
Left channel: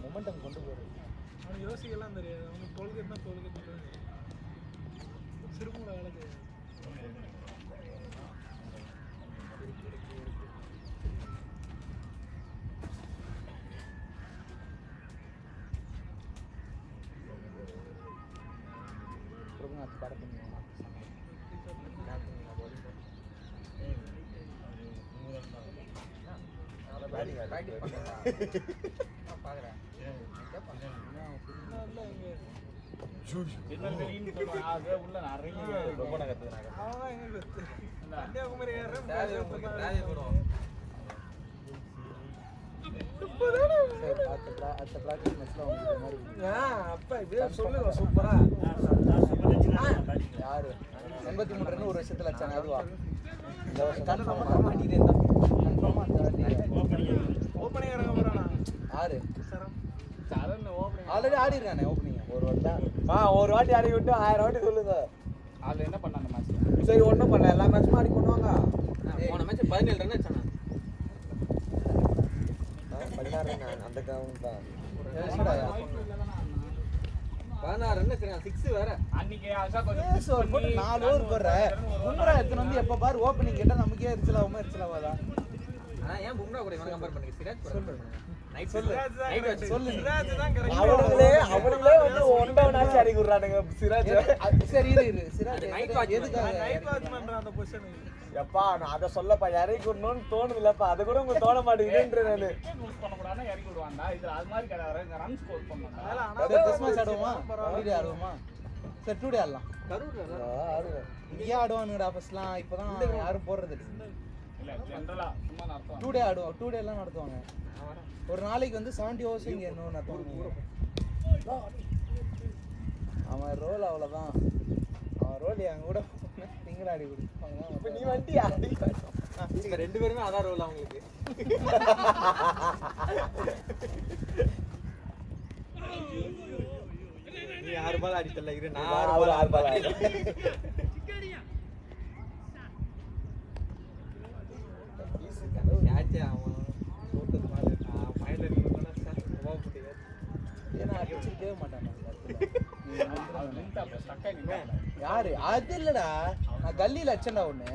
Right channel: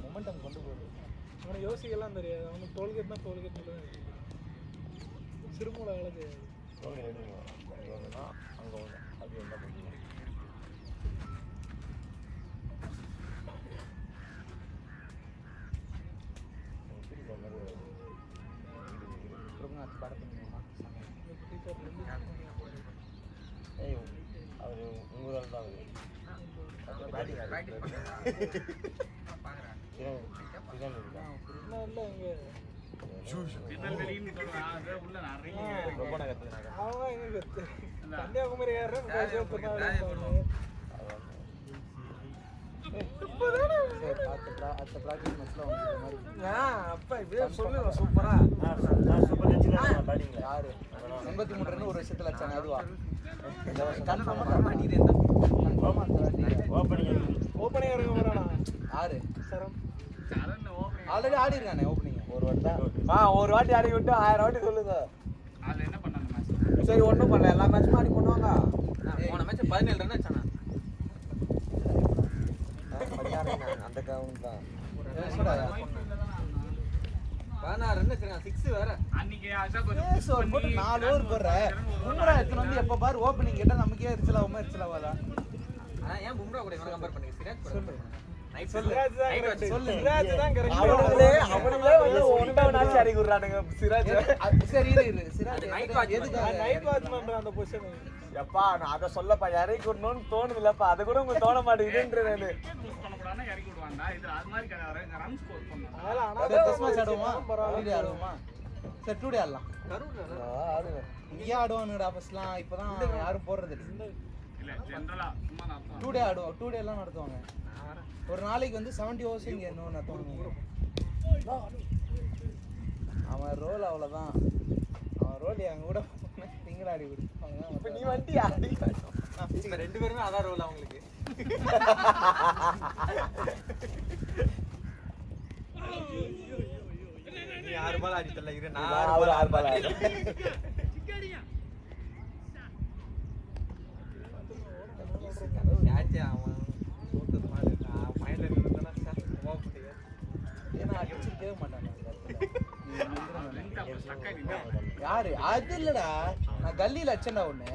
மொமெண்டம் கொண்டு போகும். யோசிக்கலாம் தெரியாது. அவங்க டோல்கேட்னா டோல்கேட் சிறுமூல வேலை செய்யும். பிராக்டிஸ் பண்ணுங்க. பாக்குறேன். திருநெல்வேலின்னு சொல்லுவாங்க அது உள்ள நிறைய இருக்கு அதான். அப்பா இப்படியே சொல்லுங்க சூப்பரா. நான் சூப்பர் வச்சுக்கிறேன் பேட்டிங்ல. 83 ரன் ஒரு வருஷத்துல அடிச்சாங்க அதுவா? ஆறு சரண் ஓப்பனிங் ஆல்ரெடி ஆடி இருக்கானே ஓப்பனிங் ஒரு வாட்டி ஆடி விட்டு 1000 வாட்டி சொல்லுங்க. அதுல என்ன பண்ணாங்க மேட்ச் சரி ஒண்ணும் பண்ணல, எல்லா மேட்சும் ஆடி பண்ணுவாங்க. போன மேட்ச் 17 ரன் அடிச்சானே. அந்த கிரவுண்ட் தான். 16 ரன் அடிச்சாங்க, 6 வேற. அன்னைக்கு ஆஷா கொஞ்சம் புஷ் பண்ணி 4 ஓவர் போடுற எப்ப பாரு ஓப்பனிங் கேட்டா நமக்கே எரிச்சல வரா. ஏன் பும்ரா கூட இவனை கம்பேர் பண்ணீங்க? சிராஜ் சொல்லு. அவனுங்களே வந்து ஒன்டா மேட்ச் ஆடி விடுறானுங்க சிராஜ். சரி இரு சிராஜ் நைட் வாட்ச் எதுக்கு நைட் வாட்ச் பண்ற அந்த பொசிஷன் எப்பா நான் அத சொல்லப்பா, இறக்கி விடணும்னு தோணுதுலப்பா, அது கூட உங்களுக்கு தோண மாட்டேங்குதுன்ற நானு. யூஸ் பண்ணக்கூடாதுன்னா இறக்கி விடுவாங்க. இது அது மாதிரி கிடையாது, ரன் ஸ்கோர் பண்ணுவாங்க. சரி டெஸ்ட் மேட்ச் ஆடுவோமா? வீடியோ ஆடுவோமா? சரி டூ டே ஆடலாம். இங்கே ஆடுவானுடா ஃபர்ஸ்ட்லாம், இப்போதான் யாரும் போடுறது இல்ல ஜெனரலா சும்மா நடத்துவாங்க. டூ டே ஆடுவோம். டூ டே எல்லாம் நடத்துவாங்க. ஒரு நாளைக்கு வந்து 70 ஓவர்ஸ் இங்கே இன்னும் நடத்துவாங்க. அவன் ரோல் அவ்வளோதான். அவன் ரோல் என் கூட நீங்களும் ஆடி கொடுப்பாங்க. இப்ப நீ வண்டி ஆடி இப்போ 2 பேருமே அதான் ரோல் அவங்களுக்கு. நீ 6 பால் ஆடிட்டல, இரு நான் 6 பால் ஆடி. கேட்ச் அவன் ஃபைனல் அடிச்சிட்டே மாட்டான். அது நின்று அப்ப ஸ்டக் ஆகி நின்றாங்க. யாரு அது இல்லடா, நான் கல்லியில அடிச்சேன்டா ஒண்ணு.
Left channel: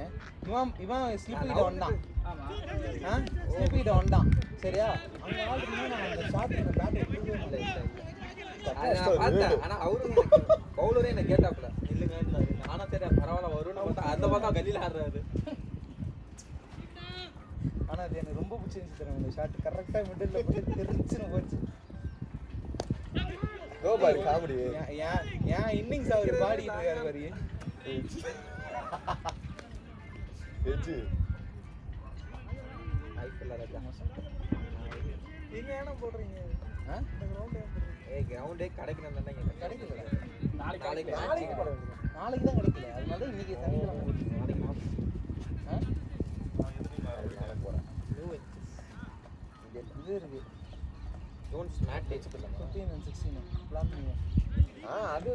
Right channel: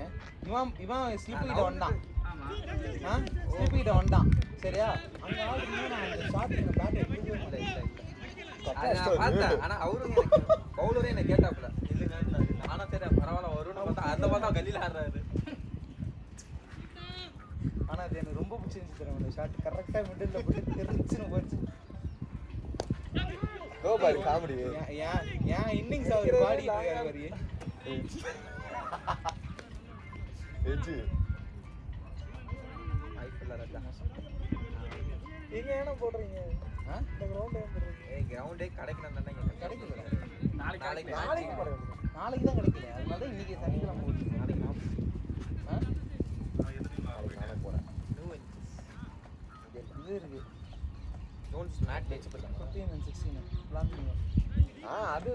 இவன் ஸ்லிப் கிட்ட வந்தான். ஆமா ஸ்லிப் கிட்ட வந்தான் சரியா? ஆனா அவரும் பவுலரே என்ன கேட்டாப்ல, ஆனா சரி பரவாயில்ல வரும்னு பார்த்தா அந்த பார்த்தா கல்லியில ஆடுறாரு. ஆனா அது எனக்கு ரொம்ப பிடிச்சிருந்துச்சு அந்த ஷாட். கரெக்டா மிடில்ல போட்டு தெரிஞ்சுன்னு போச்சு. காமெடி. ஏன் இன்னிங்ஸ் அவர் பாடிட்டு இருக்காரு மாதிரி. நீங்க என்ன போடுறீங்க? கிரவுண்டே கிடைக்கணும் தான் கிடைக்கல. நாளைக்கு நாளைக்கு தான் கிடைக்கல. அதனால இன்னைக்கு இது இருக்கு ஜோன்ஸ் மேட் டச் 15 and 16 பிளான் பண்ணுங்க. அது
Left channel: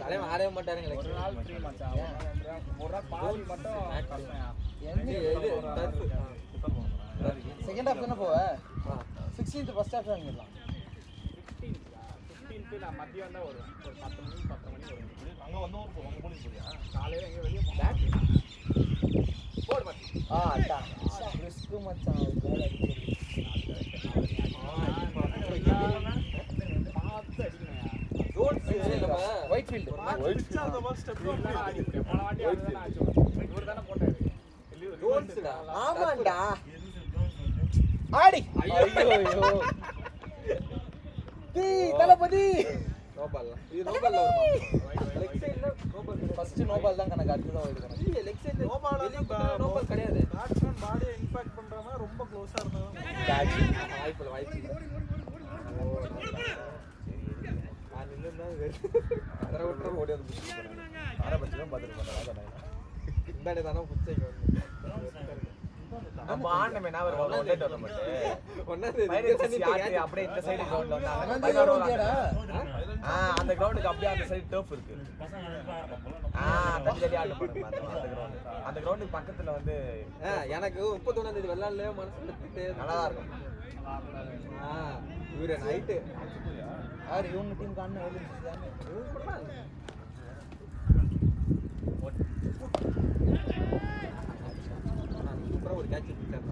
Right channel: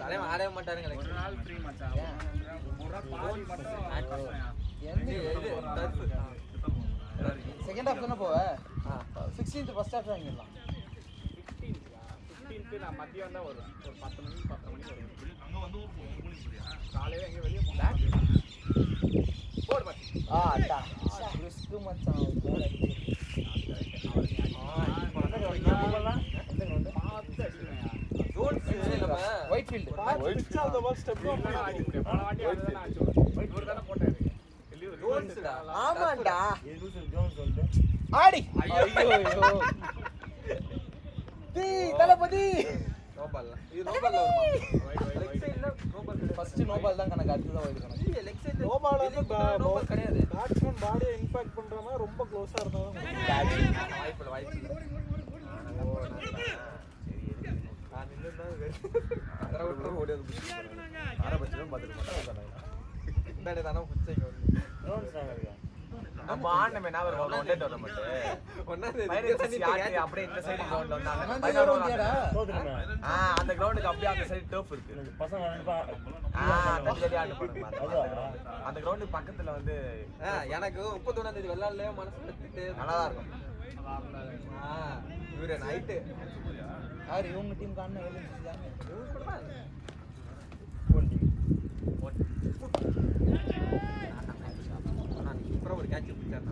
தலைவன் ஆடவே மாட்டாருங்க. ஒரு நாள் ஃப்ரீ மச்சான். ஒரு நாள் பாதி மட்டும் செகண்ட் ஹாஃப் தானே போவ? 16th ஃபர்ஸ்ட் ஹாஃப் தான். நான் மதியம் தான் ஒரு அங்க வந்து ஒரு போங்க போலீஸ் போறியா? காலையில இங்க வந்து ரிஸ்க் மச்சான். White field Which are the worst step? ஆமாண்டா. ஆடி தளபதி நோபால் இது நோபால்ல வருமா? லெக் சைடுல நோபால் ஃபர்ஸ்ட் நோபால் தான் கணக்கு. அடுத்து தான் வருது. இல்ல லெக் சைடு நோபால் வந்து நோபால் கிடையாது. பேட்ஸ்மேன் பாடியை இம்பாக்ட் பண்றவங்க ரொம்ப க்ளோஸா இருந்தாங்க. வாய்ப்பு நான் நின்னுதான் அதர விட்டு ஓடி வந்து சரியா இருக்குனாங்க. இந்தாடே தான புச்சைங்க. ட்ரோன்ஸ் நாங்க இருக்கா நம்ம ஆனமே நான் ஒண்ணாதே அப்படியே இந்த சைடு கிரவுண்ட் அந்த கிரவுண்ட் ஏடா தோத்துறேன் அந்த கிரவுண்டுக்கு அப்படியே அந்த சைடு டர்ஃப் இருக்கு. பசங்க ரெண்டு தனித்தனியா ஆடு பாருங்க. அதுவா அந்த கிரவுண்டுக்கு பக்கத்துல வந்து எனக்கு 31ஆம் தேதி வெள்ளாளே மனசுல நல்லா இருக்கும். இவரே நைட் யார் இவங்க டீம் காணோம். அப்புறம் ஒரு கேட்ச் பிடிச்சாங்க.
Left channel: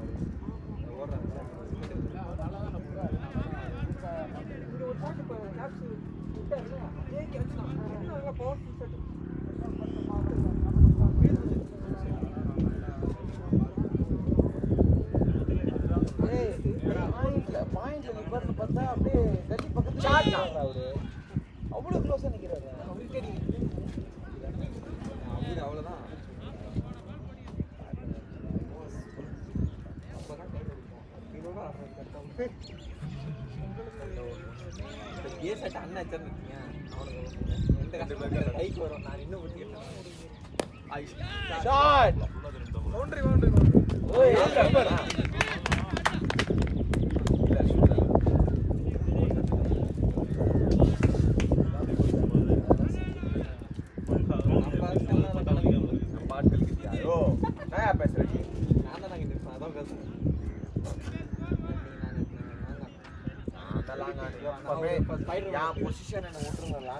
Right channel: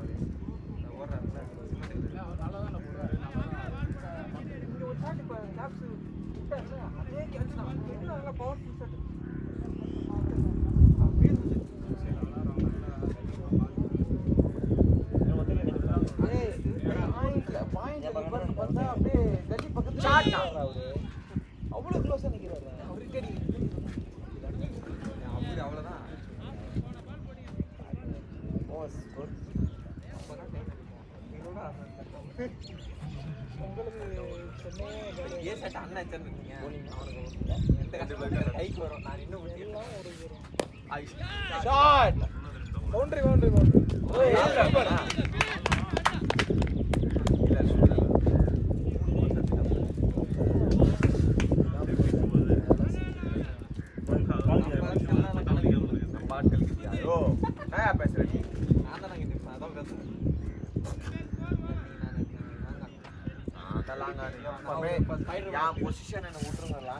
கைக்கு வரும் நான் இன்னும் ஷாட் பவுண்டரி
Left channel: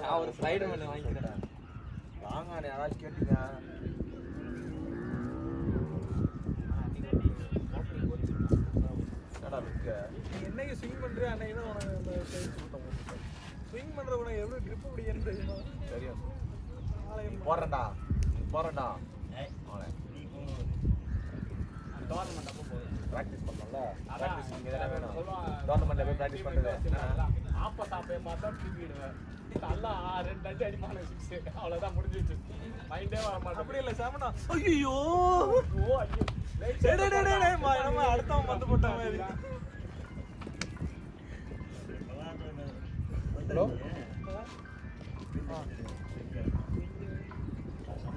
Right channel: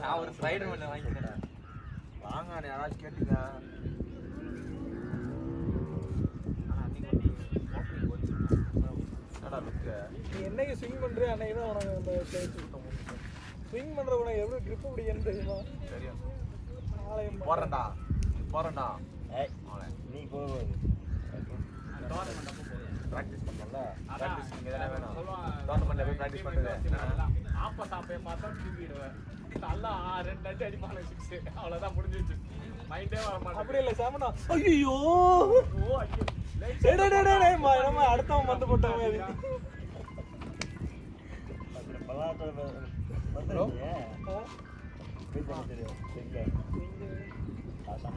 நான் ஒரு ஸ்லைடர் ஒன்று வாங்கிக்கிறேன் வாங்க யாராச்சும் கேட்டுங்க என்னைக்கு ஸ்விங் பண்றியா அன்னைக்கு தான் உனக்கு ஸ்விங் பண்ற உனக்கு எவ்வளோ ட்ரிப்பு பிடிக்கன்னு தெரியுமா போறேன்டா ஏய் நீ போ ப்ராக்டிஸ் பண்ணா ப்ராக்டிஸ் இங்க தான வேணும் டோர்னமெண்ட்ல போய் ப்ராக்டிஸ் பண்ணுங்க ஆப்பா சாப்பே மாட்டேன் திரும்பிடுவேன் நல்லா 2 அடி அடிப்பாங்க 6 அவ்வளவுதான் முடிஞ்சிச்சு மைண்டே வர மாட்டேன் அப்படி இல்ல சாமனா ஐயோ டேய் நம்ம அடுத்தவன் மத்த போட்டாங்க இது பலாட்ட வந்துருங்க வீட்ல தெரியும் சரியா ஆசாம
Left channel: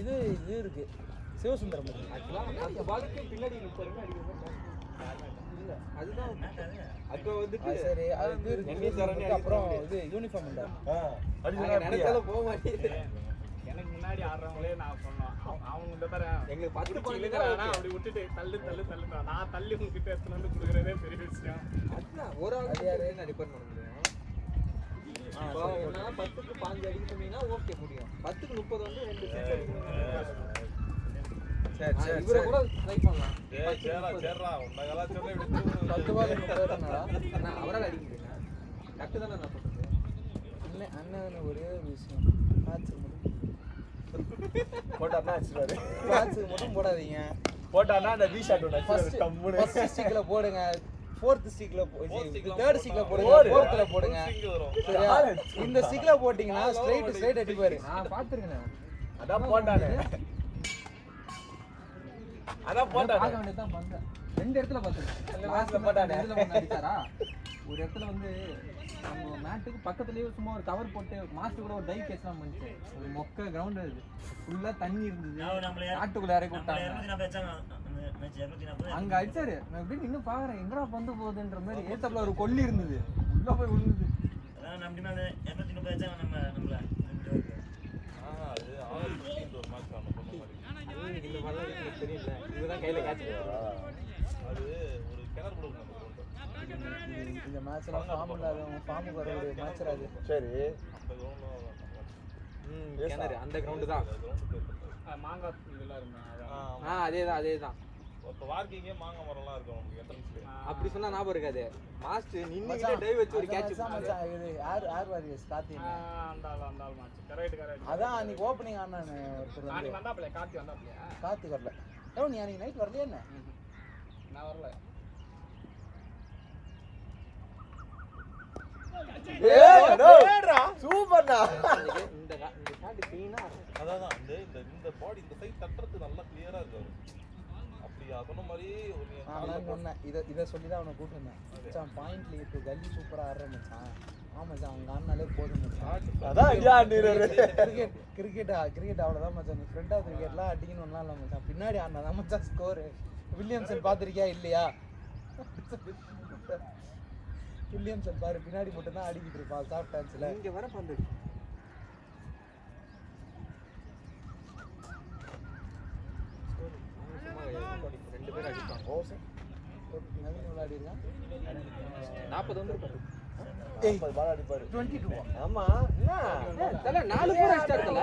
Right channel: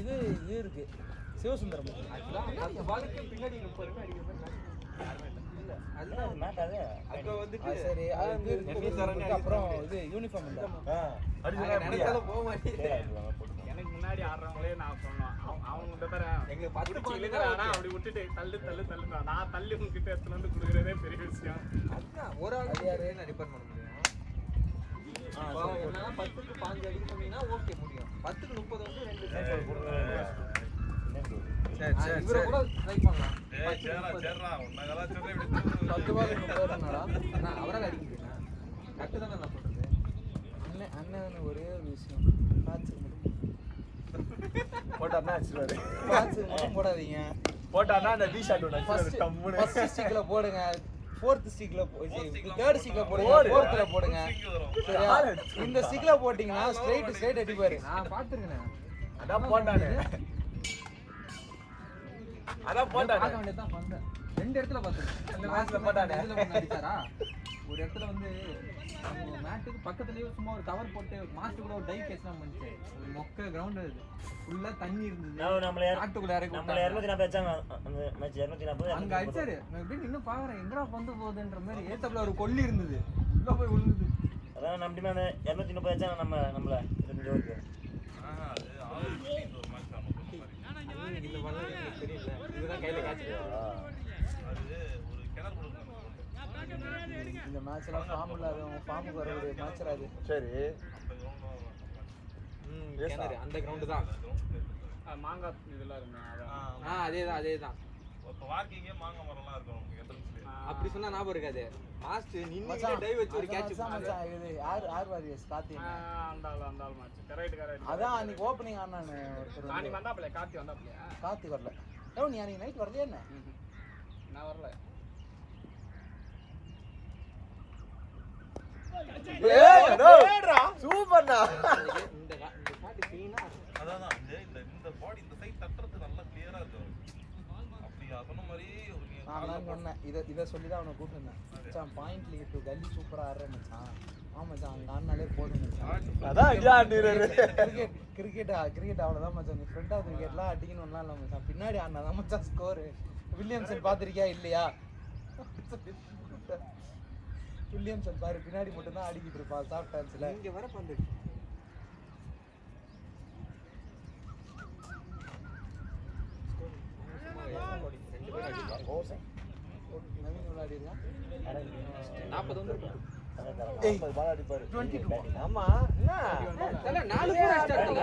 இது இருக்கு சிவசுந்தரம் சரி அப்புறம் இது யூனிஃபார்ம் இல்லை போக மாட்டேங்குது எனக்கு முன்னாடி ஆடுறவங்களே நான் சொல்லுவேன் அவங்க தரேன் எங்களுக்கு 10 பாயிண்ட் அப்படி விட்டுட்டு தள்ளு நான் தள்ளி உங்ககிட்ட எடுத்துட்டு வந்து கொடுக்குறதே பெரிய விஷயம் ஒரு ஆள் நான் ரிப்பேர் பண்ண முடியும் இப்போ உன்னால 10க்கு 5 அடிக்கிறீங்கன்னா ஓகே முடியும் 10க்கு 30 வந்து சரி இவரை கூட ட்ரை பண்ணலாம் சேர்றா உன்னதெல்லாம் சேர்றா இப்படி 10 பால் நான் அவரால் அடிக்கிறேன் கரெக்டு தானே நான் அண்ணன் ஒரே ஒரு விஷயம் போட்டானா போடாதீங்க போட்டானா அந்த வி ஷாட் ஒன்னு ஃபர்ஸ்ட் ஸ்டிக்ல போடுங்க ஃபோர்த் ஸ்டிக்ல தேர்ட் ஸ்டிக்ல போடுங்க ஃபோர்த்ல போடுங்க சரியா இந்த ஸ்டிக்ல போட்டீங்கன்னா ஸ்ட்ரைட் அடிப்பாரு நான் பாத்துறேன் அதான் போட்டானே பார்க்க வேண்டியதுதான் வந்தேன் 2 இடத்துல பார்த்தேன் அந்த மேட்ச்ல போட்டானே இதுல ஒன்னு அடிச்சாரா ஒரு இடத்துல வந்து மேட்டுக்கு பக்கத்துலயே சும்மா ஒரு கவர் போட்டு மாஸ்டர் கூட ஒரு டை கேஸ்லாம் வந்துச்சு மொக்க கிரவுண்ட் அது ஃபுல்லா தண்ணி இருந்தது நாட்டுக்குள்ள இறக்கி நம்மள 240 வச்சாங்க அந்த மேட்ச் 240 அங்க அடிச்சாரு நான் எப்படி இன்னும் பாக்குறேன் எங்கடா பந்து போகுதுன்ற மாதிரி ஏத்தப்ல ஒரு கொல்லி இருந்தது உள்ள போய் விழுந்தது அதான் நம்ம மேல 230 வச்சாங்க நம்மள இந்த ஓகே இதுதான் கையில கேட்ச் இந்த மேட்ச்ல ஃபார்ம் இல்லாதவங்க ஃபார்ம் வர ஒரு மேட்ச் அது சரி கிணறு அந்த கிரவுண்ட் தான் மாங்காய் அதேதான் வாக்கிங்கே மாங்க மரம்லாம் இருக்கும் உங்களுக்கு என்ட்ரன்ஸ்ல அப்படி சொன்னா ஞாபகம் இருக்காது மாஸ்டர் நின்னுக்கிட்டே டைவ் வச்சு ஒரு கேட்ச் இது யார் வாரியர்ஸ் கார்த்தி கரெக்ட் அதான் அன்னைக்கு ஓப்பனிங் ஆனாங்க நாளைக்கு வந்தாப்ல கார்த்தி வந்தாப்ல கார்த்தி வரல ஏன் நீ அன்னைக்கு நைட் வரலையே என்ன நான் வரல சூப்பர்டா இந்த பாட்டு கிளீனா அதான் இந்த பாடி இந்த சைடு தட்டுறது நல்லா கிளியரா இருக்கும் அப்படி சொன்ன மாதிரி ஒரு நான் சொன்னேன் இதை சொல்லி தான் அவனை கூப்பிட்டுருந்தேன் மச்சான் பாயிண்ட்ல இப்போ கல்லி சூப்பராக ஆடுறான் ஆமாம் மச்சான் அவங்க ஆடினாலே போட்டு அதான் ஐயா நீரரு கிரிக்கெட் அவ்வளோதான் மச்சான் ஃப்ரெண்ட் ஆஃப் கிரிக்கெட்லாம் அடிக்கணும்லாம் இல்லை மச்சான் பின்னாடி ஆடினா தான் மச்சான் ஸ்கோரு வில்லியம்சன் பார்த்துருக்கியா இல்லையா வில்லியம்சன் பாரு பின்னாடி மட்டும் தான் அடிக்கிட்டு இருப்பான் சாஃப்ட் டான்ஸில் இங்க வர பந்து நாற்பது வந்துருக்கும் ஆமா தல 4 பேர் அடிச்சாருல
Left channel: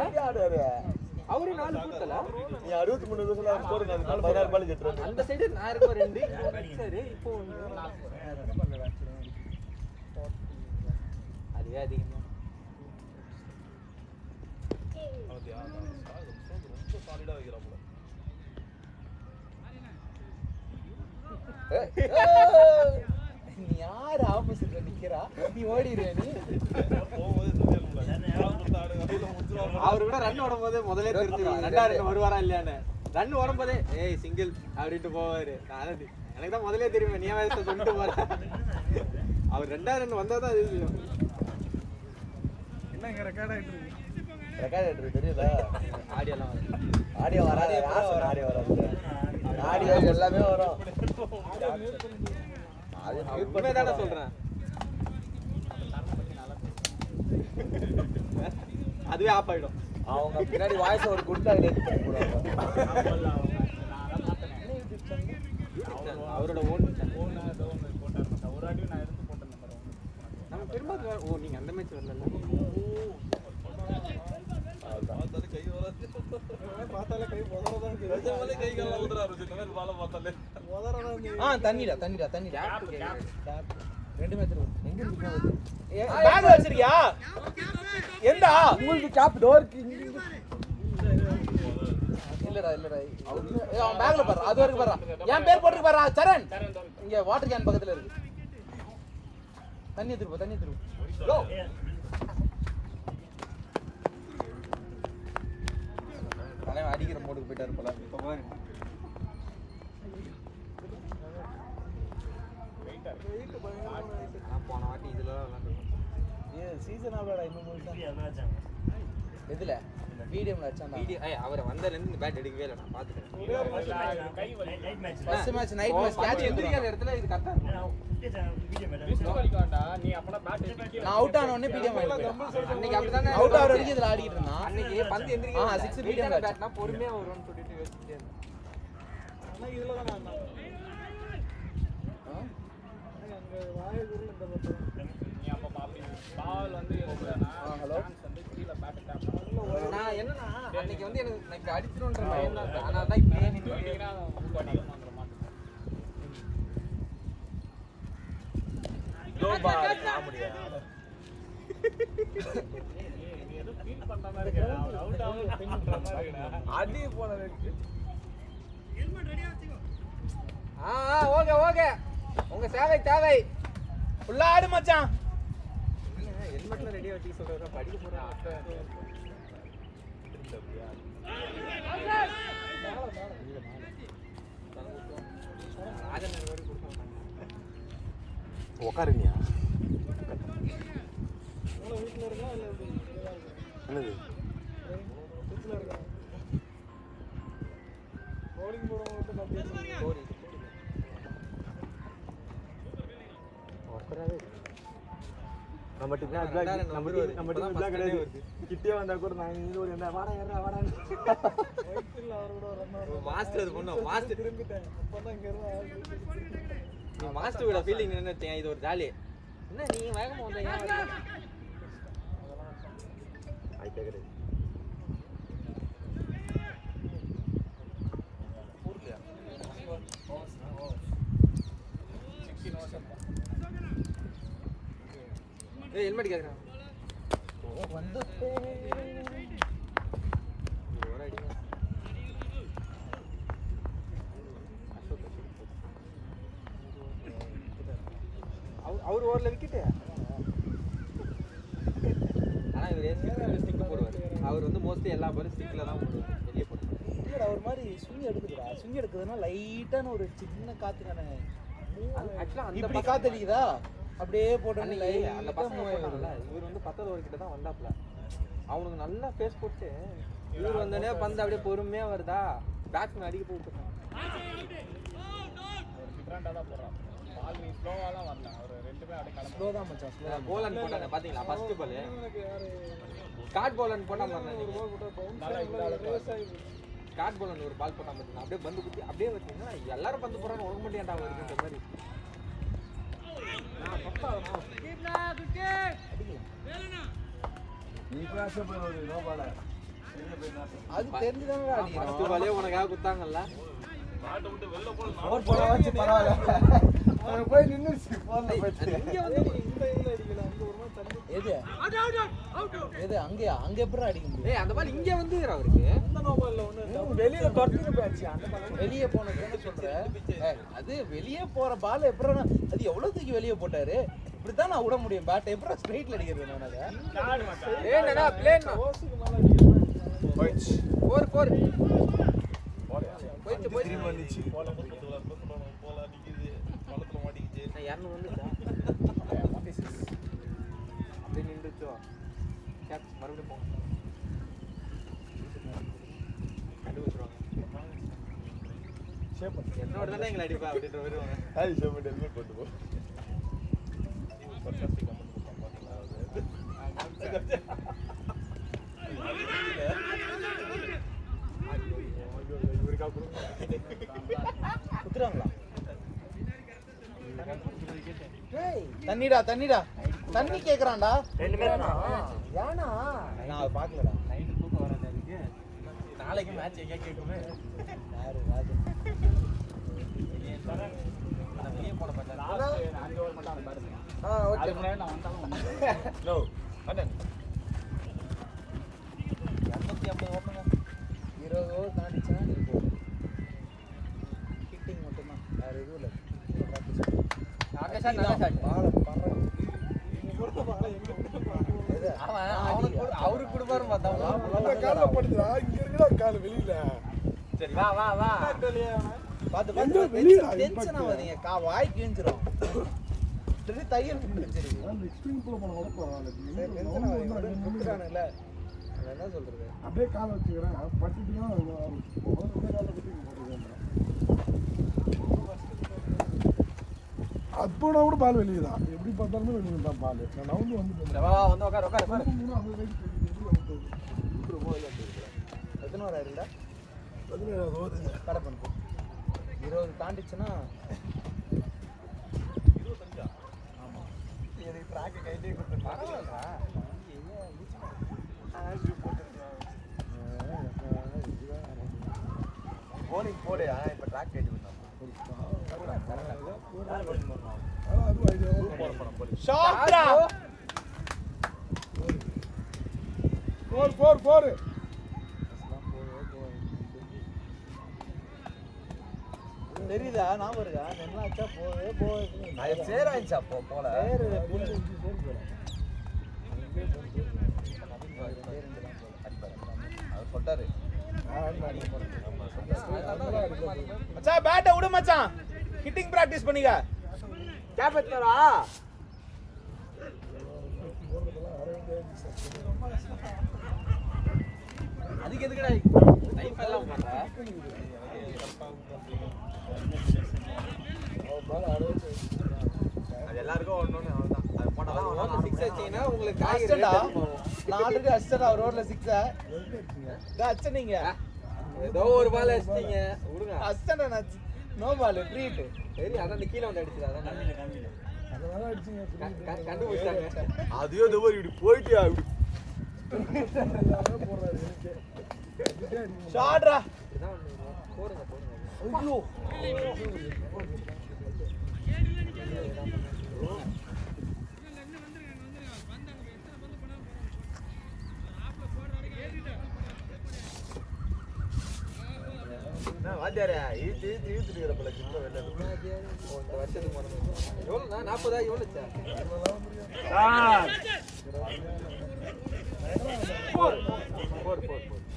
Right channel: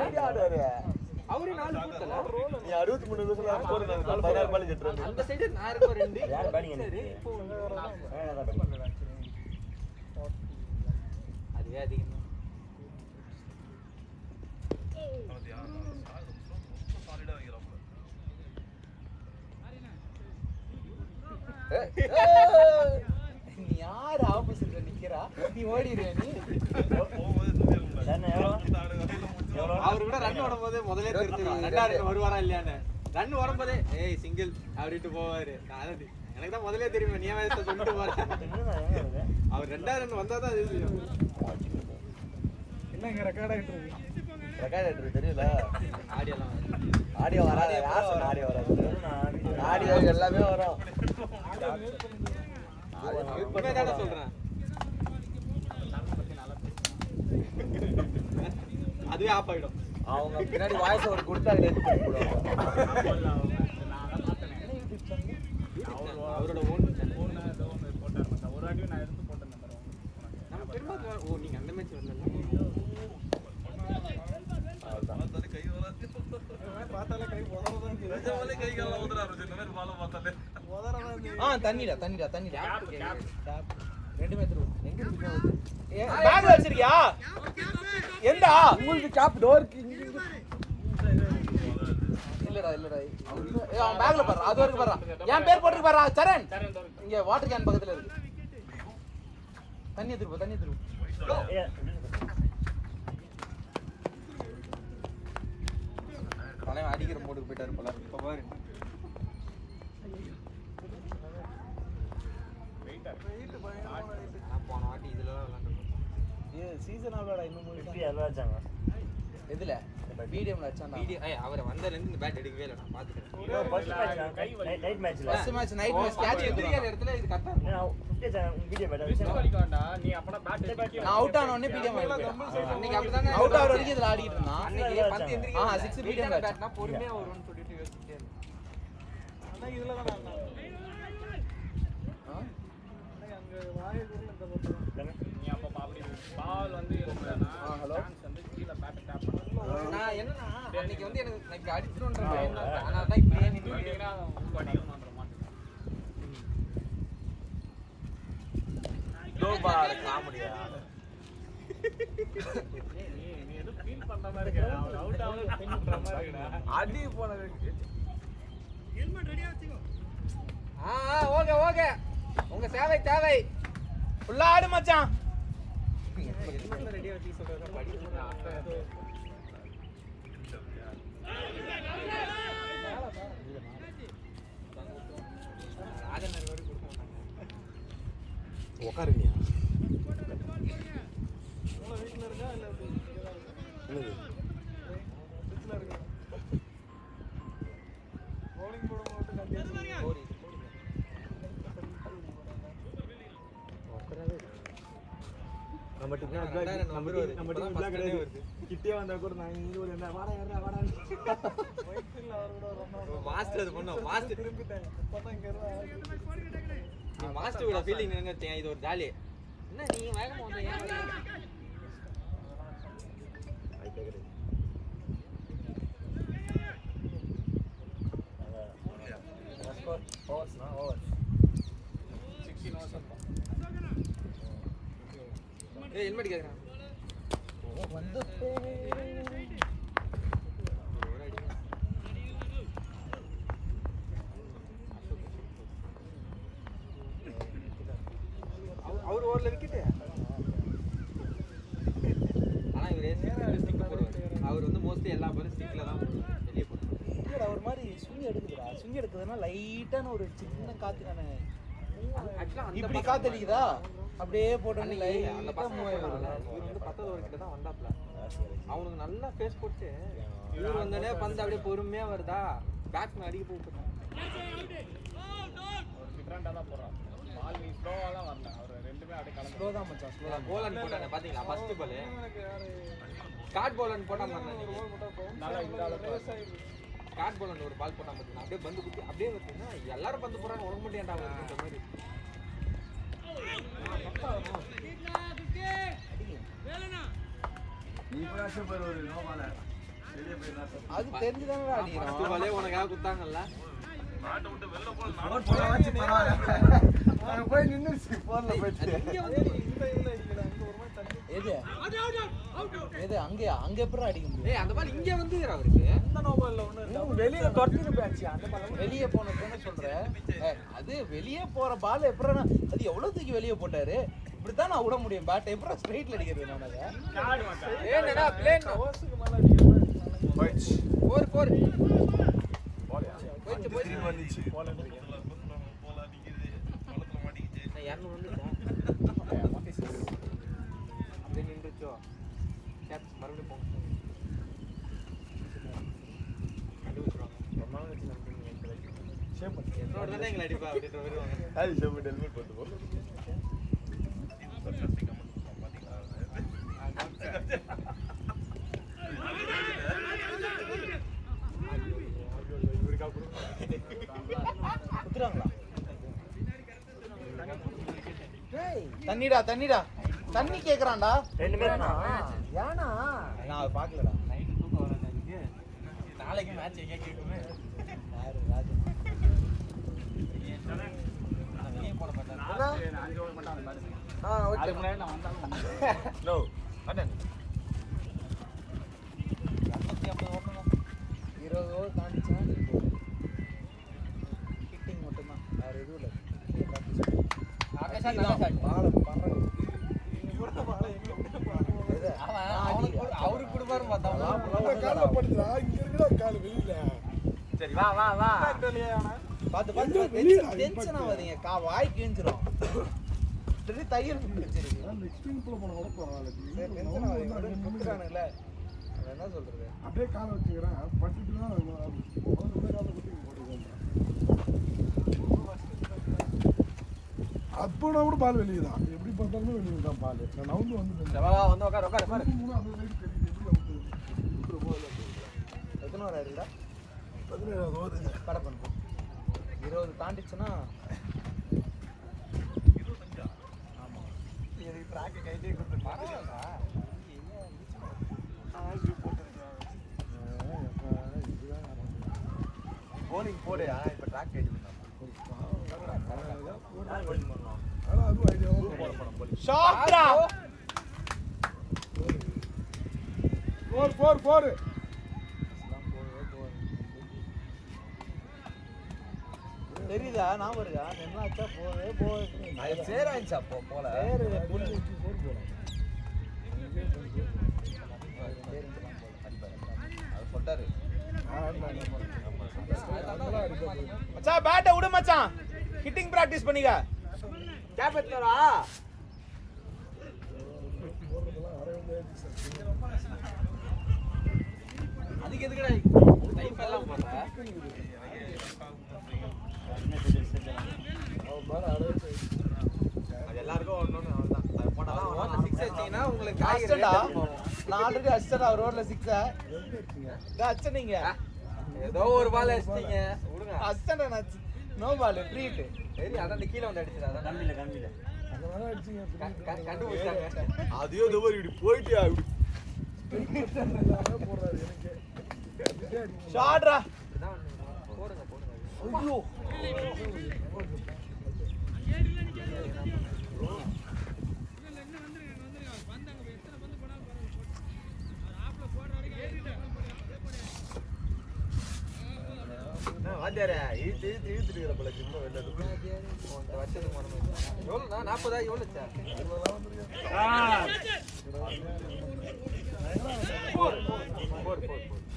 அவரு 4 பேர் தல நீ 63 வருஷமா போடுறது 16 பால் ஜெட் அந்த சைடு நான் இருக்க 2 யார் பேட்டிங் சரி இப்போ அதுவே அதிகம் சாலிடா வைக்கிறாங்க நீ யார் ஆப்போசிட்ல நிக்கிறா நீ ஓடிடுவே நீ என்ன எவ்வளோ அவரு கூட ரன் ஓடும்போது முதல்ல தெரிஞ்சிடும் 2 ரன் வருவாரா இல்லையான்னு. ரன் ஓடும்போதே ஏய் சிங்கிள் அப்படின்ட்டு போவாரு. எனக்கு தான் முதல்ல தெரியுமே நீ வயசை கொண்டு போற. அவர் 2 ரன் வந்தா தான் அது ரெக்கார்ட் தெரியல. ஆடியோ வராது. ஆடியோ எல்லாமே வரும். உண்மைதானே சொல்றேன். அதுவே ஆஃப் ஆயிடும். அவங்க பின்னாடி வாய்ஸ் ஒரு கொடுத்தாரு. அவரோட ஓன் நம்ம பெரும்பாலும் ஓ நீங்க அந்த மேட்ச் வரல. தண்ணிடா ரெண்டுமே பேக் வச்சிருக்கியா? எந்தா உங்களுக்கு கேப் டோருக்கு இல்லடா அவன் பேக்ல பாரு. அது வரைக்கும் பாரு. என் பேர் போட்டு பாரு. சரண் இங்க வாட்டர் கேன் பக்கத்துல இருக்கு. தண்ணி எடுத்து போ. அவன் அடிக்கிற போட்டு போயிட்டாரு போல. இப்ப பாரு. போன வாட்டி இதுல சீசன் ஆவலடா இன்னும் எவ்வளோ வச்சாங்க எதுல வீடியோல அச்சான். வீடியோ அவர் வந்தல இருந்து இந்த பேட் எடுக்கவே இல்ல. நான் பாத்துட்டேன். ஃபர்ஸ்ட் மேட்ச் நைட் மேட்ச்ல first match night match catch எந்திரிக்கிற இடத்துல இது கரெக்ட்டா நான் 50 வீடியோ மேட்ச் நீ அப்பனா பேட் நான் அவுட் ஆன உடனே வீடியோ மேட்ச் அன்னைக்கு அப்படிதானே அவுட் ஆற வரைக்கும் இதுல ஆடிட்டு இருந்தான். அன்னைக்கு பந்து எந்திரிக்கிற 6 வீடியோ பேட்னா பொறுமையா வரும்னு சொல்லிட்டு யோசிச்சிட்டே இருந்தேன். நான் இதுல தான் நான் என்னன்னா அன்னைக்கு வந்து எனக்கு அடிச்சிடும்ன்ற பயம் தான். அதனால தான் இப்படியே நின்னுட்டேன். அடி போனது ஓகே உங்க சேவை தேவை. ஃபுல்லா ஆடு மச்சான். ரெடியா வச்சு சொல்றதா படிக்க உக்காருங்கயா என்னது நம்ம டீம் கிடையாது. கிட்டே வந்தா கூட நான் இங்க ஒரு என்ன வாடா ஏறா வாடா மாஸ்டர் அது பண்ணோம். மாஸ்டர் திரும்பிட்டேன். நீ மாஸ்டர் கூட ஃபீலிங் நின்னுட்டேன். இது ஒரு ஜாலி. என்ன நீ வேகமா வந்தீங்க? ஐட்டே கிடையாது. ஏய் ஹெல்மெட் கேக்குறேன். வந்து அவர் ஓவர்ல விக்கெட். ஆனா இவர் ஸ்டிக் போடுவார். அவர் வந்து மோஸ்ட்லி எல்லா பாலும் ஸ்டிக்ல தான் வெளியே போடுவார். அவர் மாதிரி ஸ்விங் எடுக்குதுடா. ஸ்விங் எடுக்குதுன்னா லைட்டான ஒரு சின்ன காத்து தானே. ஆக்சுவலா அந்த இப்படி காத்து அடிக்குதா அப்படியே போட்டு அந்த பசங்க வரல. இவர் வந்து 10 ஓவர் கிட்ட தான் வந்தாப்ல. அவனுக்கு நல்லா ஃபேஸ் போட்டு இவர் வந்தனே பந்து அப்படியே பொறுமையா வருதா பேட்ஸ்மேன் அடிக்க போயிட்டான். போலன் போட்டானே பாத்தீங்களா? ஃபர்ஸ்ட் பால் ஸ்காட் போலன் போட்டான் பாருங்க. நீங்க ஸ்காட் போலன் ஒரு பால் போட்டான் பாத்தீங்களா? அப்படியே பந்து குத்தி அப்படியே வச்சீங்கன்னா எல்லாரும் பந்து போறாங்க. உடம்பு முடியாண்டா இருக்குன்ற மாதிரி. அது தெரிஞ்சுதானடா நீ ஃபர்ஸ்ட் பாலே உனக்காக குத்தாங்கல்ல. ஃபோர் போனா வச்சு பரவாயில்லை. அங்க போய் நின்னுச்சு. போன்ல போய் இங்க வந்து எது எது அங்கேயா அங்க எப்படி அடிக்க முடியும்? ஏய் அந்த பால் இங்க வந்து அவருக்கு வெளியே தொட்டு போயாச்சு வெளியே போன அது வெளியே போற பால் எப்படி அது எவ்வளவு தூக்கி வெளியே போட்டாரு? இப்படித்தான் நான் விட முடியும் பேட் எப்படி ஸ்ட்ரைட்ல அடிக்கிறது? ஏன்னா பிளேன் போயிடுச்சு. 4 போயிடுச்சு வந்துச்சு. நான் 200 வந்துச்சா நின்றுச்சோ கேட்ச் மறுபடியும் போ என்னோட தானே எங்களை அடிப்பா அப்படின்ற வருவாங்க. அது ஷெப்பர்ட் ஹெல்மெட் போட்டு போ. தண்ணிடா தண்ணிடா தண்ணி கேக்குறான்டா. 2 பேர் தான். ஏனா நான் அதை பார்க்கலடா. நைட் தூக்கம் வராது எனக்கு. நாளைக்கு மேட்ச் எங்க கேக்குமே. வெளியே போன பார்த்தா லாஸ்ட் 5 ஓவர் மட்டும் அந்த மாதிரி. ஓகே. அதுக்கு முன்னாடி நான் வந்தாலும் நோ அண்ணன் 250 ஓடுங்க. 20 ஓவர் தாண்டிச்சா கிட்டிங் மட்டும்தான். வேற எதுவும் இல்ல. ஆகாஷ் அவருக்கு கொடுப்பாரு பார்த்தா அந்த காலில் படுத்துடா, இங்க இருக்குடா கால் வெளியில. சரி வா வா வா பார்த்து எங்க வெளியில டென்ஷன் ஆகாதீங்க. வாய் கிழிஞ்சிரும். திடீர்னு தையல் பிடிச்சிருக்கு. நான் ஸ்விமிங் பூல் போன கூட பரவாயில்ல. டென்ஷன் ஆகாதீங்க. குடுக்குறானுல்ல. என்ன சொல்றது? அப்படியே காலை வச்சுக்கிறேன், பட்டுச்சுன்னா அப்போனா கூட பால் வெளியே தான். எப்படி பார்த்தாலுமே வெளியே தான் பால். நவுந்து வந்து வா வந்து உட்கார் உட்கார் உட்கார். எத்தனை ஓவர் ஆயிருக்குடா? 17 ஓவர். கடை 20 தாண்டிச்சுன்னா போனிங் போடு. ஆனா இப்ப ட்ராக் ரைட் ஷாட்ரா. 4 தெரியுதா? நான் வருதா? என்ன ஆச்சா? போய் அது சேராயிடுச்சா அப்போ போல. அவர் சொன்னாரு மச்சான் பேட்டை விடு மச்சான். ஹிட்டிங் பிராக்டீஸ் பண்ணிக்க. கேப் எடுத்துறா. அதுக்கு எதுக்குடா லைஃப் எல்லாம் பண்ற? அது எல்லாருக்கும் ஓடணும் அவ்வளவுதான். அது போட்டாதான் அவனால 6 அடிச்சீங்கன்னா உங்களுக்கு காய்கறி அடிச்சடா. நான் ஆல்ரெடி அடிச்சடா ரோட்ல 6. இத அடிச்சனீங்க. ஏதோ ஒரு பால் அடிச்சிட்டீங்க விடுங்க. அடிச்சடா நான். No ball treat. சரி அண்ணா நீ கீழே வந்து அடிச்சதா கம்பியில கண்டுபிடிச்சாங்க. அதையோ இந்த மாதிரி இப்படி போயிட்டியா இப்படி ஷாட்ரா. ஐயோ வாத்தியாரே இழுத்து இருக்கிற போல சும்மா வெளில எவ்வளோ 40 எவ்வளோ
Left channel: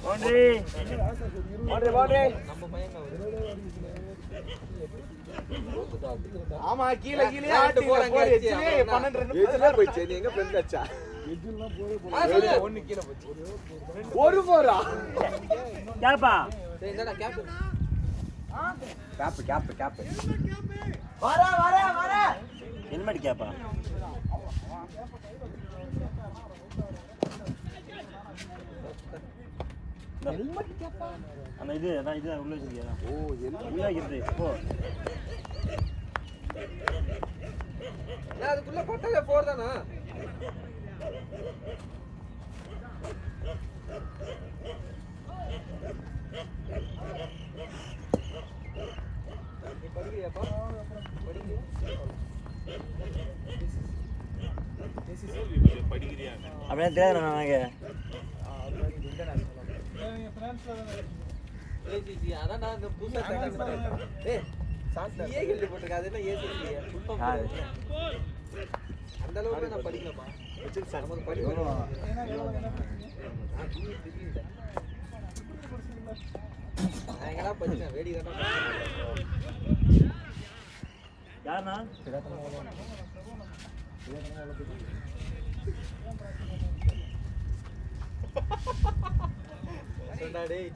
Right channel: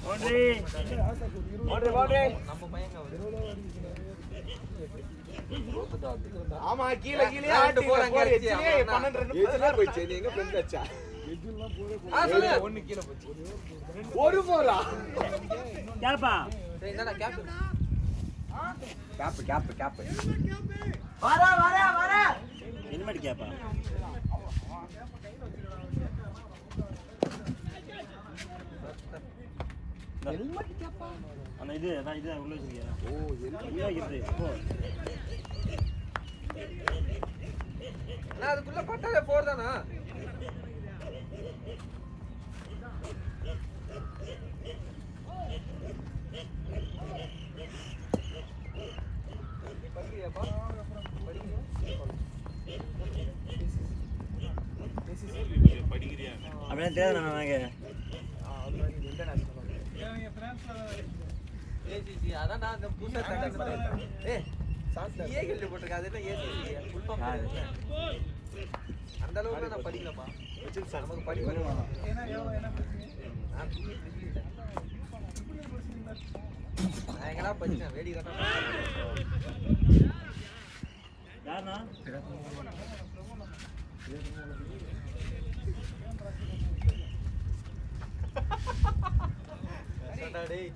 பவுண்டரி ஆமா கீழ கீழே ஆட்டி போறாங்க. 12 ரன் எதுல போயிச்சு நீ எங்க ஃப்ரெண்ட் அச்சா ஒன்னு கீழ போச்சு. ஒரு போறா கேப்பா என்னடா கேப் கேப் ஹெல்மெட் கேப்பா ஹெல்மெட் கேப்பா அந்த இது அதான் இது உள்ள வச்சிருக்கியா? ஓ ஹெல்மெட் போ அதுக்குள்ள பட்டாலே போறதானா? படிக்கிற அப்படியே தெரியாது எனக்கு. ஏசிசி அதான் நான் அங்க புதுசா ஸ்டார்ட் பண்ணேன். டேய் சாப்பிட்டா ஏகி போட்டுருக்க அது என்ன ஏசிசி யாரு? அந்த அளவுக்கு நான் படிக்கலமா. நமக்கு படிப்பு ஏன்னா என்ன நான் எங்கடா படிச்சேன் வேடி காட்டுறேன். யாருண்ணா? டேய்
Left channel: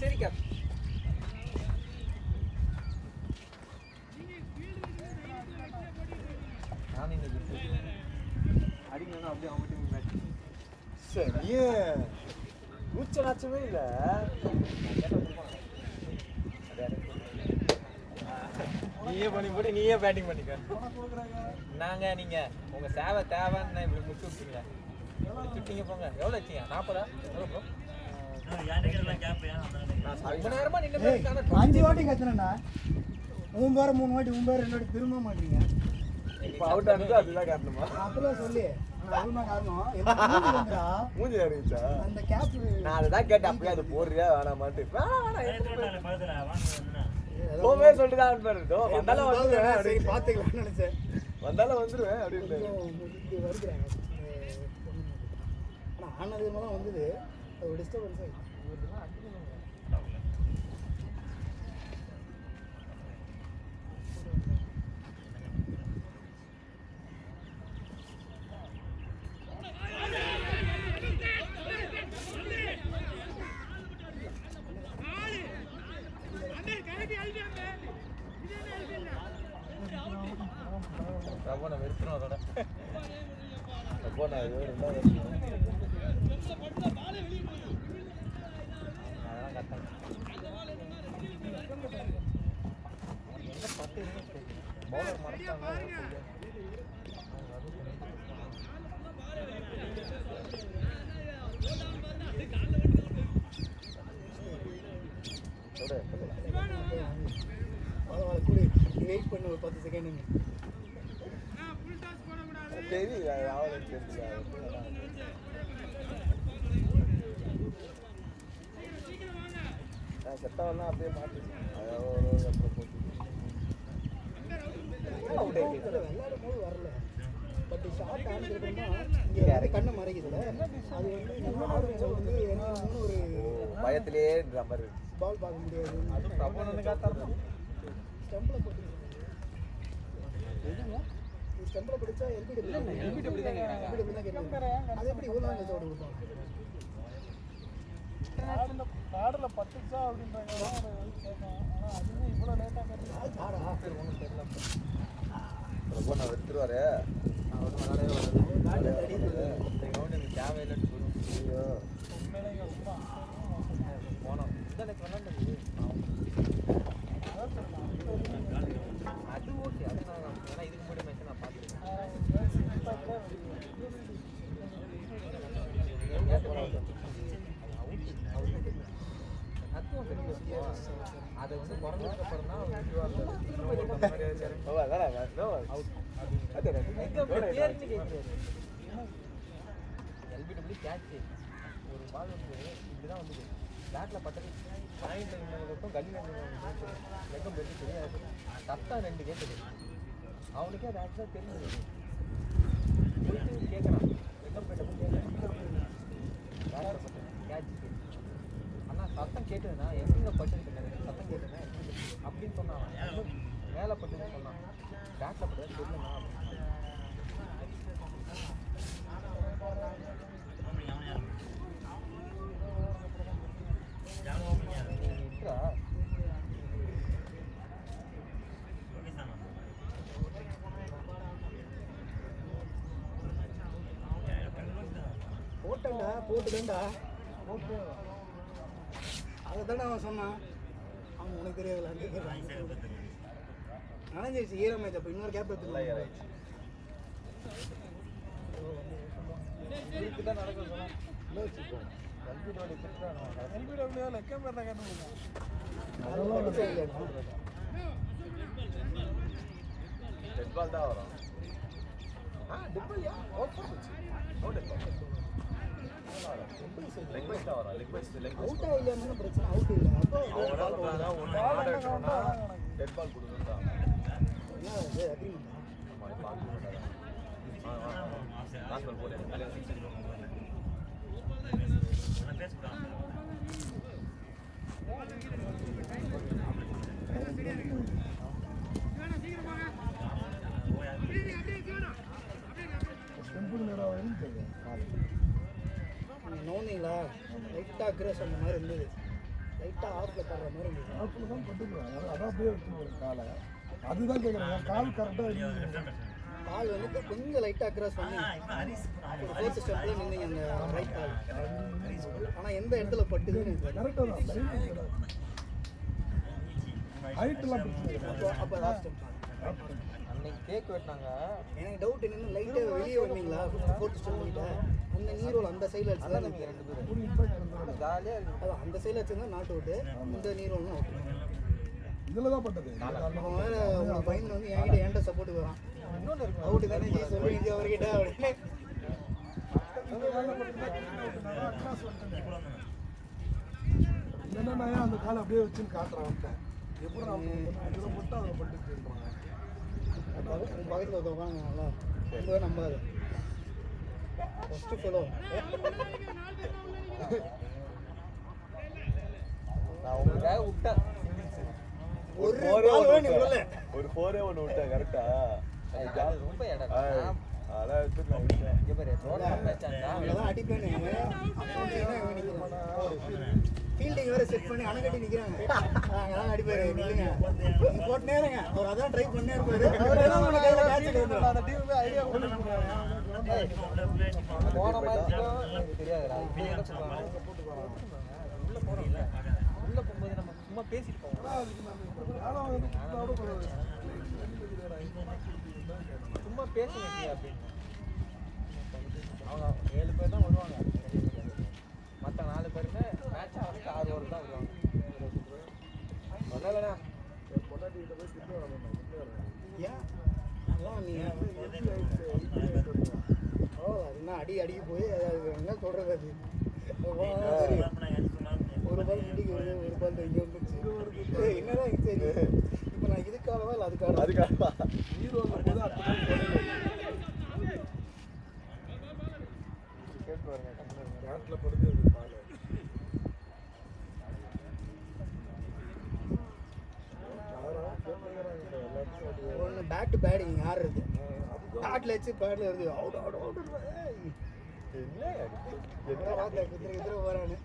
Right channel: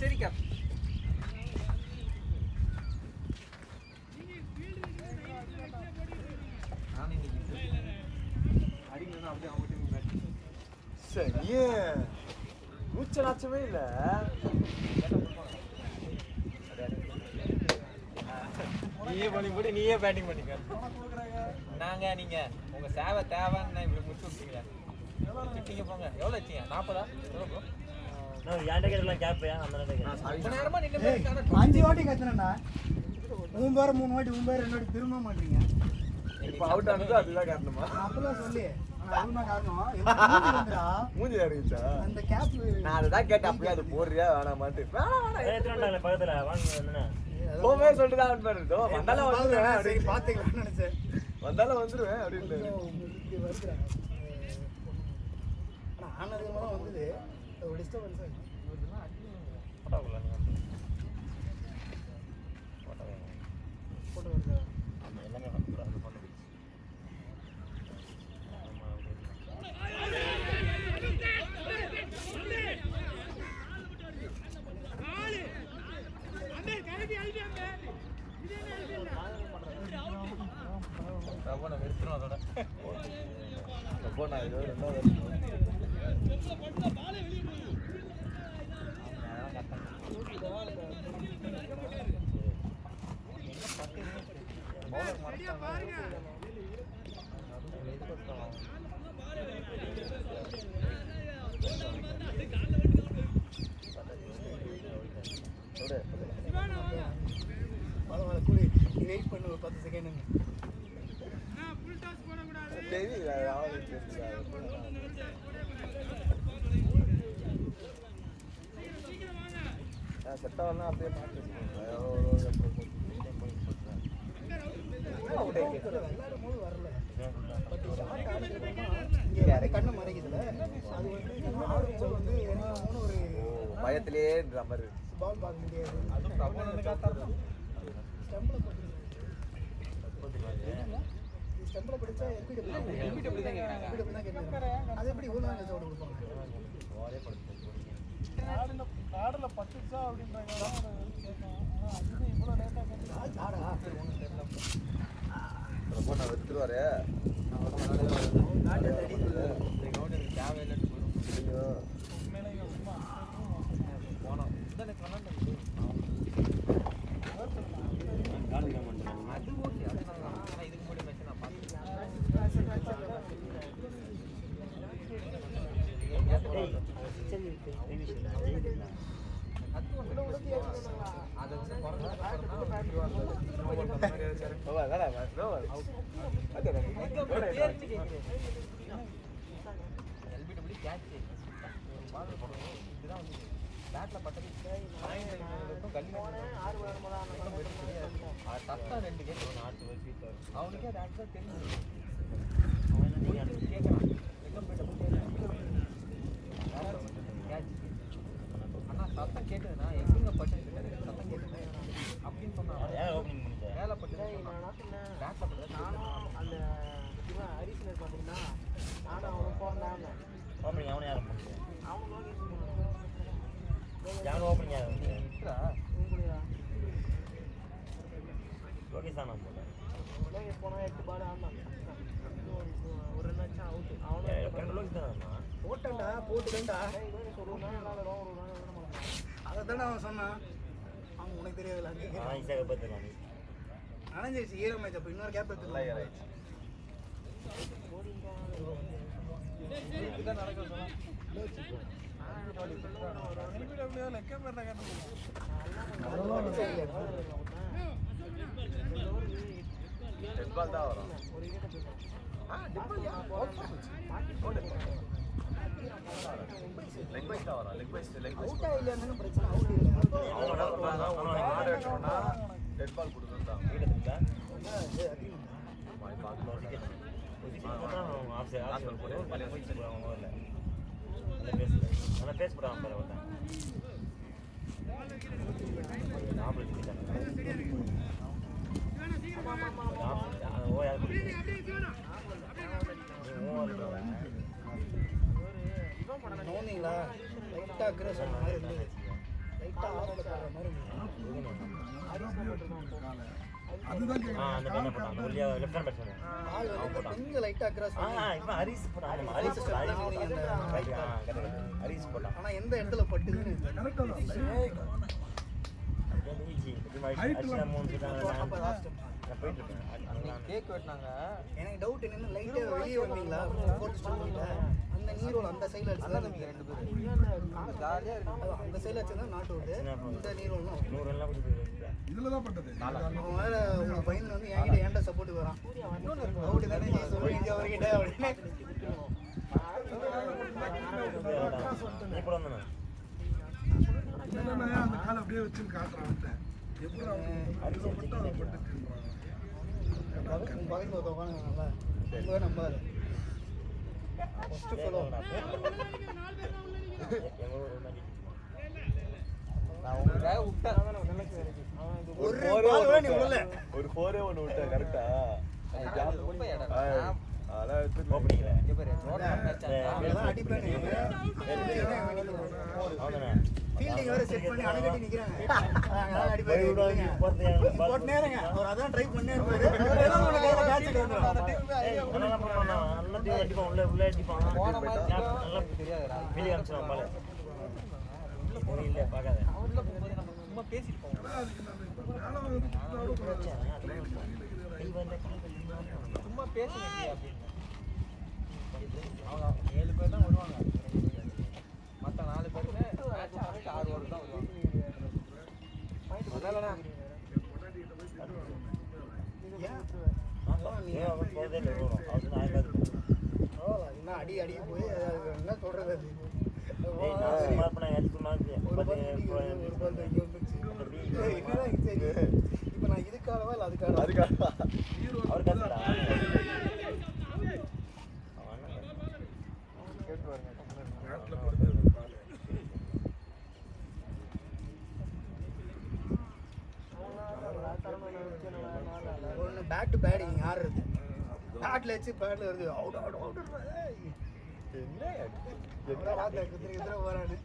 சரி கேப் அடிக்கணும் அப்படியே அவங்க மூச்சலாச்சவே இல்லை. நீயே பண்ணி போட்டு நீயே பேட்டிங் பண்ணிக்க. நாங்க நீங்க உங்க சேவை தேவைன்னு இப்படி முடிச்சுட்டீங்க. நீங்க போங்க. எவ்வளவு வச்சீங்க? 40 நான் யாண்ட கேட்டலாம் கேப்பையா அந்த நேரத்துக்கு. ரொம்ப நேரமா நின்னு 5 வாட்டி கத்துனேன்டா. 3 வாட்டி 2 வாட்டி திரும்ப மாட்டீங்க. இப்போ அவுட் ஆனது அதுதான் காரணமா? அப்பலாம் சொல்லி அதுதான் காரணம். மூஞ்சி அடிச்சா அந்த கேப் நான் அதுதான் கேட்டேன். அப்படியே அது போடுறியா வேணாமான்ட்டு. எத்தனை வந்தாங்களே பக்கத்துல வாங்க வந்தேன்னா ஓமே சொல்லிட்டு தான் அவுட் பண்ணிட்டோம். வந்தாலும் வந்துருவேன் அப்படின்னு. பாத்துக்கலாம்னு நினைச்சேன். வந்தாலும் வந்துருவேன் அப்படின்னு. நான் ஆனது மூலம் வந்தது அது டிஸ்டர்பன்ஸ் ஆயிடுச்சு. வெயிட் பண்ணு ஒரு 10 செகண்ட். கண்ணு மறைக்குதுல ஒரு பயத்திலே நம்பர் பால் பார்க்க முடியாது. ஸ்டெம்பில் பிடிச்சா எப்படி தான் கேட்குறாங்க. அது எப்படி இவ்வளோ நாள் கழிச்சு ஓடுவோம்? கார்டில் 10 நிமிஷம் அப்படின்றாங்க. எடுத்துருவாரு. அவனுக்கே அது ஆக்சுவலாக தெரியும். ஆனால் சத்தம் கேட்டதுன்னா எங்க பட்டு சத்தம் கேட்டது அப்படின்னு சொன்னாங்க. மேலே பட்டு நானும் அந்த இவன் ஹரிசில் பார்த்தீங்கன்னா நானும் அவனை போகிறான். ஓப்பனிங் அவனே யாரும் அவனும் யாரும் ஓப்பனிங் யாரும் ஓகே சார் நான் போனால் 8 பால் ஆனான். ஒரு ரன் ஆச்சு அவுட். போட்டேன்டா போட்டுட்டேன்டா. அதை தானே அவன் சொன்னான். அவன் உனக்கு தெரியாதுல்ல. ஈஸியாக பார்த்துக்கலாம் நனைஞ்சிருச்சு ஈரமாச்சு. அப்போ இன்னொரு கேப் எடுத்துக்கலாம். வரும் அவுட்டா இல்லைன்னு பிரச்சனை. டெட் பால் கொடுக்குறா தோனிங்களா லைட்டா அக்ரஷன் மாதிரி இருந்தது. லைட்டா அதான் அப்படியே விட்டுருக்கேன் காலை. அதுதான் கேட்குறேன். கால் கரெக்டாக கொஞ்சம் லைட்டா அக்ரஷன். ஆனா எந்த இடத்துல பட்டுதுன்னு கேக் வெட்டினாங்க. எனக்கு டவுட் என்னன்னா லைட்டா வெளியே வந்தீங்களா போட்டு சொல்லிட்டு இந்த நீரோட அந்த சைடில் அடிச்சுதான் எனக்கு 2 பேரும் ஜாலியாக இருக்கு. அந்த சைடில் அடிச்சா நாட் அவுட்டு. இந்த நீரோன்னு இதில் தான் பட்டது. அதுக்கு மேலே உங்கள் பையன் வந்து என்கிட்ட ஏன்டா சப்போர்ட்டுக்கு வரான். டவுட்டு தானே ஜெய் சொல்லி இது அவர்கிட்ட அப்படின்னு. என்னன்னா அந்த காலை அப்படியே வச்சுன்னு காட்டுறான் அவன்கிட்ட. எப்படி அவனுக்கு அதில் மட்டும் அதை பட்டுச்சுன்றான். பக்கத்தில் உட்காந்துங்களா உங்களை நம்பாது. ஃபஸ்ட்டு ஃபோட்டோ ஒரு பால் வேணி உள்ள ஒரு 4 ஒன்று விட்டா கரெக்டா ஃபீல்டிங் வேற செட் பண்ணி அடங்கட்டி நிக்கிறாங்க. அதான் ட்ரை பண்ணே சும்மா பேசிட்டு அதுக்கு நம்ம இப்போ மேலே வந்து கொடுத்தா கூட பரவாயில்ல. சும்மா பேசுறேன். அவங்க 7 பேர் தான் வருவாங்க. மற்ற 4 பேருக்கு என் பொண்டாட்டிகிட்ட போய் திட்டு வாங்கணும். என்ன அடி அடி போய் என்ன சொல்றது இப்போ நான் இதுக்காகவா இல்லை அதுக்காக நாட்டில் படுத்து பால் பேக் டு பேட்டிங் ஆடுறது பேட்டில் வச்சு பேட்டில் வருது அவுட் அவுட் அவுட் வராது.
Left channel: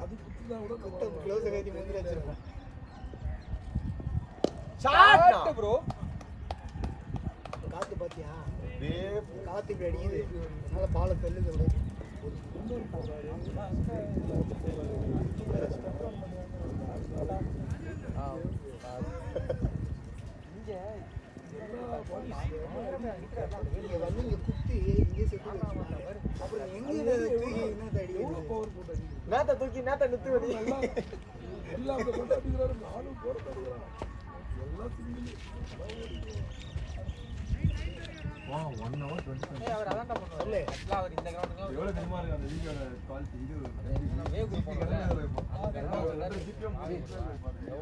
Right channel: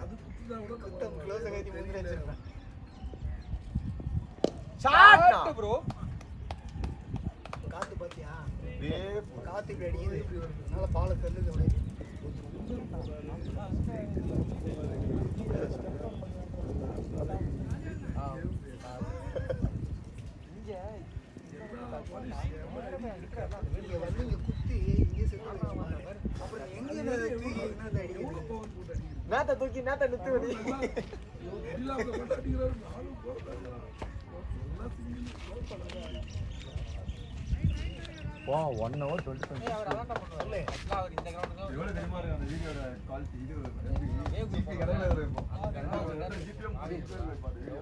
அது குத்துனா கூட நம்ம க்ளோஸ் கட்டி வெளியில் வச்சிருப்பேன். Shot bro. காத்து பாத்தியா காத்து இப்படி அடிக்குது. அதனால பாலை தள்ளுது. ஒரு குண்டர் போடுறாரு. எல்லா பாலிஷ் இங்கே வந்து இங்கே குத்தி இங்கே செத்து போயிடுவாங்க. அப்புறம் எவ்வளோ பவர் போட்டு அடிக்கிறது. நேத்த தூக்கி நேத்த நிறுத்தி நல்லா இல்லாம போட்டு அடிக்கிறாரு. நானும் போட்டு அடிக்கிறான். எல்லாம் சிங்கிள் 1 hour 20 அவர் அதான் பண்ணுவாரு. அவர் இந்த கிரவுண்டுக்கு எவ்வளவு தெரியுமா இருக்கு அந்த வீடியோட குவாலிட்டி. இது ஜிபி கடையில் ஒரு ஜிபிஎம்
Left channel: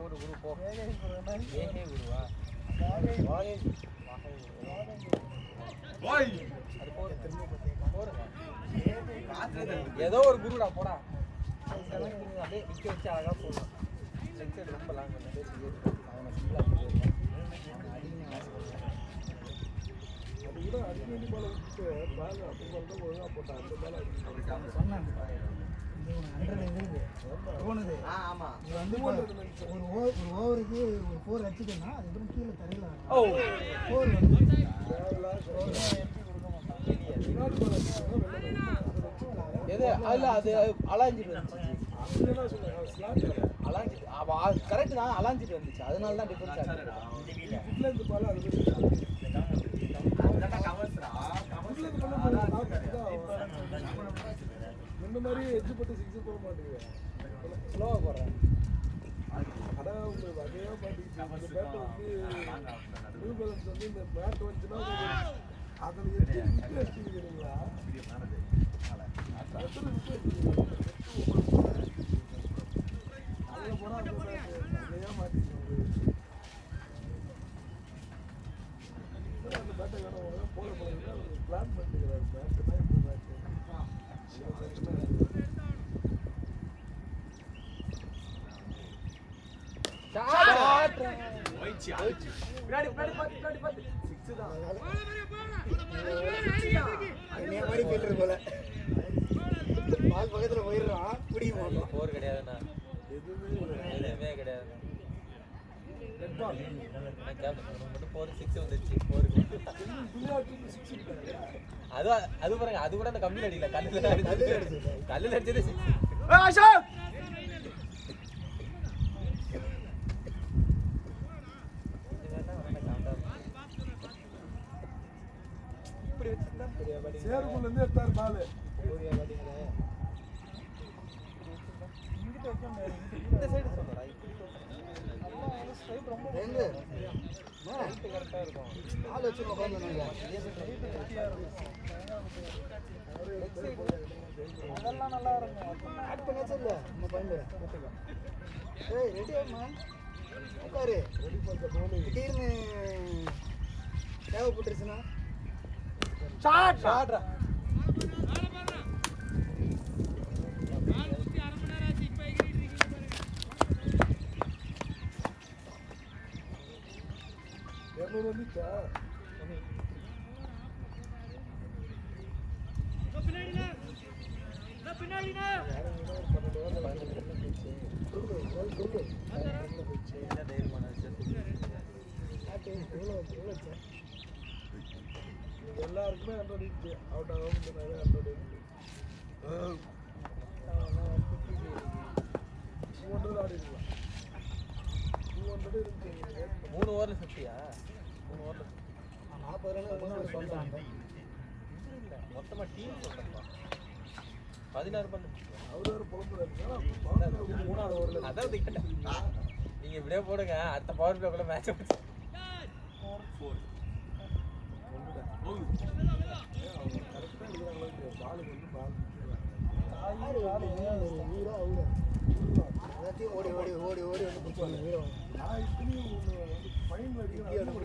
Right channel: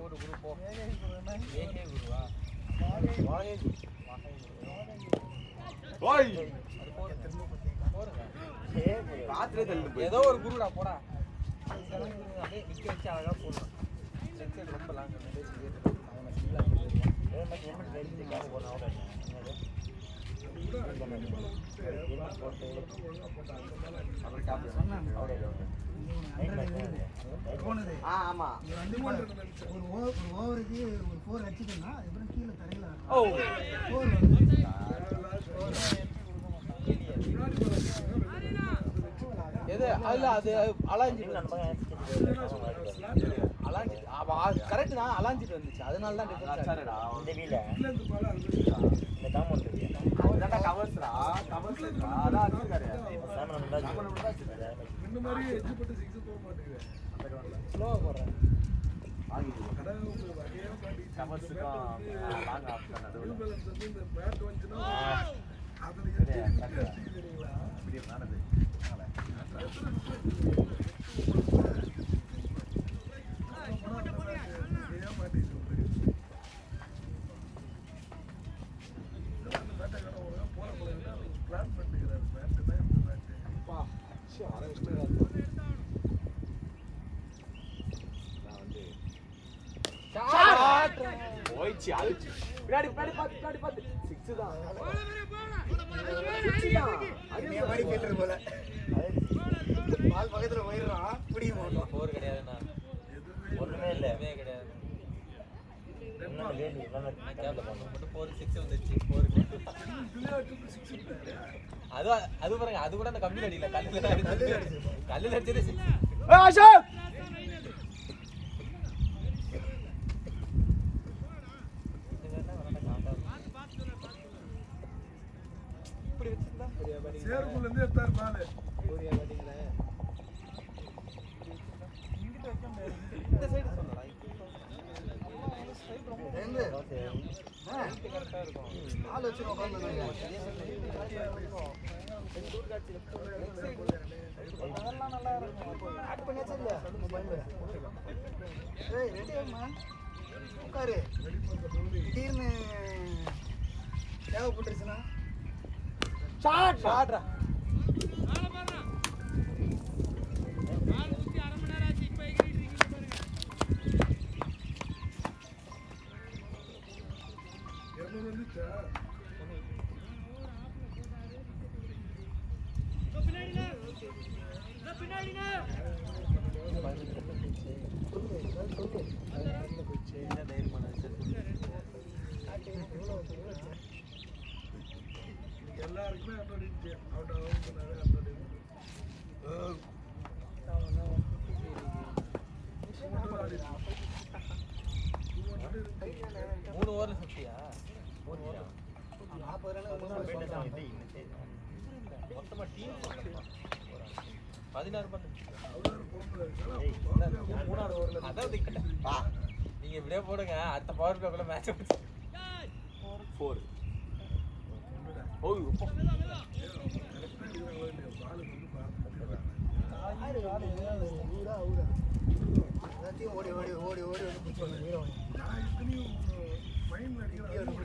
ஒரு குரூப்போ ஏகே குருவா ஓய் பாத்துலே தள்ளு. ஏதோ ஒரு குருடா போடா. அப்படியே நிக்க வச்சு அழகா போகும். செக்ஷன் பண்ணலாம். அது கூட அடிக்கடி பால் விட்டு பால் மட்டும் ஒழுங்கா போட்டான். அந்த மேலே போனது ஆமா. ஒரு ஓவருக்கு 4 அடிச்சுட்டேன்னா அதுக்கப்புறம் கீழே தரையில் எது இல்ல அது அலாஞ்சி அலாஞ்சி கரெக்ட் தான் அலாஞ்சிட்டு வந்துச்சு. அதனால தான் அச்சாரடா இந்த பால் அது இந்த மாதிரி எஜ்ஜு போட்டு 6 போக மாட்டேங்குது. ஸ்லோவா போடுறேன். அதான் உங்களுக்கு வகையாக மாட்டேங்குது. நியூ பேலன்ஸ் வந்து இந்த மேட் வந்துச்சுன்னா அதில் எஜ்ஜு வச்சுக்கிறீங்களா? பின்னாடி பார்த்து நீ மாதிரி கேட்டுரு போல அது பக்கத்துல போயிடுறான் பிடிக்க மாட்டோம் போர் கிடையாதுண்ணா ஒண்ணுமே இல்ல எதுவுமே கிடையாது என்ன வேலி நல்லா கேட்க பாருங்க போர் 6 வந்துச்சு போர் அது பாருங்க அது கூட அந்த கம்மியில் அடிக்கல கல்லில் அடிச்சது 6 சேருக்குள்ள இருந்து எடுத்தாரு பாலு. இந்த சைடு சொல்லலாம். ஆள் வச்சு உட்கார்ந்து ஆட் பண்ணியாச்சு இல்ல ஏய் ரெடி ஆகுமா உட்காரு ரெடி பண்ற போலி. திடீர்னு தேவைப்பட்டுருச்சுன்னா ஷாட்ரா வந்துச்சா எல்லாருக்குமே 100 இருந்துச்சு. அவுட் ஆகும் 100 இருந்துச்சு. 200 ஆடி இருக்கலாம். 200 இருந்துச்சு. 3 ஓவர் சக்தியா மொத்தமா டீம் 16 பண்ணு அவரு வேற புலம்புல இருக்காரு. அதான் திக்கட்ட நீங்க இப்படியே போடுங்க அடுத்த பவர் பிளேக்குள்ள மேட்ச் 4 ஓய் எல்லாத்தையும் ஓடி ஓடி ஓடி ஓடி நான் இத்தனையும் ஃபைனல் அடிக்கிறேன்.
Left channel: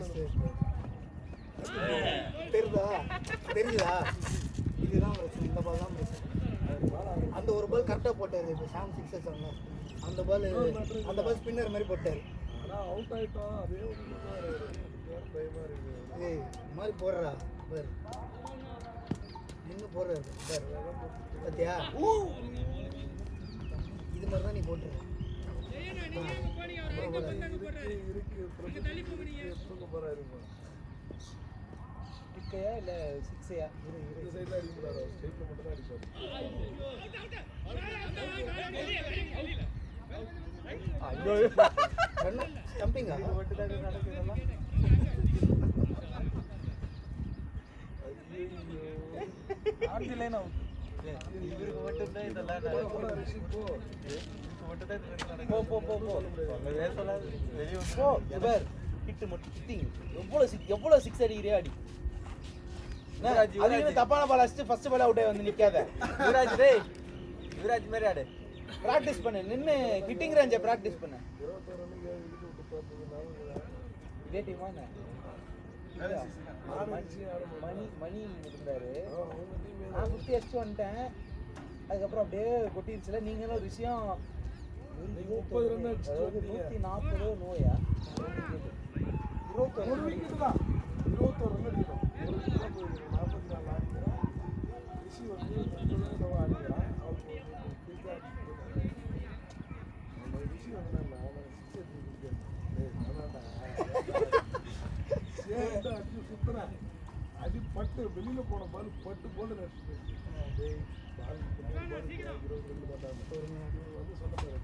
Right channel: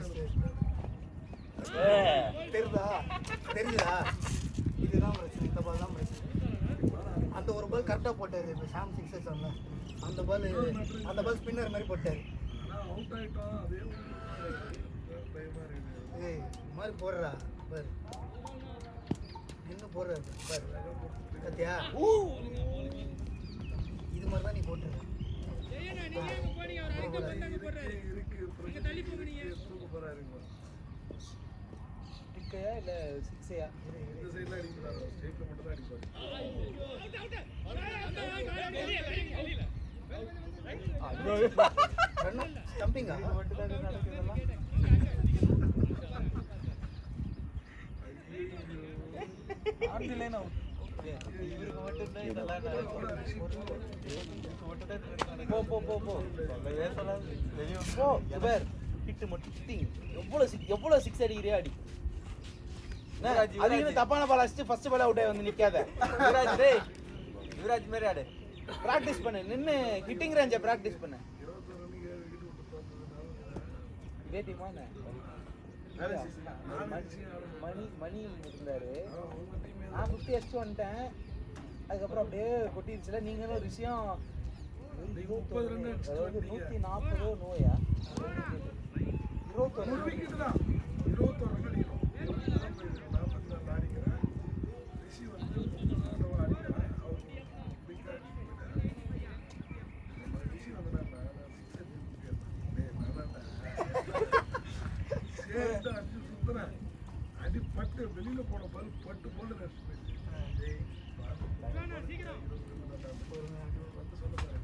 தெரியுதா இதுதான் ஒரு இந்த மாதிரி தான் அந்த ஒரு பால் கரெக்டாக போட்டாரு. இப்போ சாம் 6 சொன்னார் அந்த பால் ஸ்பின்னர் மாதிரி போட்டாரு. ஆனால் அவுட் ஆகிட்டோம். அதே ஒன்று பயமாக இருக்குது. ஏய் இந்த மாதிரி போடுறா பார் என்ன போடுற பார் சத்தியா இது மாதிரி தான் நீ போட்டு தூக்க போறாருங்க. இல்ல 6யா இந்த சைட்ல அடிக்க மாட்டாரு. ஸ்ட்ரைட்ல மட்டும் தான் அடிப்பாரு. ஸ்டம்பிங்கா ஆர்டிலைன் அவுட் போடா ரிஷி போ. எவ்வளவு சிக்ஸ் அடிக்கிறியா அடி. அது தப்பான பால் அடிச்சு ஃபர்ஸ்ட் பால் அவுட்டே வந்து நிக்காத. யுவராஜ் மாதிரி ஆடு பிராக்டிஸ் பண்ணு. நின்னு ஹிட்டிங் ரேஞ்சை பிராக்டிஸ் பண்ணு. 21 ரன்னுக்கு விக்கெட் விட்டு போறதுனால இதே டீம் வாங்க. நானும் ரிஷி ஆட மணி இருந்தாரு. அவங்க டீம் நான் 50 அடிச்சு வந்துட்டேன். அதுக்கப்புறம் அப்படியே கொட்டிருச்சுல. நீங்களும் ரிஷியம் நீங்க 30 ரன் அடிச்சுட்டு வந்தீங்க. 140 நோயா ஒரு விக்கெட் தான். 21 ரன் அடிக்கணும். 44 ஆடிக்கிறேன். ரிஷி வந்து 30 ரன் ஆடிக்கிறான். அவங்க பிக் ஆடி ரிஷி வந்து சரிட்டு அடிச்சு சுத்துறேன். அடி பட்டு வெளியில போன பால் பட்டு போட்டு டேய் பால் வந்து சொன்ன பாரு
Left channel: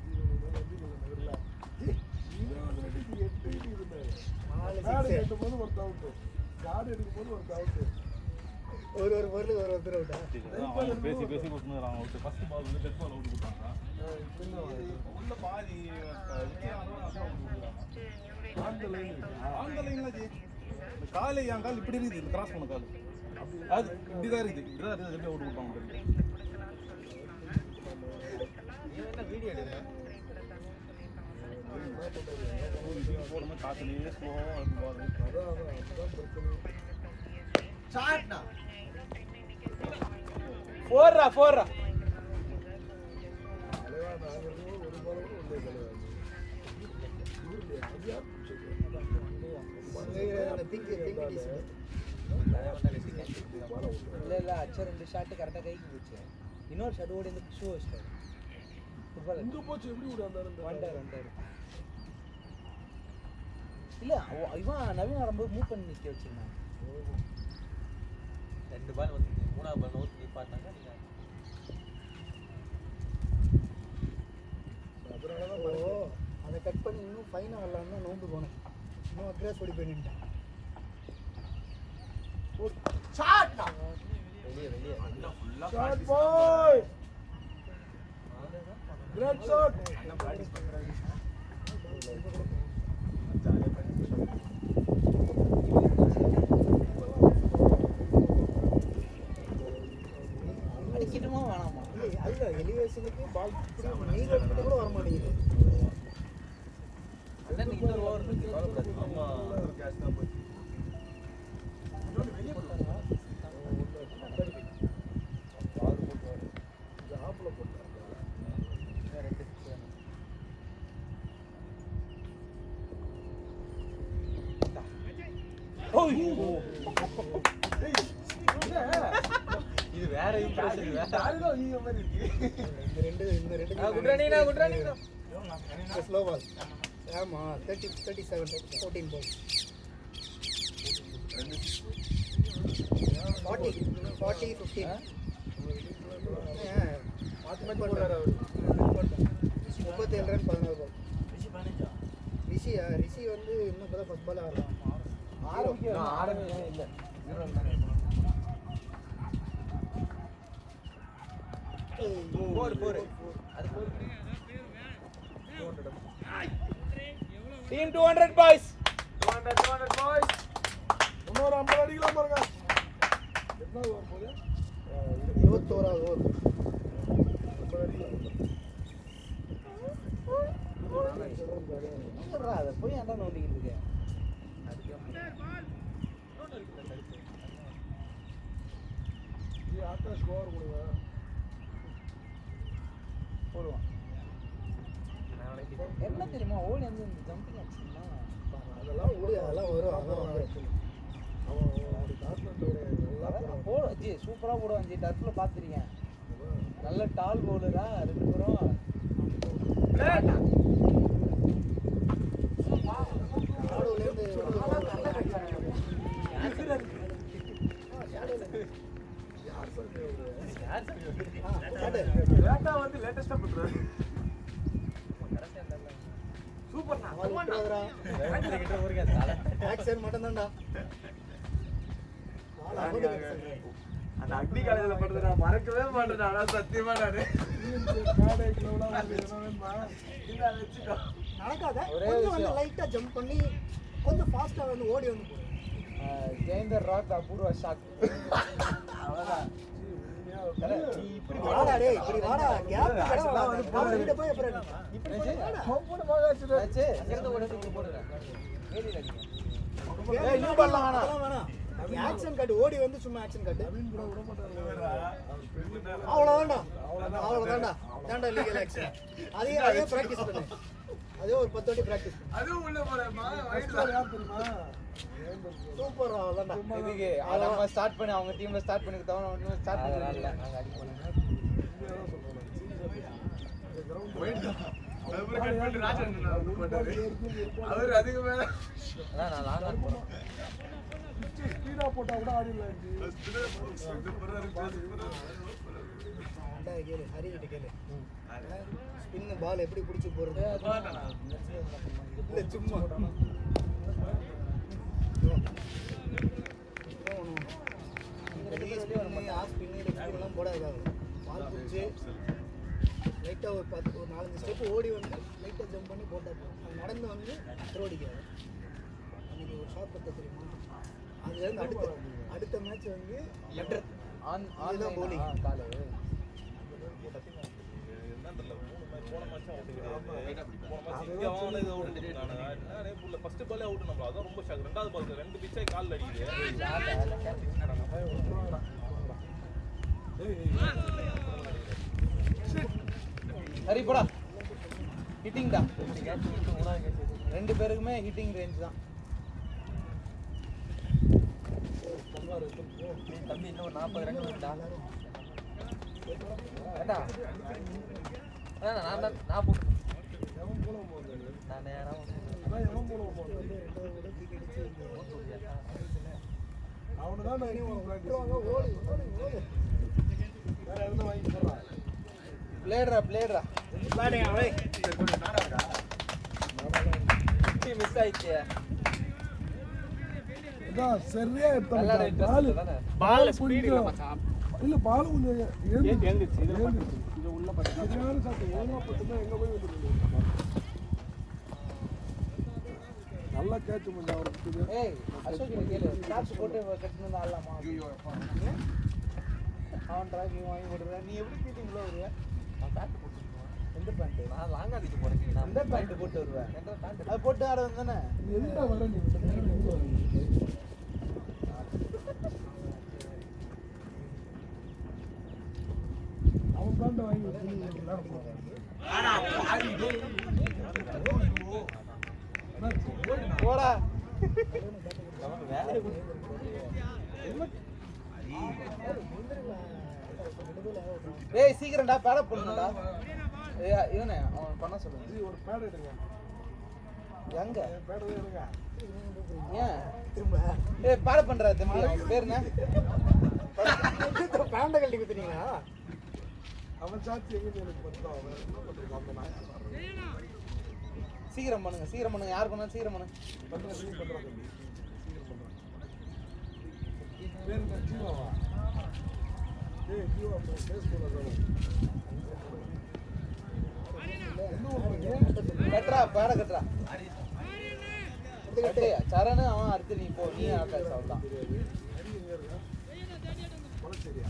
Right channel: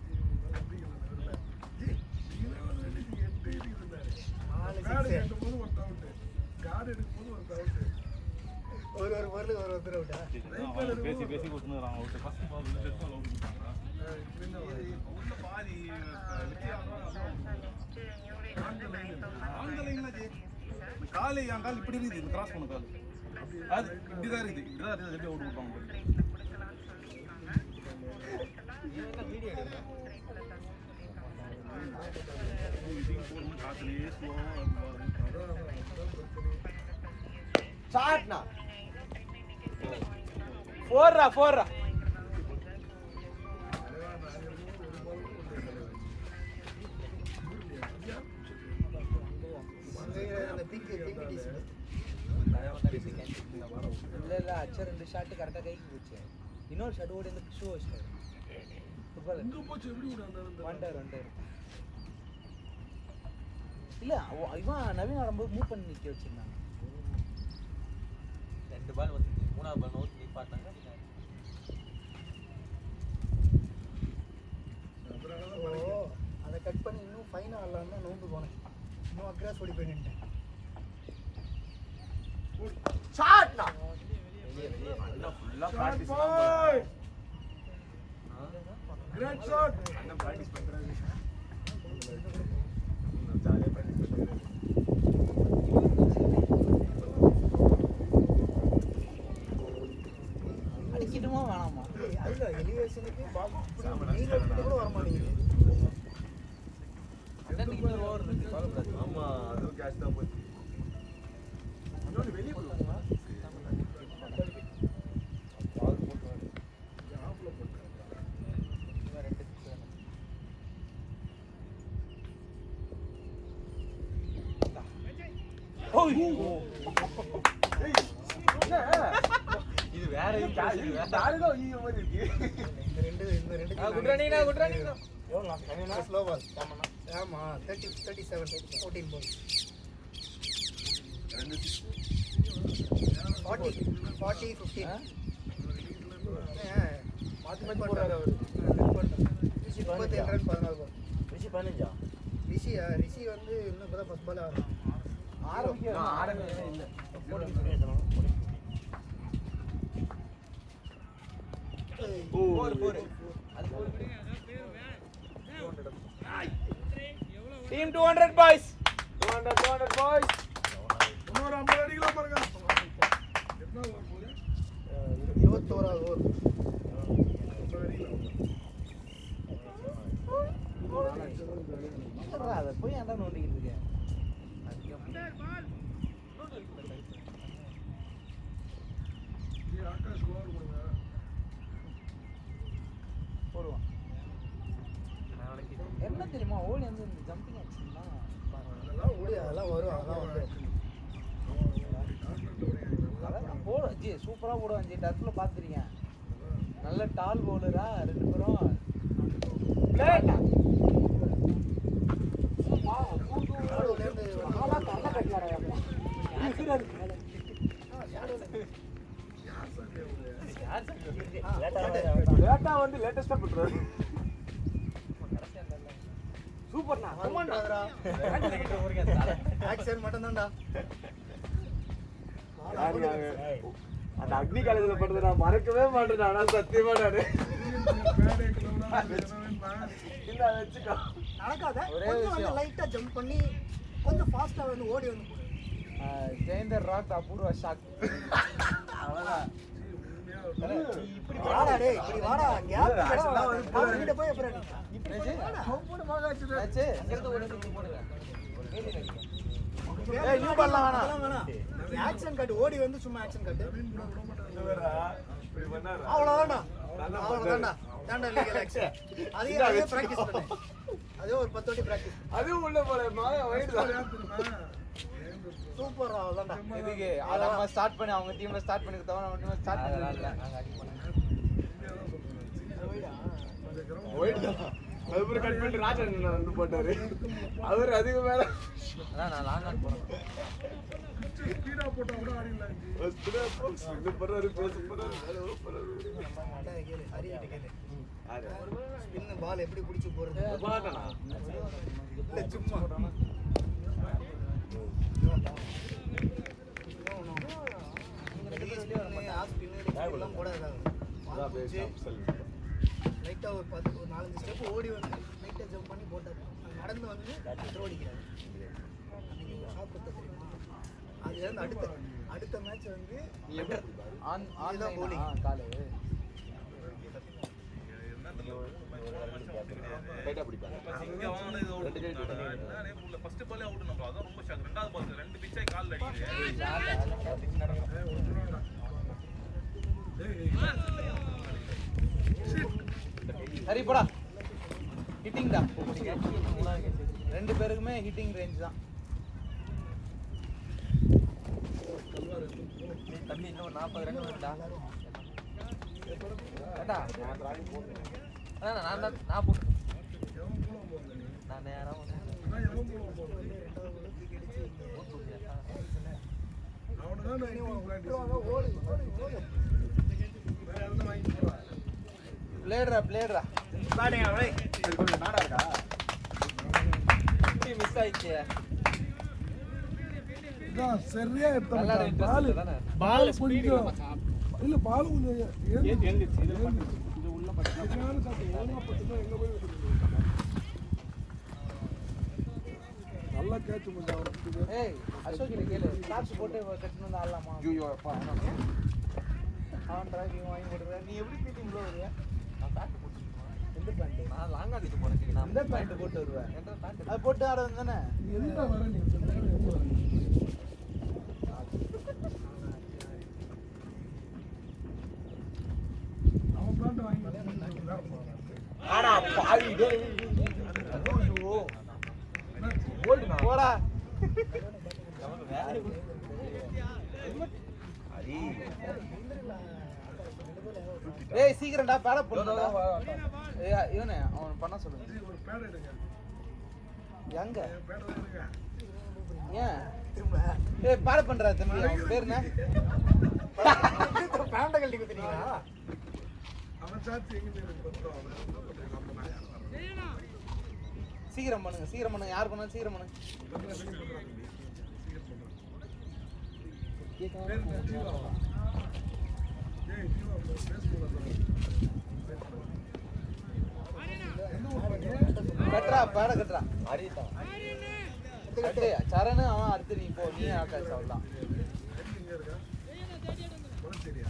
கார்டு கட்டும் போது ஒரு அவுட்டு. கார்டு எடுக்கும் போது ஒரு அவுட்டு. ஒரு பால் ஒரு ஒருத்தர் அவுட்டா பேசி கொடுத்துருந்தாங்க first ball death ball out கொடுத்தாங்க உள்ள பாதி அந்த லைன் அந்த லைன்ல ஜெயிச்சு இந்த கால் என் கால் இப்படி இருக்குது இந்த கிராஸ் பண்ண கால் அது இப்படிதான் இருக்குது இப்படிதான் எப்படி அவுட் கொடுப்பாங்க காத்துலயே ஸ்லோவா அதுதான் பிரச்சனை. ஷாட்னா 4ரா தலைவா நாங்க இருக்கோம். ஒரு பாலும் இல்லை தலைவா. இல்லையா அது யார் பிடிச்சது? இல்ல அச்சர் 2 ஷாட் கரெக்டா கைக்கு போச்சு. இன்னொரு ஷாட் ஓடி வந்து ஷூ வச்சு. இங்க போச்சு எப்படி விட அந்த இல்ல இவன் நவீன் ஆடும்போது மூவ் பண்ணி நிக்க வச்சிருந்தான். 2 பால் வந்து 3ஆவது பால் ஓடி பார்த்தாங்க. அதனாலதான் மறைக்க அதை கட் பண்ணி இன்னும் ஃபைன் ஆடலாம்னு நோண்டு போனேன். இன்னும் கிராஸ் ஓடி போயிட்டேன். ஷாட்னா அண்ணா ஃபுல்லா ஷாட் பிராக்டீஸ் பாய் கிரேட் ஷாட் அண்ணா பிராக்டீஸ் பண்றாரு ஜாலியா பிராக்டீஸ் பண்றாரு அடிக்கணுமா வேணாமா? அதுல எலிவேஷனுக்கு பால் சாமனா சாமனா வர மாட்டேங்குது. ஆமா அது கேட்ச் தான் போச்சு இன்னொரு வெளியே போடுவாங்க ஆப்ல போட்டாங்க இது வேற தாரிதோ ஈய மாதிரி இருக்கு இந்த ரெண்டு ஸ்லோ பால். ஆமா 37 14 பால் 40 15 ரிஷி வந்து இன்னும் கூட ஃபர்ஸ்ட் பால் ஆரம்பிக்கவே இல்ல டீம் 200 பாய்ஸ். 200 boys இன்னொரு 50 அடிக்கலாம் பாருங்க என்ன ஓவர் போகுது 21வது ஓவர் 50 அடிக்கலாம் அதை போய் அதான் நோண்டிக்கிட்டு இருக்கேன். ஆகாஷ் ஓவர் கொடுங்க என்ன தெரியுமா ஓலி வந்து ஜம்பிங் ஆச்சு. அதெல்லாம் போடு அதெல்லாம் வரும். போடுறான் ஆக்சுவலி அவன் டார்மெண்ட்டோட எல்லாம் போடுறான் போட ஜி சூப்பரா போடுவான் ஜி. டர்ஃப்ல பாத்துறீங்க. நல்ல டால் போடுறா 2 ப்ரோ. லேட்டா வந்து லேட்டஸ்டா பண்றாரு சூப்பர்ண்ணா ஆக்சன் மட்டும் தான்டா. அந்த அக்னி காலேஜ்ல பண்றது நான் மறக்கவே மாட்டேன் நான் சத்தியமா நானு பேடே கிளவுலாம் வேணுமா இல்ல அதை வச்சுக்கோ நடக்காத கொஞ்சம் வந்து லைட்டா ஜம்ப் பண்ணி கொஞ்சம் ஃபாஸ்டா வந்து ஓடி வந்து ஜெயந்தர் ராக் அபூர்வ ஷாட். அவ்வளவுதான் இப்படி வாடா டேய் இப்படி வாடா கேப் ஆக்சுவலா வந்து போறாரு கிட்ட போய் அப்புறம் இப்படி போய் வாடா போடு போடு ஆக்சுவலா ஆச்சு அங்கிருந்து ஓடி போடுங்க. ஏய் நீ பண்ணலாம் வேணாம் ஆக்சன் கட் ஓடி வந்து சும்மா ஆக்சன் கட் நவீன் கூட விட மாட்டாரு இப்படி பண்ணாரா அவ்வளவுதான்டா தாண்டா லீகல் ஆக்சன் அதே பிராக்டீஸ் பண்ணு அதே ஒரு 10 வாட்டி பிராக்டீஸ் அதுவும் உள்ள போறேன் வயிற்றுல யார் தெரியுமா சூப்பர் அவ்வளவுதான்டா இதுக்கு ஆளமா ஸ்டார்ட் பண்ணி அவங்க டீம்ல ஸ்டார்ட் பண்ணி தவன மட்டும் ஸ்டார்ட் பண்ணிடலாம். அந்த கிரவுண்ட் அதுக்கப்புறம் கட் பண்ணி ராஜன் போட்டாரு அவர் அதுக்கு மேல ஸ்பீடா போட்டா கூட ஆடிடலாம் இது போறாரு பேசி போறாரு கேளு ஹரியாட்ட கேளு ஸ்பின் பால் எப்படி பிடிச்சு போறது பாட்டனா இல்ல சும்மா லைட்டா ஒரு 4 ஸ்டெப் ஓடி வந்து லைட்டா ஜம்ப் பண்ணி போட்டாரு நடந்து வந்து ஓடிக்கிறாரு அடுத்த மேட்ச் வந்து ஆன் இதுதான் bowling. ஃபர்ஸ்ட் பாலே அவுட் நம்ம அதான் ரொம்ப ஷாக். ரெண்டாவது பால் 2 பிச்சை கால்ல அடிக்குது. சரி போடா. ஹிட்டிங் தான் 2 பேருக்குமே ஹிட்டிங் ரேஞ்ச் தான். 40 ரன் வரும்டா. ஏண்டா? அதான் நான் போ. எவன் போல போகுது நான் நேரம் அதான் எவன் போல போகுது அவனை தான் நான் இன்னும் ப்ராக்டிஸ் வேற எதுவும் வாங்கி போடுறான் பிளேடுறா சரி கொஞ்சம் நாடா இருக்கா மிஸ் ஆயிடுச்சு. இதான் சரியா நல்லா எடுத்தான் இன்ட்ரெஸ்ட் தானே. பால்ல ஸ்பீட் இல்ல மச்சான். இல்ல பால் கொஞ்சம் எழுந்துச்சு இதுல கொஞ்சம் உள்ள பட்டு சரியான சாப்பிட்டு ஒழுங்கா பத்துனா எங்க போய் விட்டுருங்க நல்லா கேட்ச் பண்ண அவருக்கு ஏய் அசோக் கேளு ஸ்டார்ட் போட்டு கட்டணும் ஆடலாமா? ஐயோ அப்பா நான் டிராகிங் வாங்கி போடுறேன். நீ எப்படி மீட்டிங் போடுற? எந்த பேண்ட்? நான் லாங் அடிச்சு போறேன். நான் எந்த பேண்ட் போட்டு வருவேன்? எந்த பேண்ட்? அது போட்டு ஆட வந்தானே. எந்த வர நீ அவன் பிளான்ட் வாங்கி விளையாட போறான் ஆடா பாவி டேய் ஐயோ போடா. டேய் சீக்கிரம்டா பேட போடு. ஏய் இவனே அவன் பண்ண சொல்லு. இது ஒரு பேட் எடுங்க எங்க? பேட் எடுங்க ஏன்? ஏய் பேட பண்றாது மாறு பேருங்க. பேண்ட கழட்டி குத்துறீங்களா? அவன் சாட்சி எங்க எனக்கு பத்தலாம் சீக்கிரம் பண்ணுங்க யார் பண்ணாலும் சீக்கிரம் பண்ணுங்க. பேர் என்ன ஜீவாவா ஏய் ஜீவா பேஸ்புக்ல என்ன ஒரு பண்ணி கட்றா பேட கட்றா. அரிதா கட்டு சரண அவன் அடுத்து நீ போய் ஆட்ட சொல்றான். எங்க இருக்கா பொலச்சேரியா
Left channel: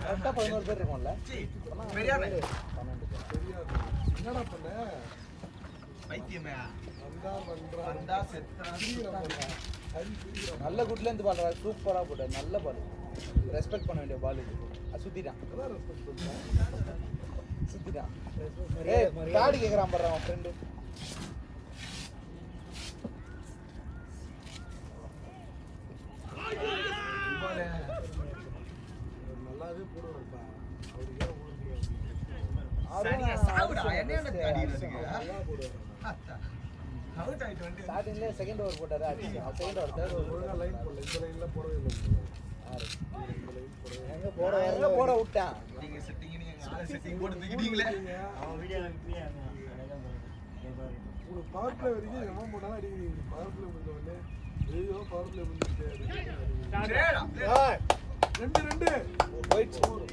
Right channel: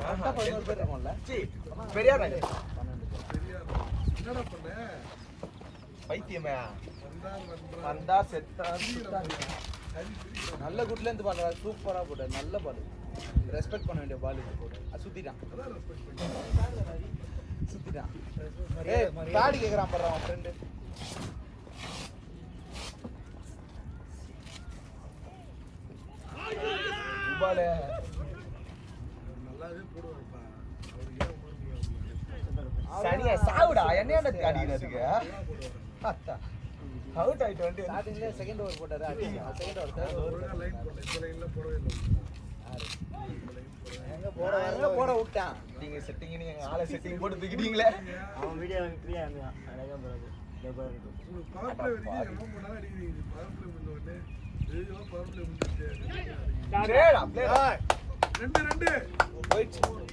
கரெக்டா 11 பேர் இருக்கோம்ல. பெரியார் தெரியாது என்னடா பண்ண பைத்தியமே வந்தா வந்தா செத்தா சரி புரியுறா நல்ல குட்ல இருந்து பண்ணுவா. சூப்பரா போடு. நல்ல பால். ரெஸ்பெக்ட் பண்ண வேண்டிய பால் இது போடு. சுத்திட்டான். அதான் ரெஸ்பெக்ட் பண்ணி சுத்திட்டான். ஏய் பாடி கேக்குறான் பாரு அவன் ஃப்ரெண்ட். உபாலே நல்லாவே போடுவார்ப்பா அவரு ஏன் ஊருக்கு சனியா சாவுடா என்னையாண்ட அடிக்கிறதுக்கு போடுவார் அவுட் ஆயிட்டு வந்து ஸ்டார்டிங்ல செகண்ட் ஓவர் போட்டாரு. செகண்ட் ஓவர் ஒழுங்கா லைன் போடல இந்த லைன்ல போடவே இல்லை இந்த லைன் போடவே இல்லை போட விட்டான். நீங்க செட்டிங் நீங்க ஆளை செட்டிங் போட்டு தூக்கிட்டீங்களே அவன் வீடியோ ஃப்ரீயா இருந்தான் அழகா பாருங்க. உங்களுக்கு பவர் பிளே வரைக்கும் எவன் போனாலும் அடிக்கிறீங்க பவர் பிளே முடிஞ்ச உடனே ஐயோ பவர் பிளே முடிஞ்சிச்சு சரிடா பிளேடா 2 போயிடுச்சு. ஒரு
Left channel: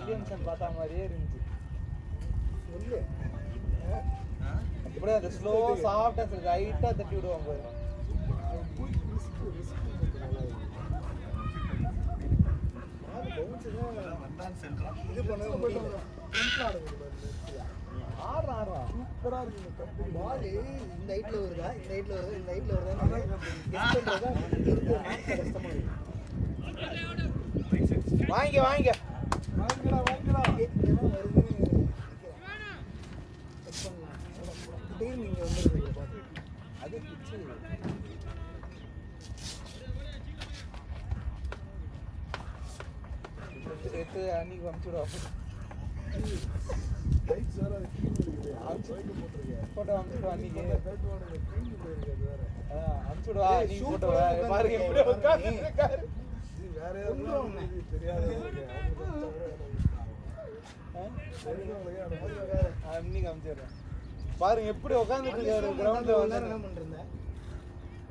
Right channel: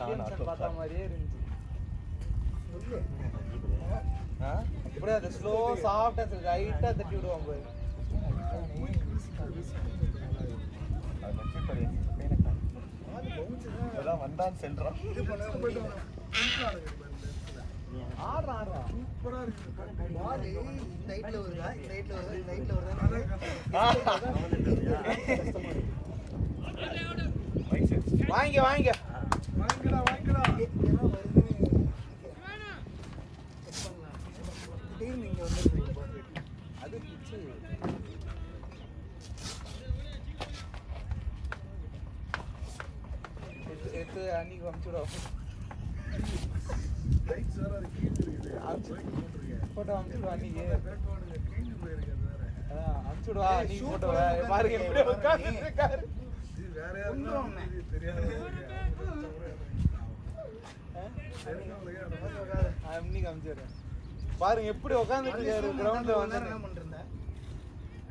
ஷாட் அடி பார்த்த மாதிரியே இருந்துச்சு. இப்படியே அது ஸ்லோ சாஃப்டா லைட்டா தட்டி விடுவாங்க. வந்தான் செல்றான் போயிட்டு வர சூப்பரா இருக்கு இந்த ஹைட்ல வருதா? இந்த ஹைட்ல வருதா? இந்த ஹைட்ல வருதா? வாங்க வாங்கிடா சேர்த்து அன்னைக்கு அனுப்பிச்சுடுவோம். ரைட் சார் அது கீழே இருக்குது யார் போய்க்கு போட்டிருக்கேன் போட்டோ அனுப்பிச்சுடுவோம். பார்த்தா பேட்டுவானுங்க கீழே போயிருக்கு அது வேற அனுப்பிச்சுடுவா. நீ போட்டு வா. பாருங்க எப்படி உட்கார்ந்துருக்காரு. இது வேற யாருக்கும் இது தெரியாது தெரிஞ்சவங்களுக்கே அனுப்பிடுறாங்க அன்னைக்கு அனுப்பிச்சிடுறேன். பாருங்க எப்படி உட்கார்ந்துட்டு இருக்காரு கிரவுண்ட்ல வந்து. என்ன பண்றேன்?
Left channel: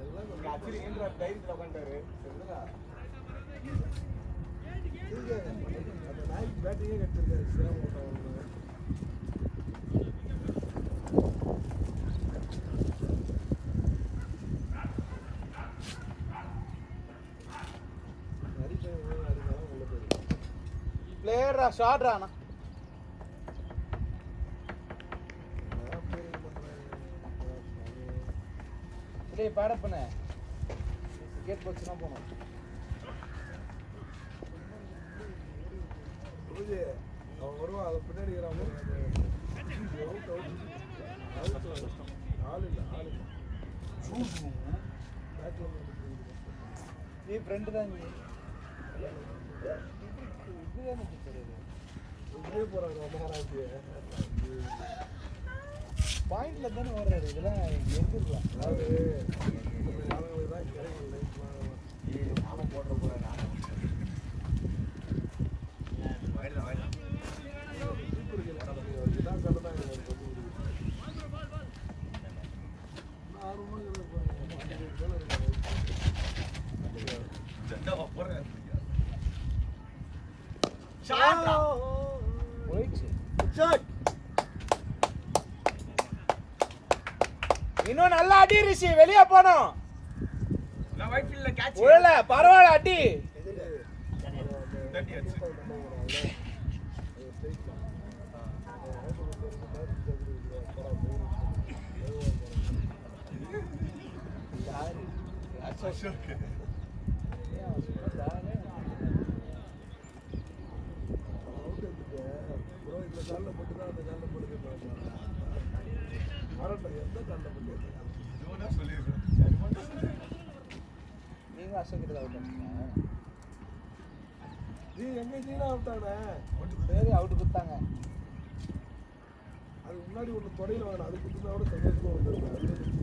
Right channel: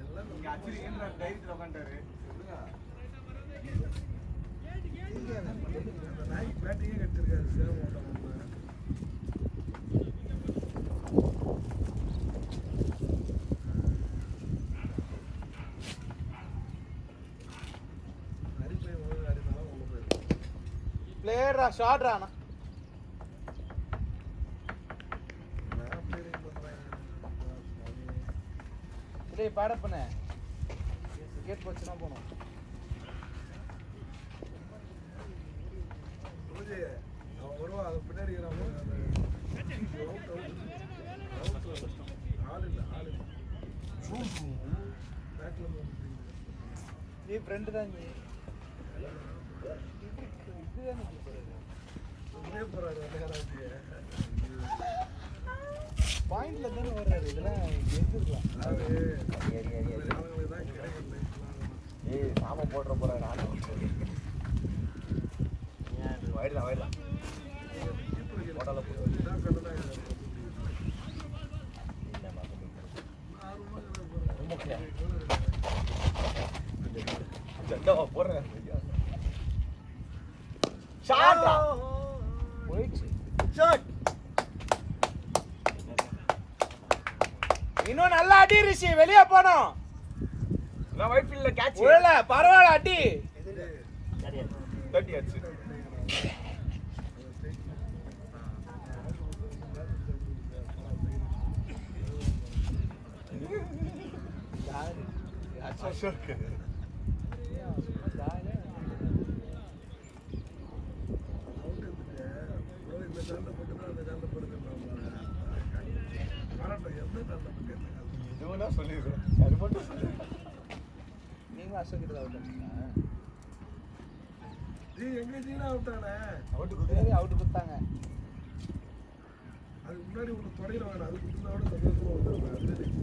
எல்லாம் இங்க அச்சிருக்கின்ற டைரில் உட்காந்துட்டாரு சொல்லுங்க அந்த நாய்க்கு பேட்டிங்கே கட்டிருக்காரு சேவ் ஓட்ட ஒன்று நரிப்பை அடினாலும் உள்ள போயிருக்கு பிளேயரா ஷாட்ரா அண்ணா. டேய் பாட பண்ண கேட் போச்சுனா போங்க. பூஜை அவன் வருவான் அதை பின்னாடி அவுட் ஆள் இல்லை பேக்கில் நீ ஃப்ரெண்டு தான் நீ இப்படியே போகிறாரு நேராச்சு பாயிண்ட்ல தானே வர்றாரு இதெல்லாம் அதாவது ஆளுங்களுக்கு தான் கிடைக்கும் லைஃப்லாம் ஏய் நாம போடுற போறாரு ஆனா வாயிடலாம் இதான் கண்டனா ஜெண்டாவா போறேன் ஷாட்டா ஷாட் இன்னும் நல்லா அடி ரிஷி, வெளியே போனோம். நான் ஒயிட் ஃபீல்ட்ல கேட்ச் இல்ல பரவாயில்ல அடி. தட்டி அடிச்சு அசோக் இந்த காலில் போட்டு தான் அந்த காலில் போட்டு வரட்டும் எந்த காலில் போட்டு இவனா சொல்லிடுறேன் அது மட்டும் நீங்களும் அசோக்கிட்ட தான் ஜி எங்க ஜீனா விட்டானே அவுட்டு கொடுத்தாங்க. அதுக்கு முன்னாடி ஒன்று தொடையில் வேணும் அது கொடுத்தா கூட சந்தோஷமா வந்துருக்கேன்.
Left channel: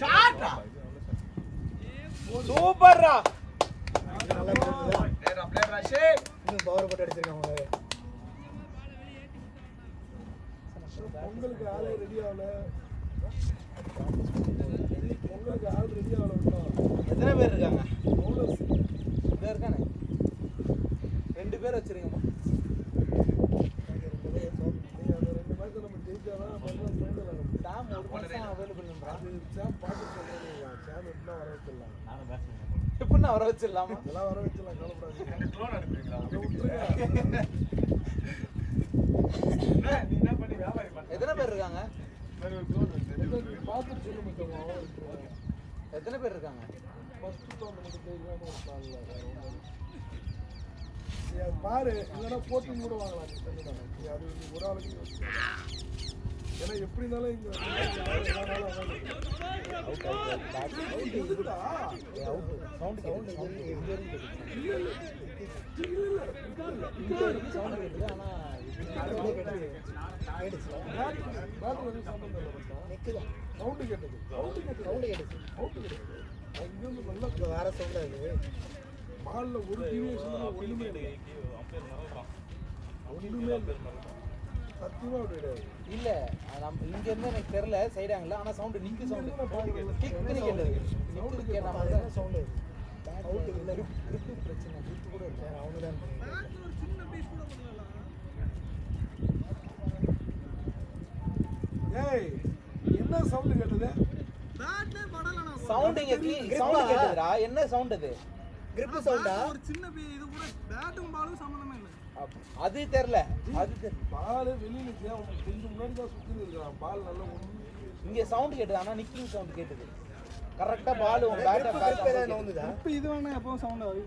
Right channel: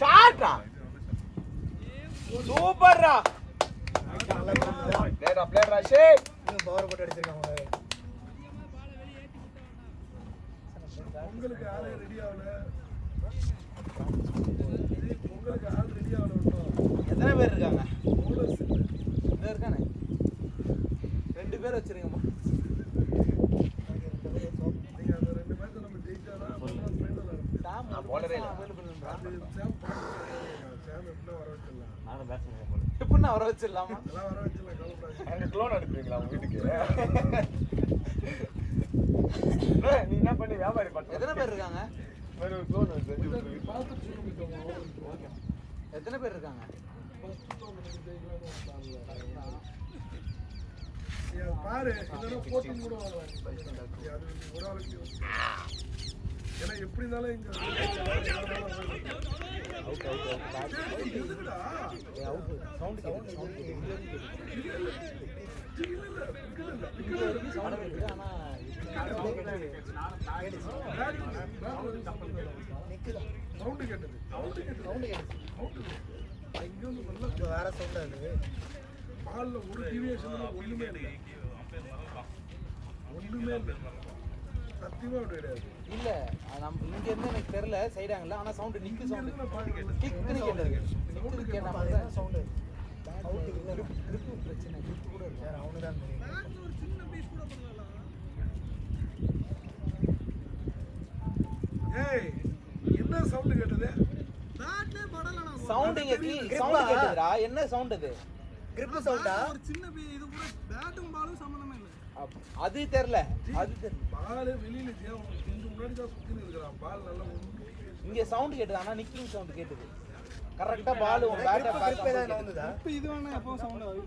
ஷாட்டா சூப்பர்ரா. பிளேயரா ஷே இன்னும் பவர் போட்டு அடிச்சிருக்காங்க. பொங்கலுக்கு ஆளே ரெடி ஆகல. பொங்கலுக்கு ஆள் ரெடி ஆகல இன்னும். எத்தனை பேர் இருக்காங்க? போனஸ் இல்லை. இதோ இருக்கானே 2 பேர் வச்சிருக்கீங்க. நீங்கள் அந்த 2 மேட்ச் நம்ம ஜெயிச்சாதான் ஃபைனல் ஆகும். போலரே இல்லை அது சாம் பார்த்து சாம் எப்படின்னா வர வச்சிடலாம். நானும் பேட்ஸ்மேன் போடுறேன். இப்படின்னு அவரை வச்சிடலாமா? அதெல்லாம் வர வச்சிடலாம் கவலைப்படாது. எனக்கு க்ளோன் அனுப்புறீங்களா உங்க வீட்டுக்கு நீ என்ன பண்ணி வியாபாரி பண்ண எத்தனை பேர் இருக்காங்க? வேற ஒரு க்ளோன் வந்து பார்த்து சொல்ல முடியும். எத்தனை பேர் இருக்காங்க? ஃபர்ஸ்ட் டோர்னமெண்ட் ஜெயிக்கணும்னு ஒரு பிளான் இல்லை. நீ அது பாரு இல்லைன்னா போட்டு கூட வாங்கலாம். நீ அது நீ ஒரு ஆளுக்கு யோசிச்சு. ஏன்னா எப்படி இருந்தாலும் இங்க எதுக்குடா சவுண்டு கேட்டது இங்க வந்து நல்லா வேற சொல்றாரு பால்ல ஒரு டிவியேஷன் ஒண்ணுமே இல்லை சத்தியமா அப்படி கிடையாது. இல்ல நம்ம இங்க இருந்து எனக்கு தெரியல செய்றாங்கல, ஆனா சவுண்ட் நிக்கு இங்க சவுண்ட் இருந்து நான் பாக்குறேன் கிக்னு கேட்டது. சவுண்டு கேட்ட கேட்டா மாதிரி சவுண்ட் அவுட் இல்ல அவங்கதான் ஏய் என்ன சவுண்டு கேட்டது? பேட்லே படலனா சவுண்ட் இங்க சவுண்ட் கேட்டதுடா. என்ன சவுண்ட் அது? கிரிப் சவுண்டா ஒரு சின்ன இது கூட பேட்டும் பாலும் சம்பந்தமே இல்லை. அது தெரியல. அது தெரியல. பால் வெளியில கொஞ்சம் முன்னாடி தான் சுத்தி இருக்கான். பால் நல்லா இங்க சவுண்ட் கேட்டது, ஆனா நிக்கிங் சவுண்ட் கேட்டது. கரெக்ட்டா பால் உன் பேட்ட பேட்ல வந்ததா இப்போ இது வேணா எப்பவும் சவுண்ட் ஆகுது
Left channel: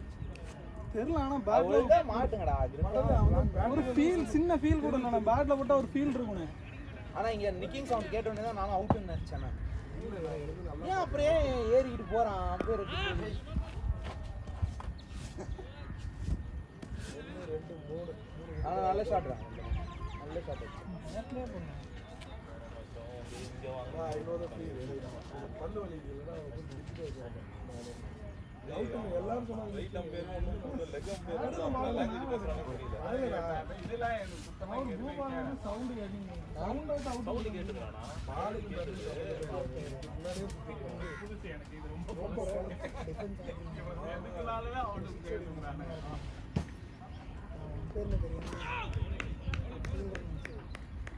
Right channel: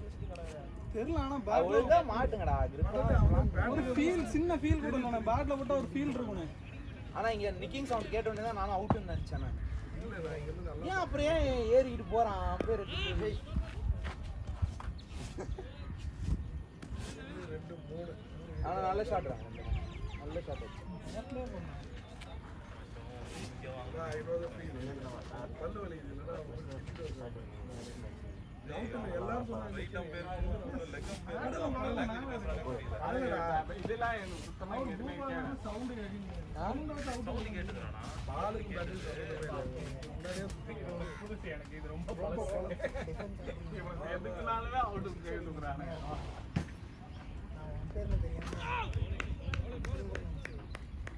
தெரியல. ஆனால் பேட்ல அவ்வளவுதான் மாட்டுங்கடா. படல அவன் ஒரு ஃபீல், சின்ன ஃபீல் கூட இல்லை. பேட்ல போட்டால் ஒரு ஃபீல் இருக்கணும். ஆனா இங்க நிக்கிங் சவுண்ட் கேட்ட உடனே தான் நானும் அவுட்னு நினைச்சேன். இல்ல நான் இங்க இருந்து நல்லா ஏன் அப்படியே ஏறிக்கிட்டு போறான் பேரு? 1 2 3 ஆனா நல்ல ஷாட். நான் ஐநூறு ஃபீல் பல்லு வலிக்குது இல்லைன்னா அவுட் எல்லாரும் சொன்னாங்க இதெல்லாம் எனக்கு சுத்தமா சவுண்டு கேட்டீங்க. சவுண்ட் அவுட் கேட்டுருக்கான். பாலுக்கு பதில் சம்மந்தமே இல்லை. முன்னாடியே சுத்திக்கலாம். புதுசு எனக்கு இது ரொம்ப பழசு. இவன் எதுக்குனாலுமே அவுட்டு கேட்டுக்கிறானே.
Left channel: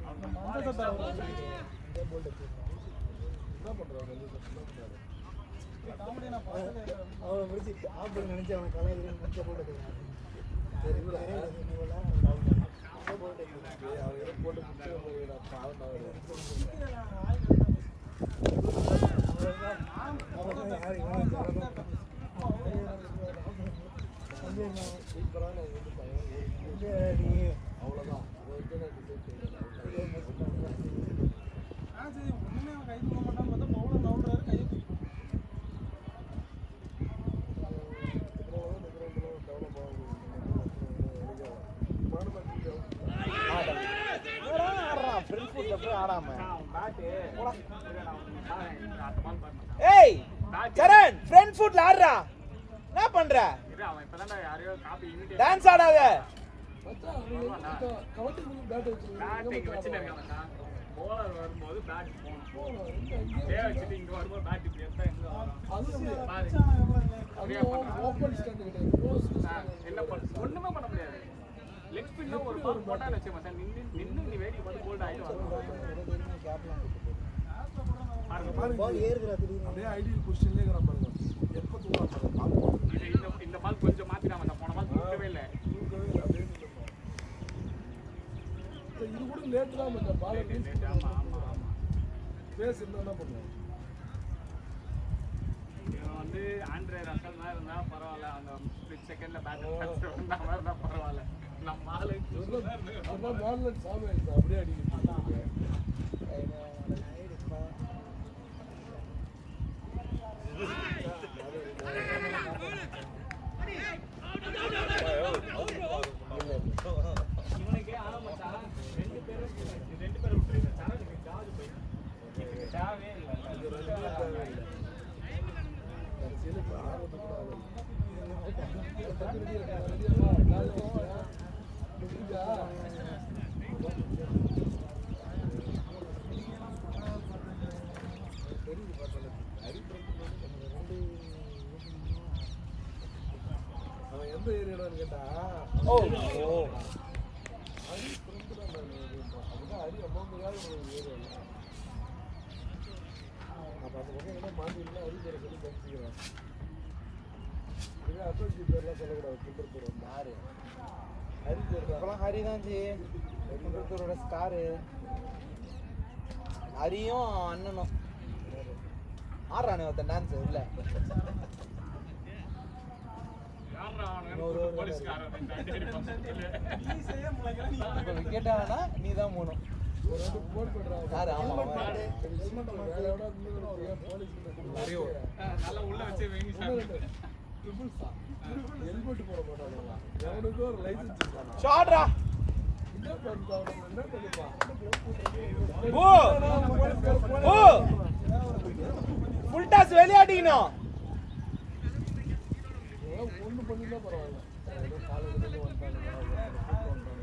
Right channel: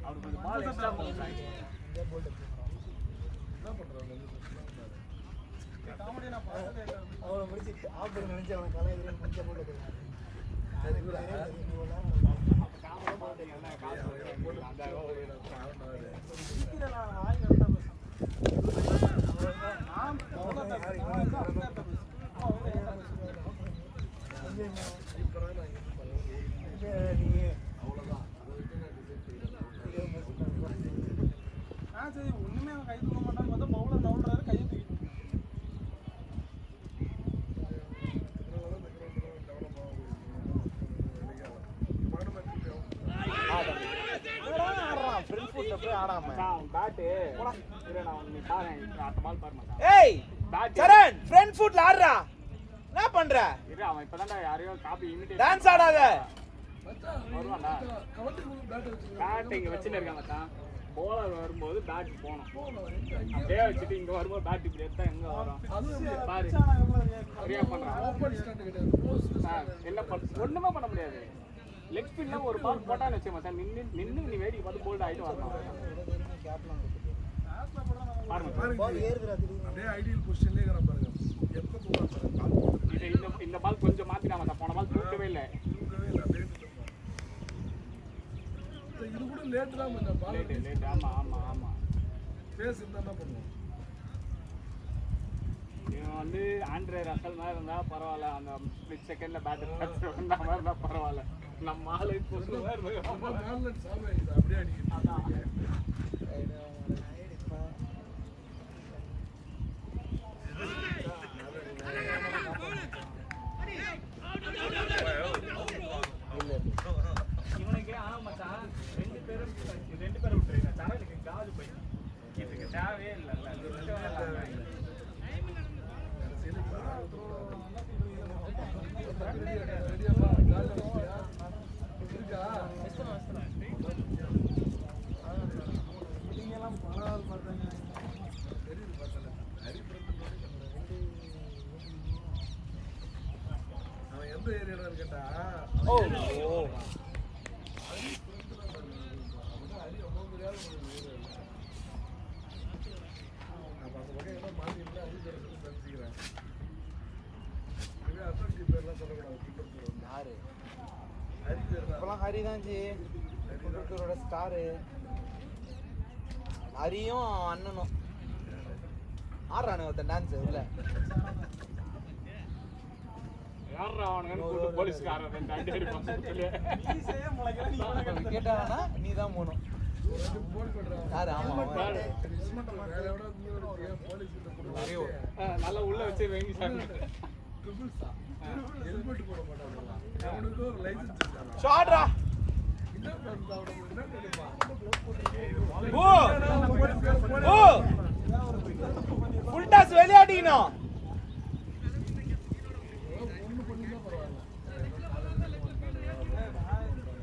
அவனுக்கு பால் எக்ஸ்ட்ரா போட்டாங்க. என்ன பண்றாங்க வந்து சத்தமா பண்ணாரு. காமெடியை நான் பார்த்ததே இல்லை. அவன் முடிச்சு ஆஃப் நினைச்சு அவன் கலர் சரி இவரா அவர் ஏதோ போட்டு பாவம் அவரு வாய் கரெக்டாக பேசுகிறேன். நான் அவ்வளோ பேசுகிறேன். நான் வந்து அப்படியே பேசுகிறேன். சூப்பரான இது ஏய் சரண் ஃப்ரண்ட் ஃபுட்ல ஆடுறா என்ன பண்ற அவன் இப்பதான் யாரையோ காப்பி இமிடேட் டான்ஸ் ஆடாத மச்சான் கவட்டி முழு பேட் பேட்டிங் வச்சிருக்காங்க போலர் வரும்போது பேட் போணும் வச்சிருக்காங்க டே வச்சிட்டு இங்க வரும்போது பேட் இப்படி எடுத்தா என்ன வரும் ஓப்பன் ஸ்டாண்ட் கிடையாது க்ளோஸ் என்ன பண்ண ஒண்ணுமே பண்ண முடியாது லெக் ஸ்பின் ஒரு பால் போட்டா வச்சு மச்சான் நின்னு நீ வேடி பார்த்து போல்ட் ஆயிடும் அப்படியே ஐடியல் பொசிஷன்லயே இருக்கற பாருங்க எப்ப தூக்குறாங்க இந்த பால் கொஞ்சம் மாத்தினாங்க போன பால் தூக்கவே இல்ல அப்படியே இது கூட லேட் தான் பண்ண பால் ரிலீஸ் ஃபேஸ் என்ன பண்ணுவோம் இவன் வந்து ஆண்ட்ரே ரசல் மாதிரி இருந்தா பரவாயில்ல அந்த ஸ்பிளிட் செகண்ட்ல பேட்டர் வந்தா பரவாயில்ல நம்ம ஆளு அப்போ மேலன் சாமி ஆயிடுச்சு அப்படியே அடிக்குது இவனுக்கு மச்சான் ரெண்டு பேரும் விட்டுருங்க சரணுக்கு காது போய் இதுக்கு தேவையே இல்லை அவன் எந்த ஏரியான்னு கேட்டா ஹரி அமௌண்ட் ஏரியா அப்ப அந்த பக்கம் என்ன மாட்டினா ஹரி பேரை சொல்லி தெரிஞ்சுக்கிறேன் இதுவே அசோக் பேர்லாம் சொல்லக்கூடாது கிண்டர் பேர் வந்து ஹரி பேர் தான் ஹரி தான் ஜி ஹரிதான் ஸ்டாரு ஹரியும் அண்ணனும் ஆடுறானே ஒருத்தன் டான்ஸ் இதுல யாரா அவனுக்கு கூட்டு போலீஸ்காரன் கேட்டானா நீ தான் போகணும் ஒரு வாட்டி போன் பண்றான் யாரு வேற எவ்வளோ நீங்க போலீஸ் கிட்ட கொடுத்து நல்லா உள்ள வச்சு வேங்கி ட்ரிபிள்ஸா ஹெல்மெட் போட மாட்டானுங்களா அவனுக்கு ஒரு லைசன்ஸ் இருக்கானா ஷாட்ரா என்ன பண்ணுறா என்ன நினைப்பான் ஓ ஓ ஃபுல் டாஸ் விளையாடினோம் ஒன்று பண்ணிதான் பரவாயில்ல ஏதோ காலேஜ்லேருந்து வந்தானுங்க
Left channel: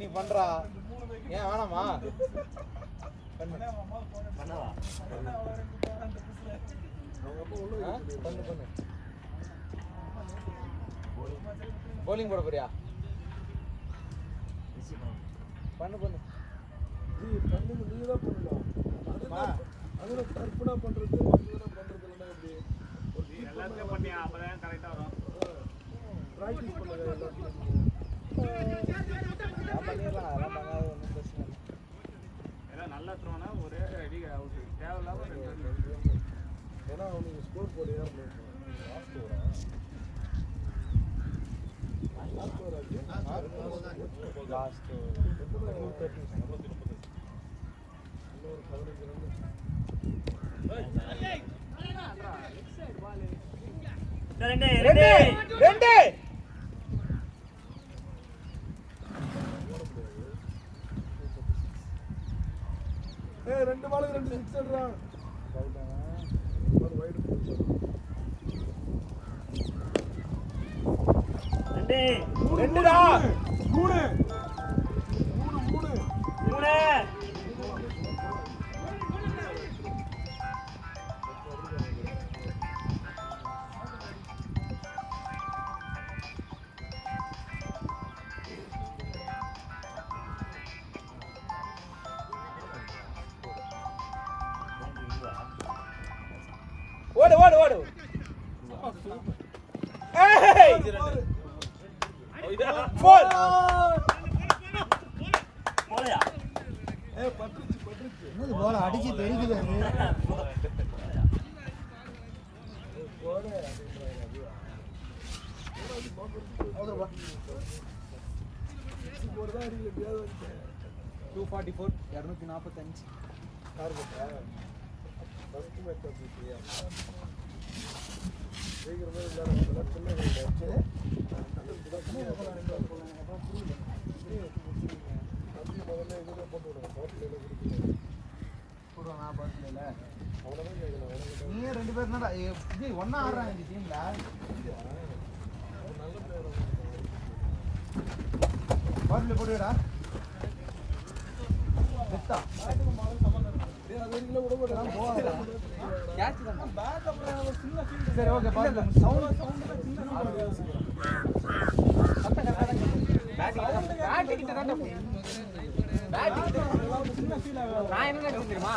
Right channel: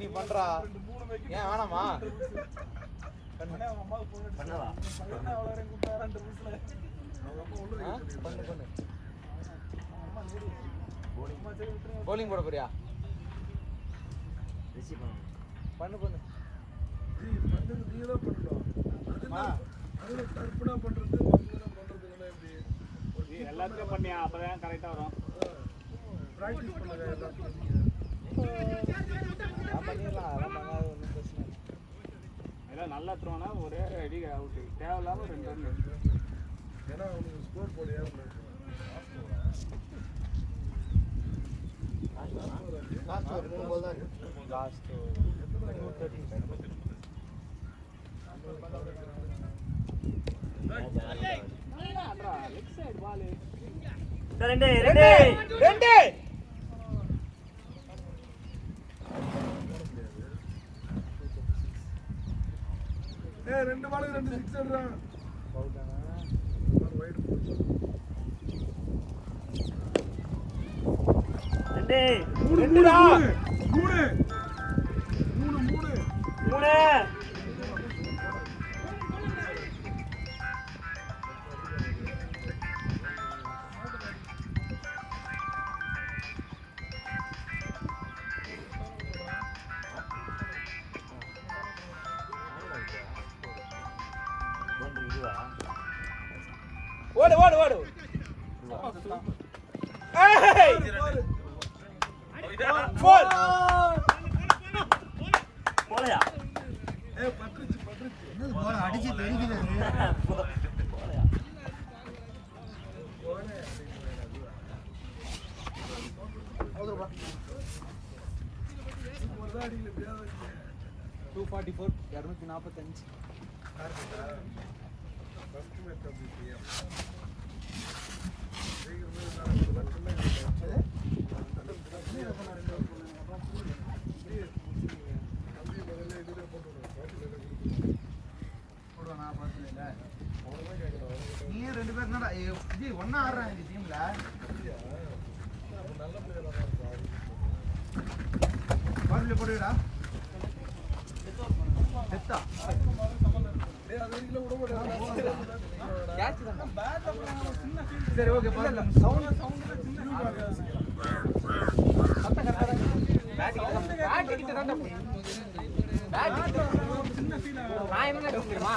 நீ பண்றா ஏன் வேணாமா பண்ணவா போலிங் போட போறியா ரிசீவ் பண்ணு பண்ணு நீ தான் பண்ணணும் அதுல தர்ப்பணா பண்றது மற்றதெல்லாம் பண்றது இல்லைன்னா எப்படி ஒரு கீப் எல்லாத்தையும் பண்ணி அப்பதான் கரெக்டா வரும் ப்ராக்டிஸ் பண்ணுங்க எல்லாத்தையும் எல்லாம் நல்லா தோணா ஒரே அடி அவுட் தேவையில்லாம ஏன்னா அவனுக்கு ஸ்கோர் போட ஏறணும் ரெண்டு ரெண்டு ரெண்டு ரெண்டு பாலுக்கு ரெண்டு சிக்ஸ் எடுறா வைடு ரெண்டு மூணு மூணு மூணு மூணு மூணு மூணு ஓடு ஓடு ஓடு ஏய் போல் போலையா பட்டுருச்சு என்னது போல அடிச்சு தெரிக்குது போலையா போலே போடுதான் அடிக்கல எப்படியாவது வந்து 244 245 யாரு கேட்டா ஃபர்ஸ்ட் மேட்ச் அப்படி இல்லையா ஜெயிக்கிற மாதிரி விளையாடுறதுலாம் சின்ன மேட்ச் தான் ஃப்ரீயாக தம்பி முதல்ல இதுலேயே போட்டு விடுவோம் பாட்டில் கொடுத்துருவோம் நான் பார்த்ததில்ல அவ்வளோதான் கேட்கணும் நீ ரெண்டு பேர் என்னடா இது ஒன்றா ஆடுறாங்க இந்த டீமில் அது நல்ல பிளேயராக தான் இருக்கும் பாட்டில் போட்டுடா செத்தா அது வரைக்கும் விட மாட்டேன் சரி ஓகே பாட்டில் சின்ன ஃபீல் ஆகும். நான் என்ன தெரியுமா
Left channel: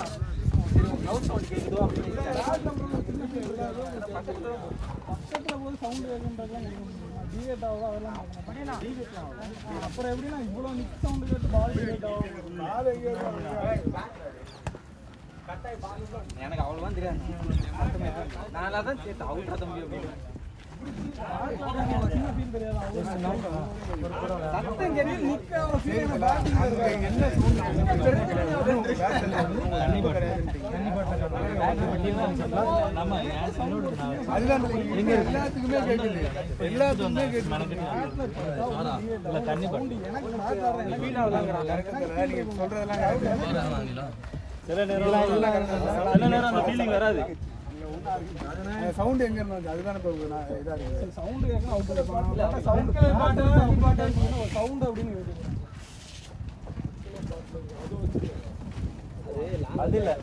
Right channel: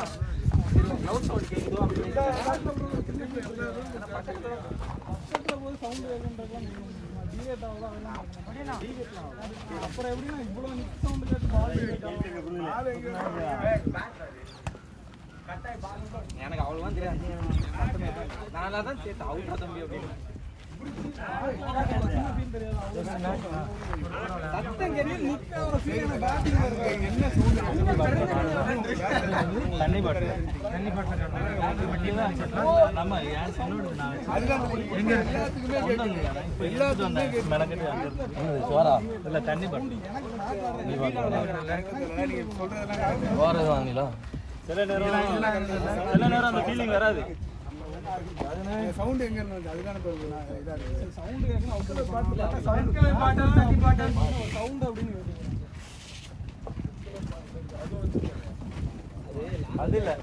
அப்புறம் எப்படின்னா இவ்வளோ நிக் சவுண்டு கேட்டு பால் எனக்கு அவ்வளோதான் தெரியாது நான் தான் சேர்த்து அவங்க தம்பி அப்படின்னு சவுண்ட் எங்க இருந்து அதுதான் இதாக இருக்குது சவுண்டு கேட்கணும் சவுண்டு அப்படின்னு அது இல்லை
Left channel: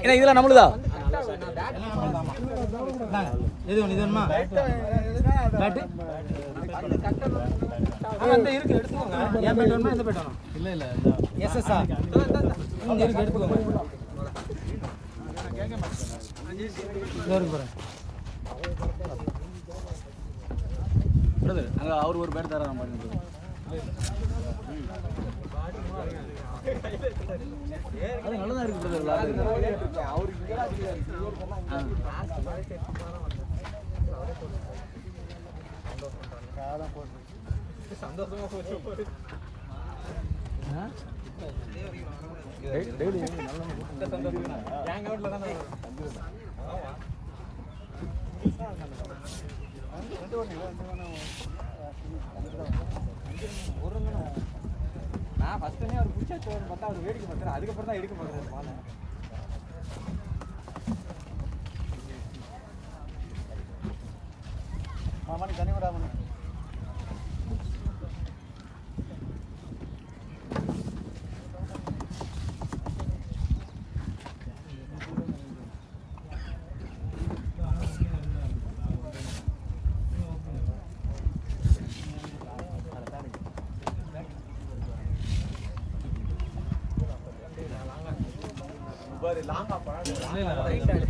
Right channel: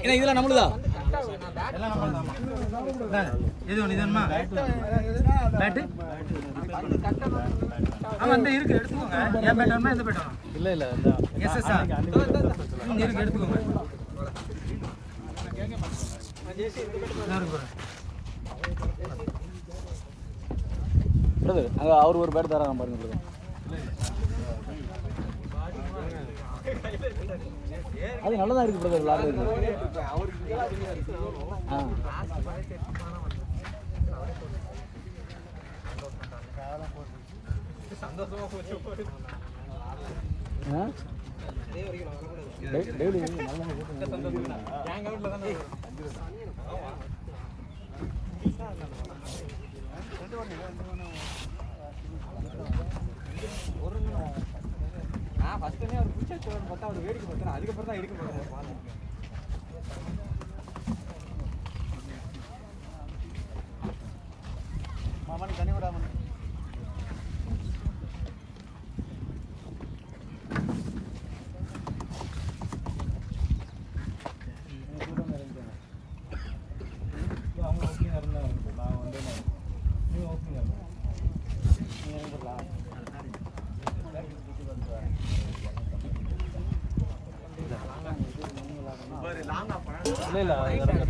ஏன்னா இதெல்லாம் நம்மளுதா இது ஒன்று இது ஒன்று பேட்டு ஆமாம் இந்த இருக்கு எடுத்துக்கோங்க ஏன் பேட் வேணுமா எந்த பேட் வேணும் இல்லை இல்லை எஸ்எஸ்ஆர் இங்கே இருக்கு எடுத்துக்கோங்க அவர் ஒரு பேட் தராங்க பாருங்க அது நல்லதா இருக்கு பிரதர் விளையாடுறது நான் ஃபர்ஸ்ட் டைம் அவர் பிடிச்ச பார்த்தா அவர் வேடிக்கை பார்த்தாரு அதுக்கப்புறம் தான் எடுக்க பார்த்தாரு மாமன் கனிவராமன் இல்லை இல்லை இறங்க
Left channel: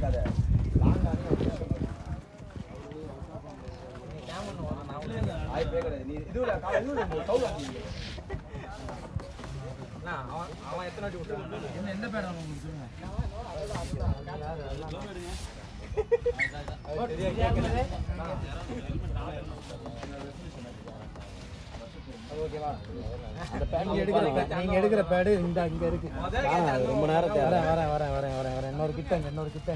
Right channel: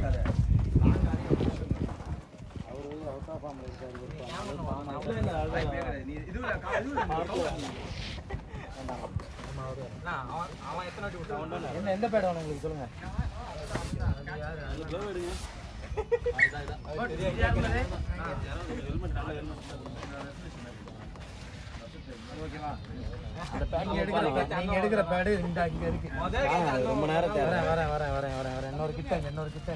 என்ன எந்த பேட் வேணும் உங்களுக்கு சொல்லுங்க ஓகேவா நீங்க எடுக்கிற பேடு இந்த இங்க இருக்கு ரொம்ப நேரத்தை வரேன் இன்னொரு கிட்டங்க இன்னொரு கிட்ட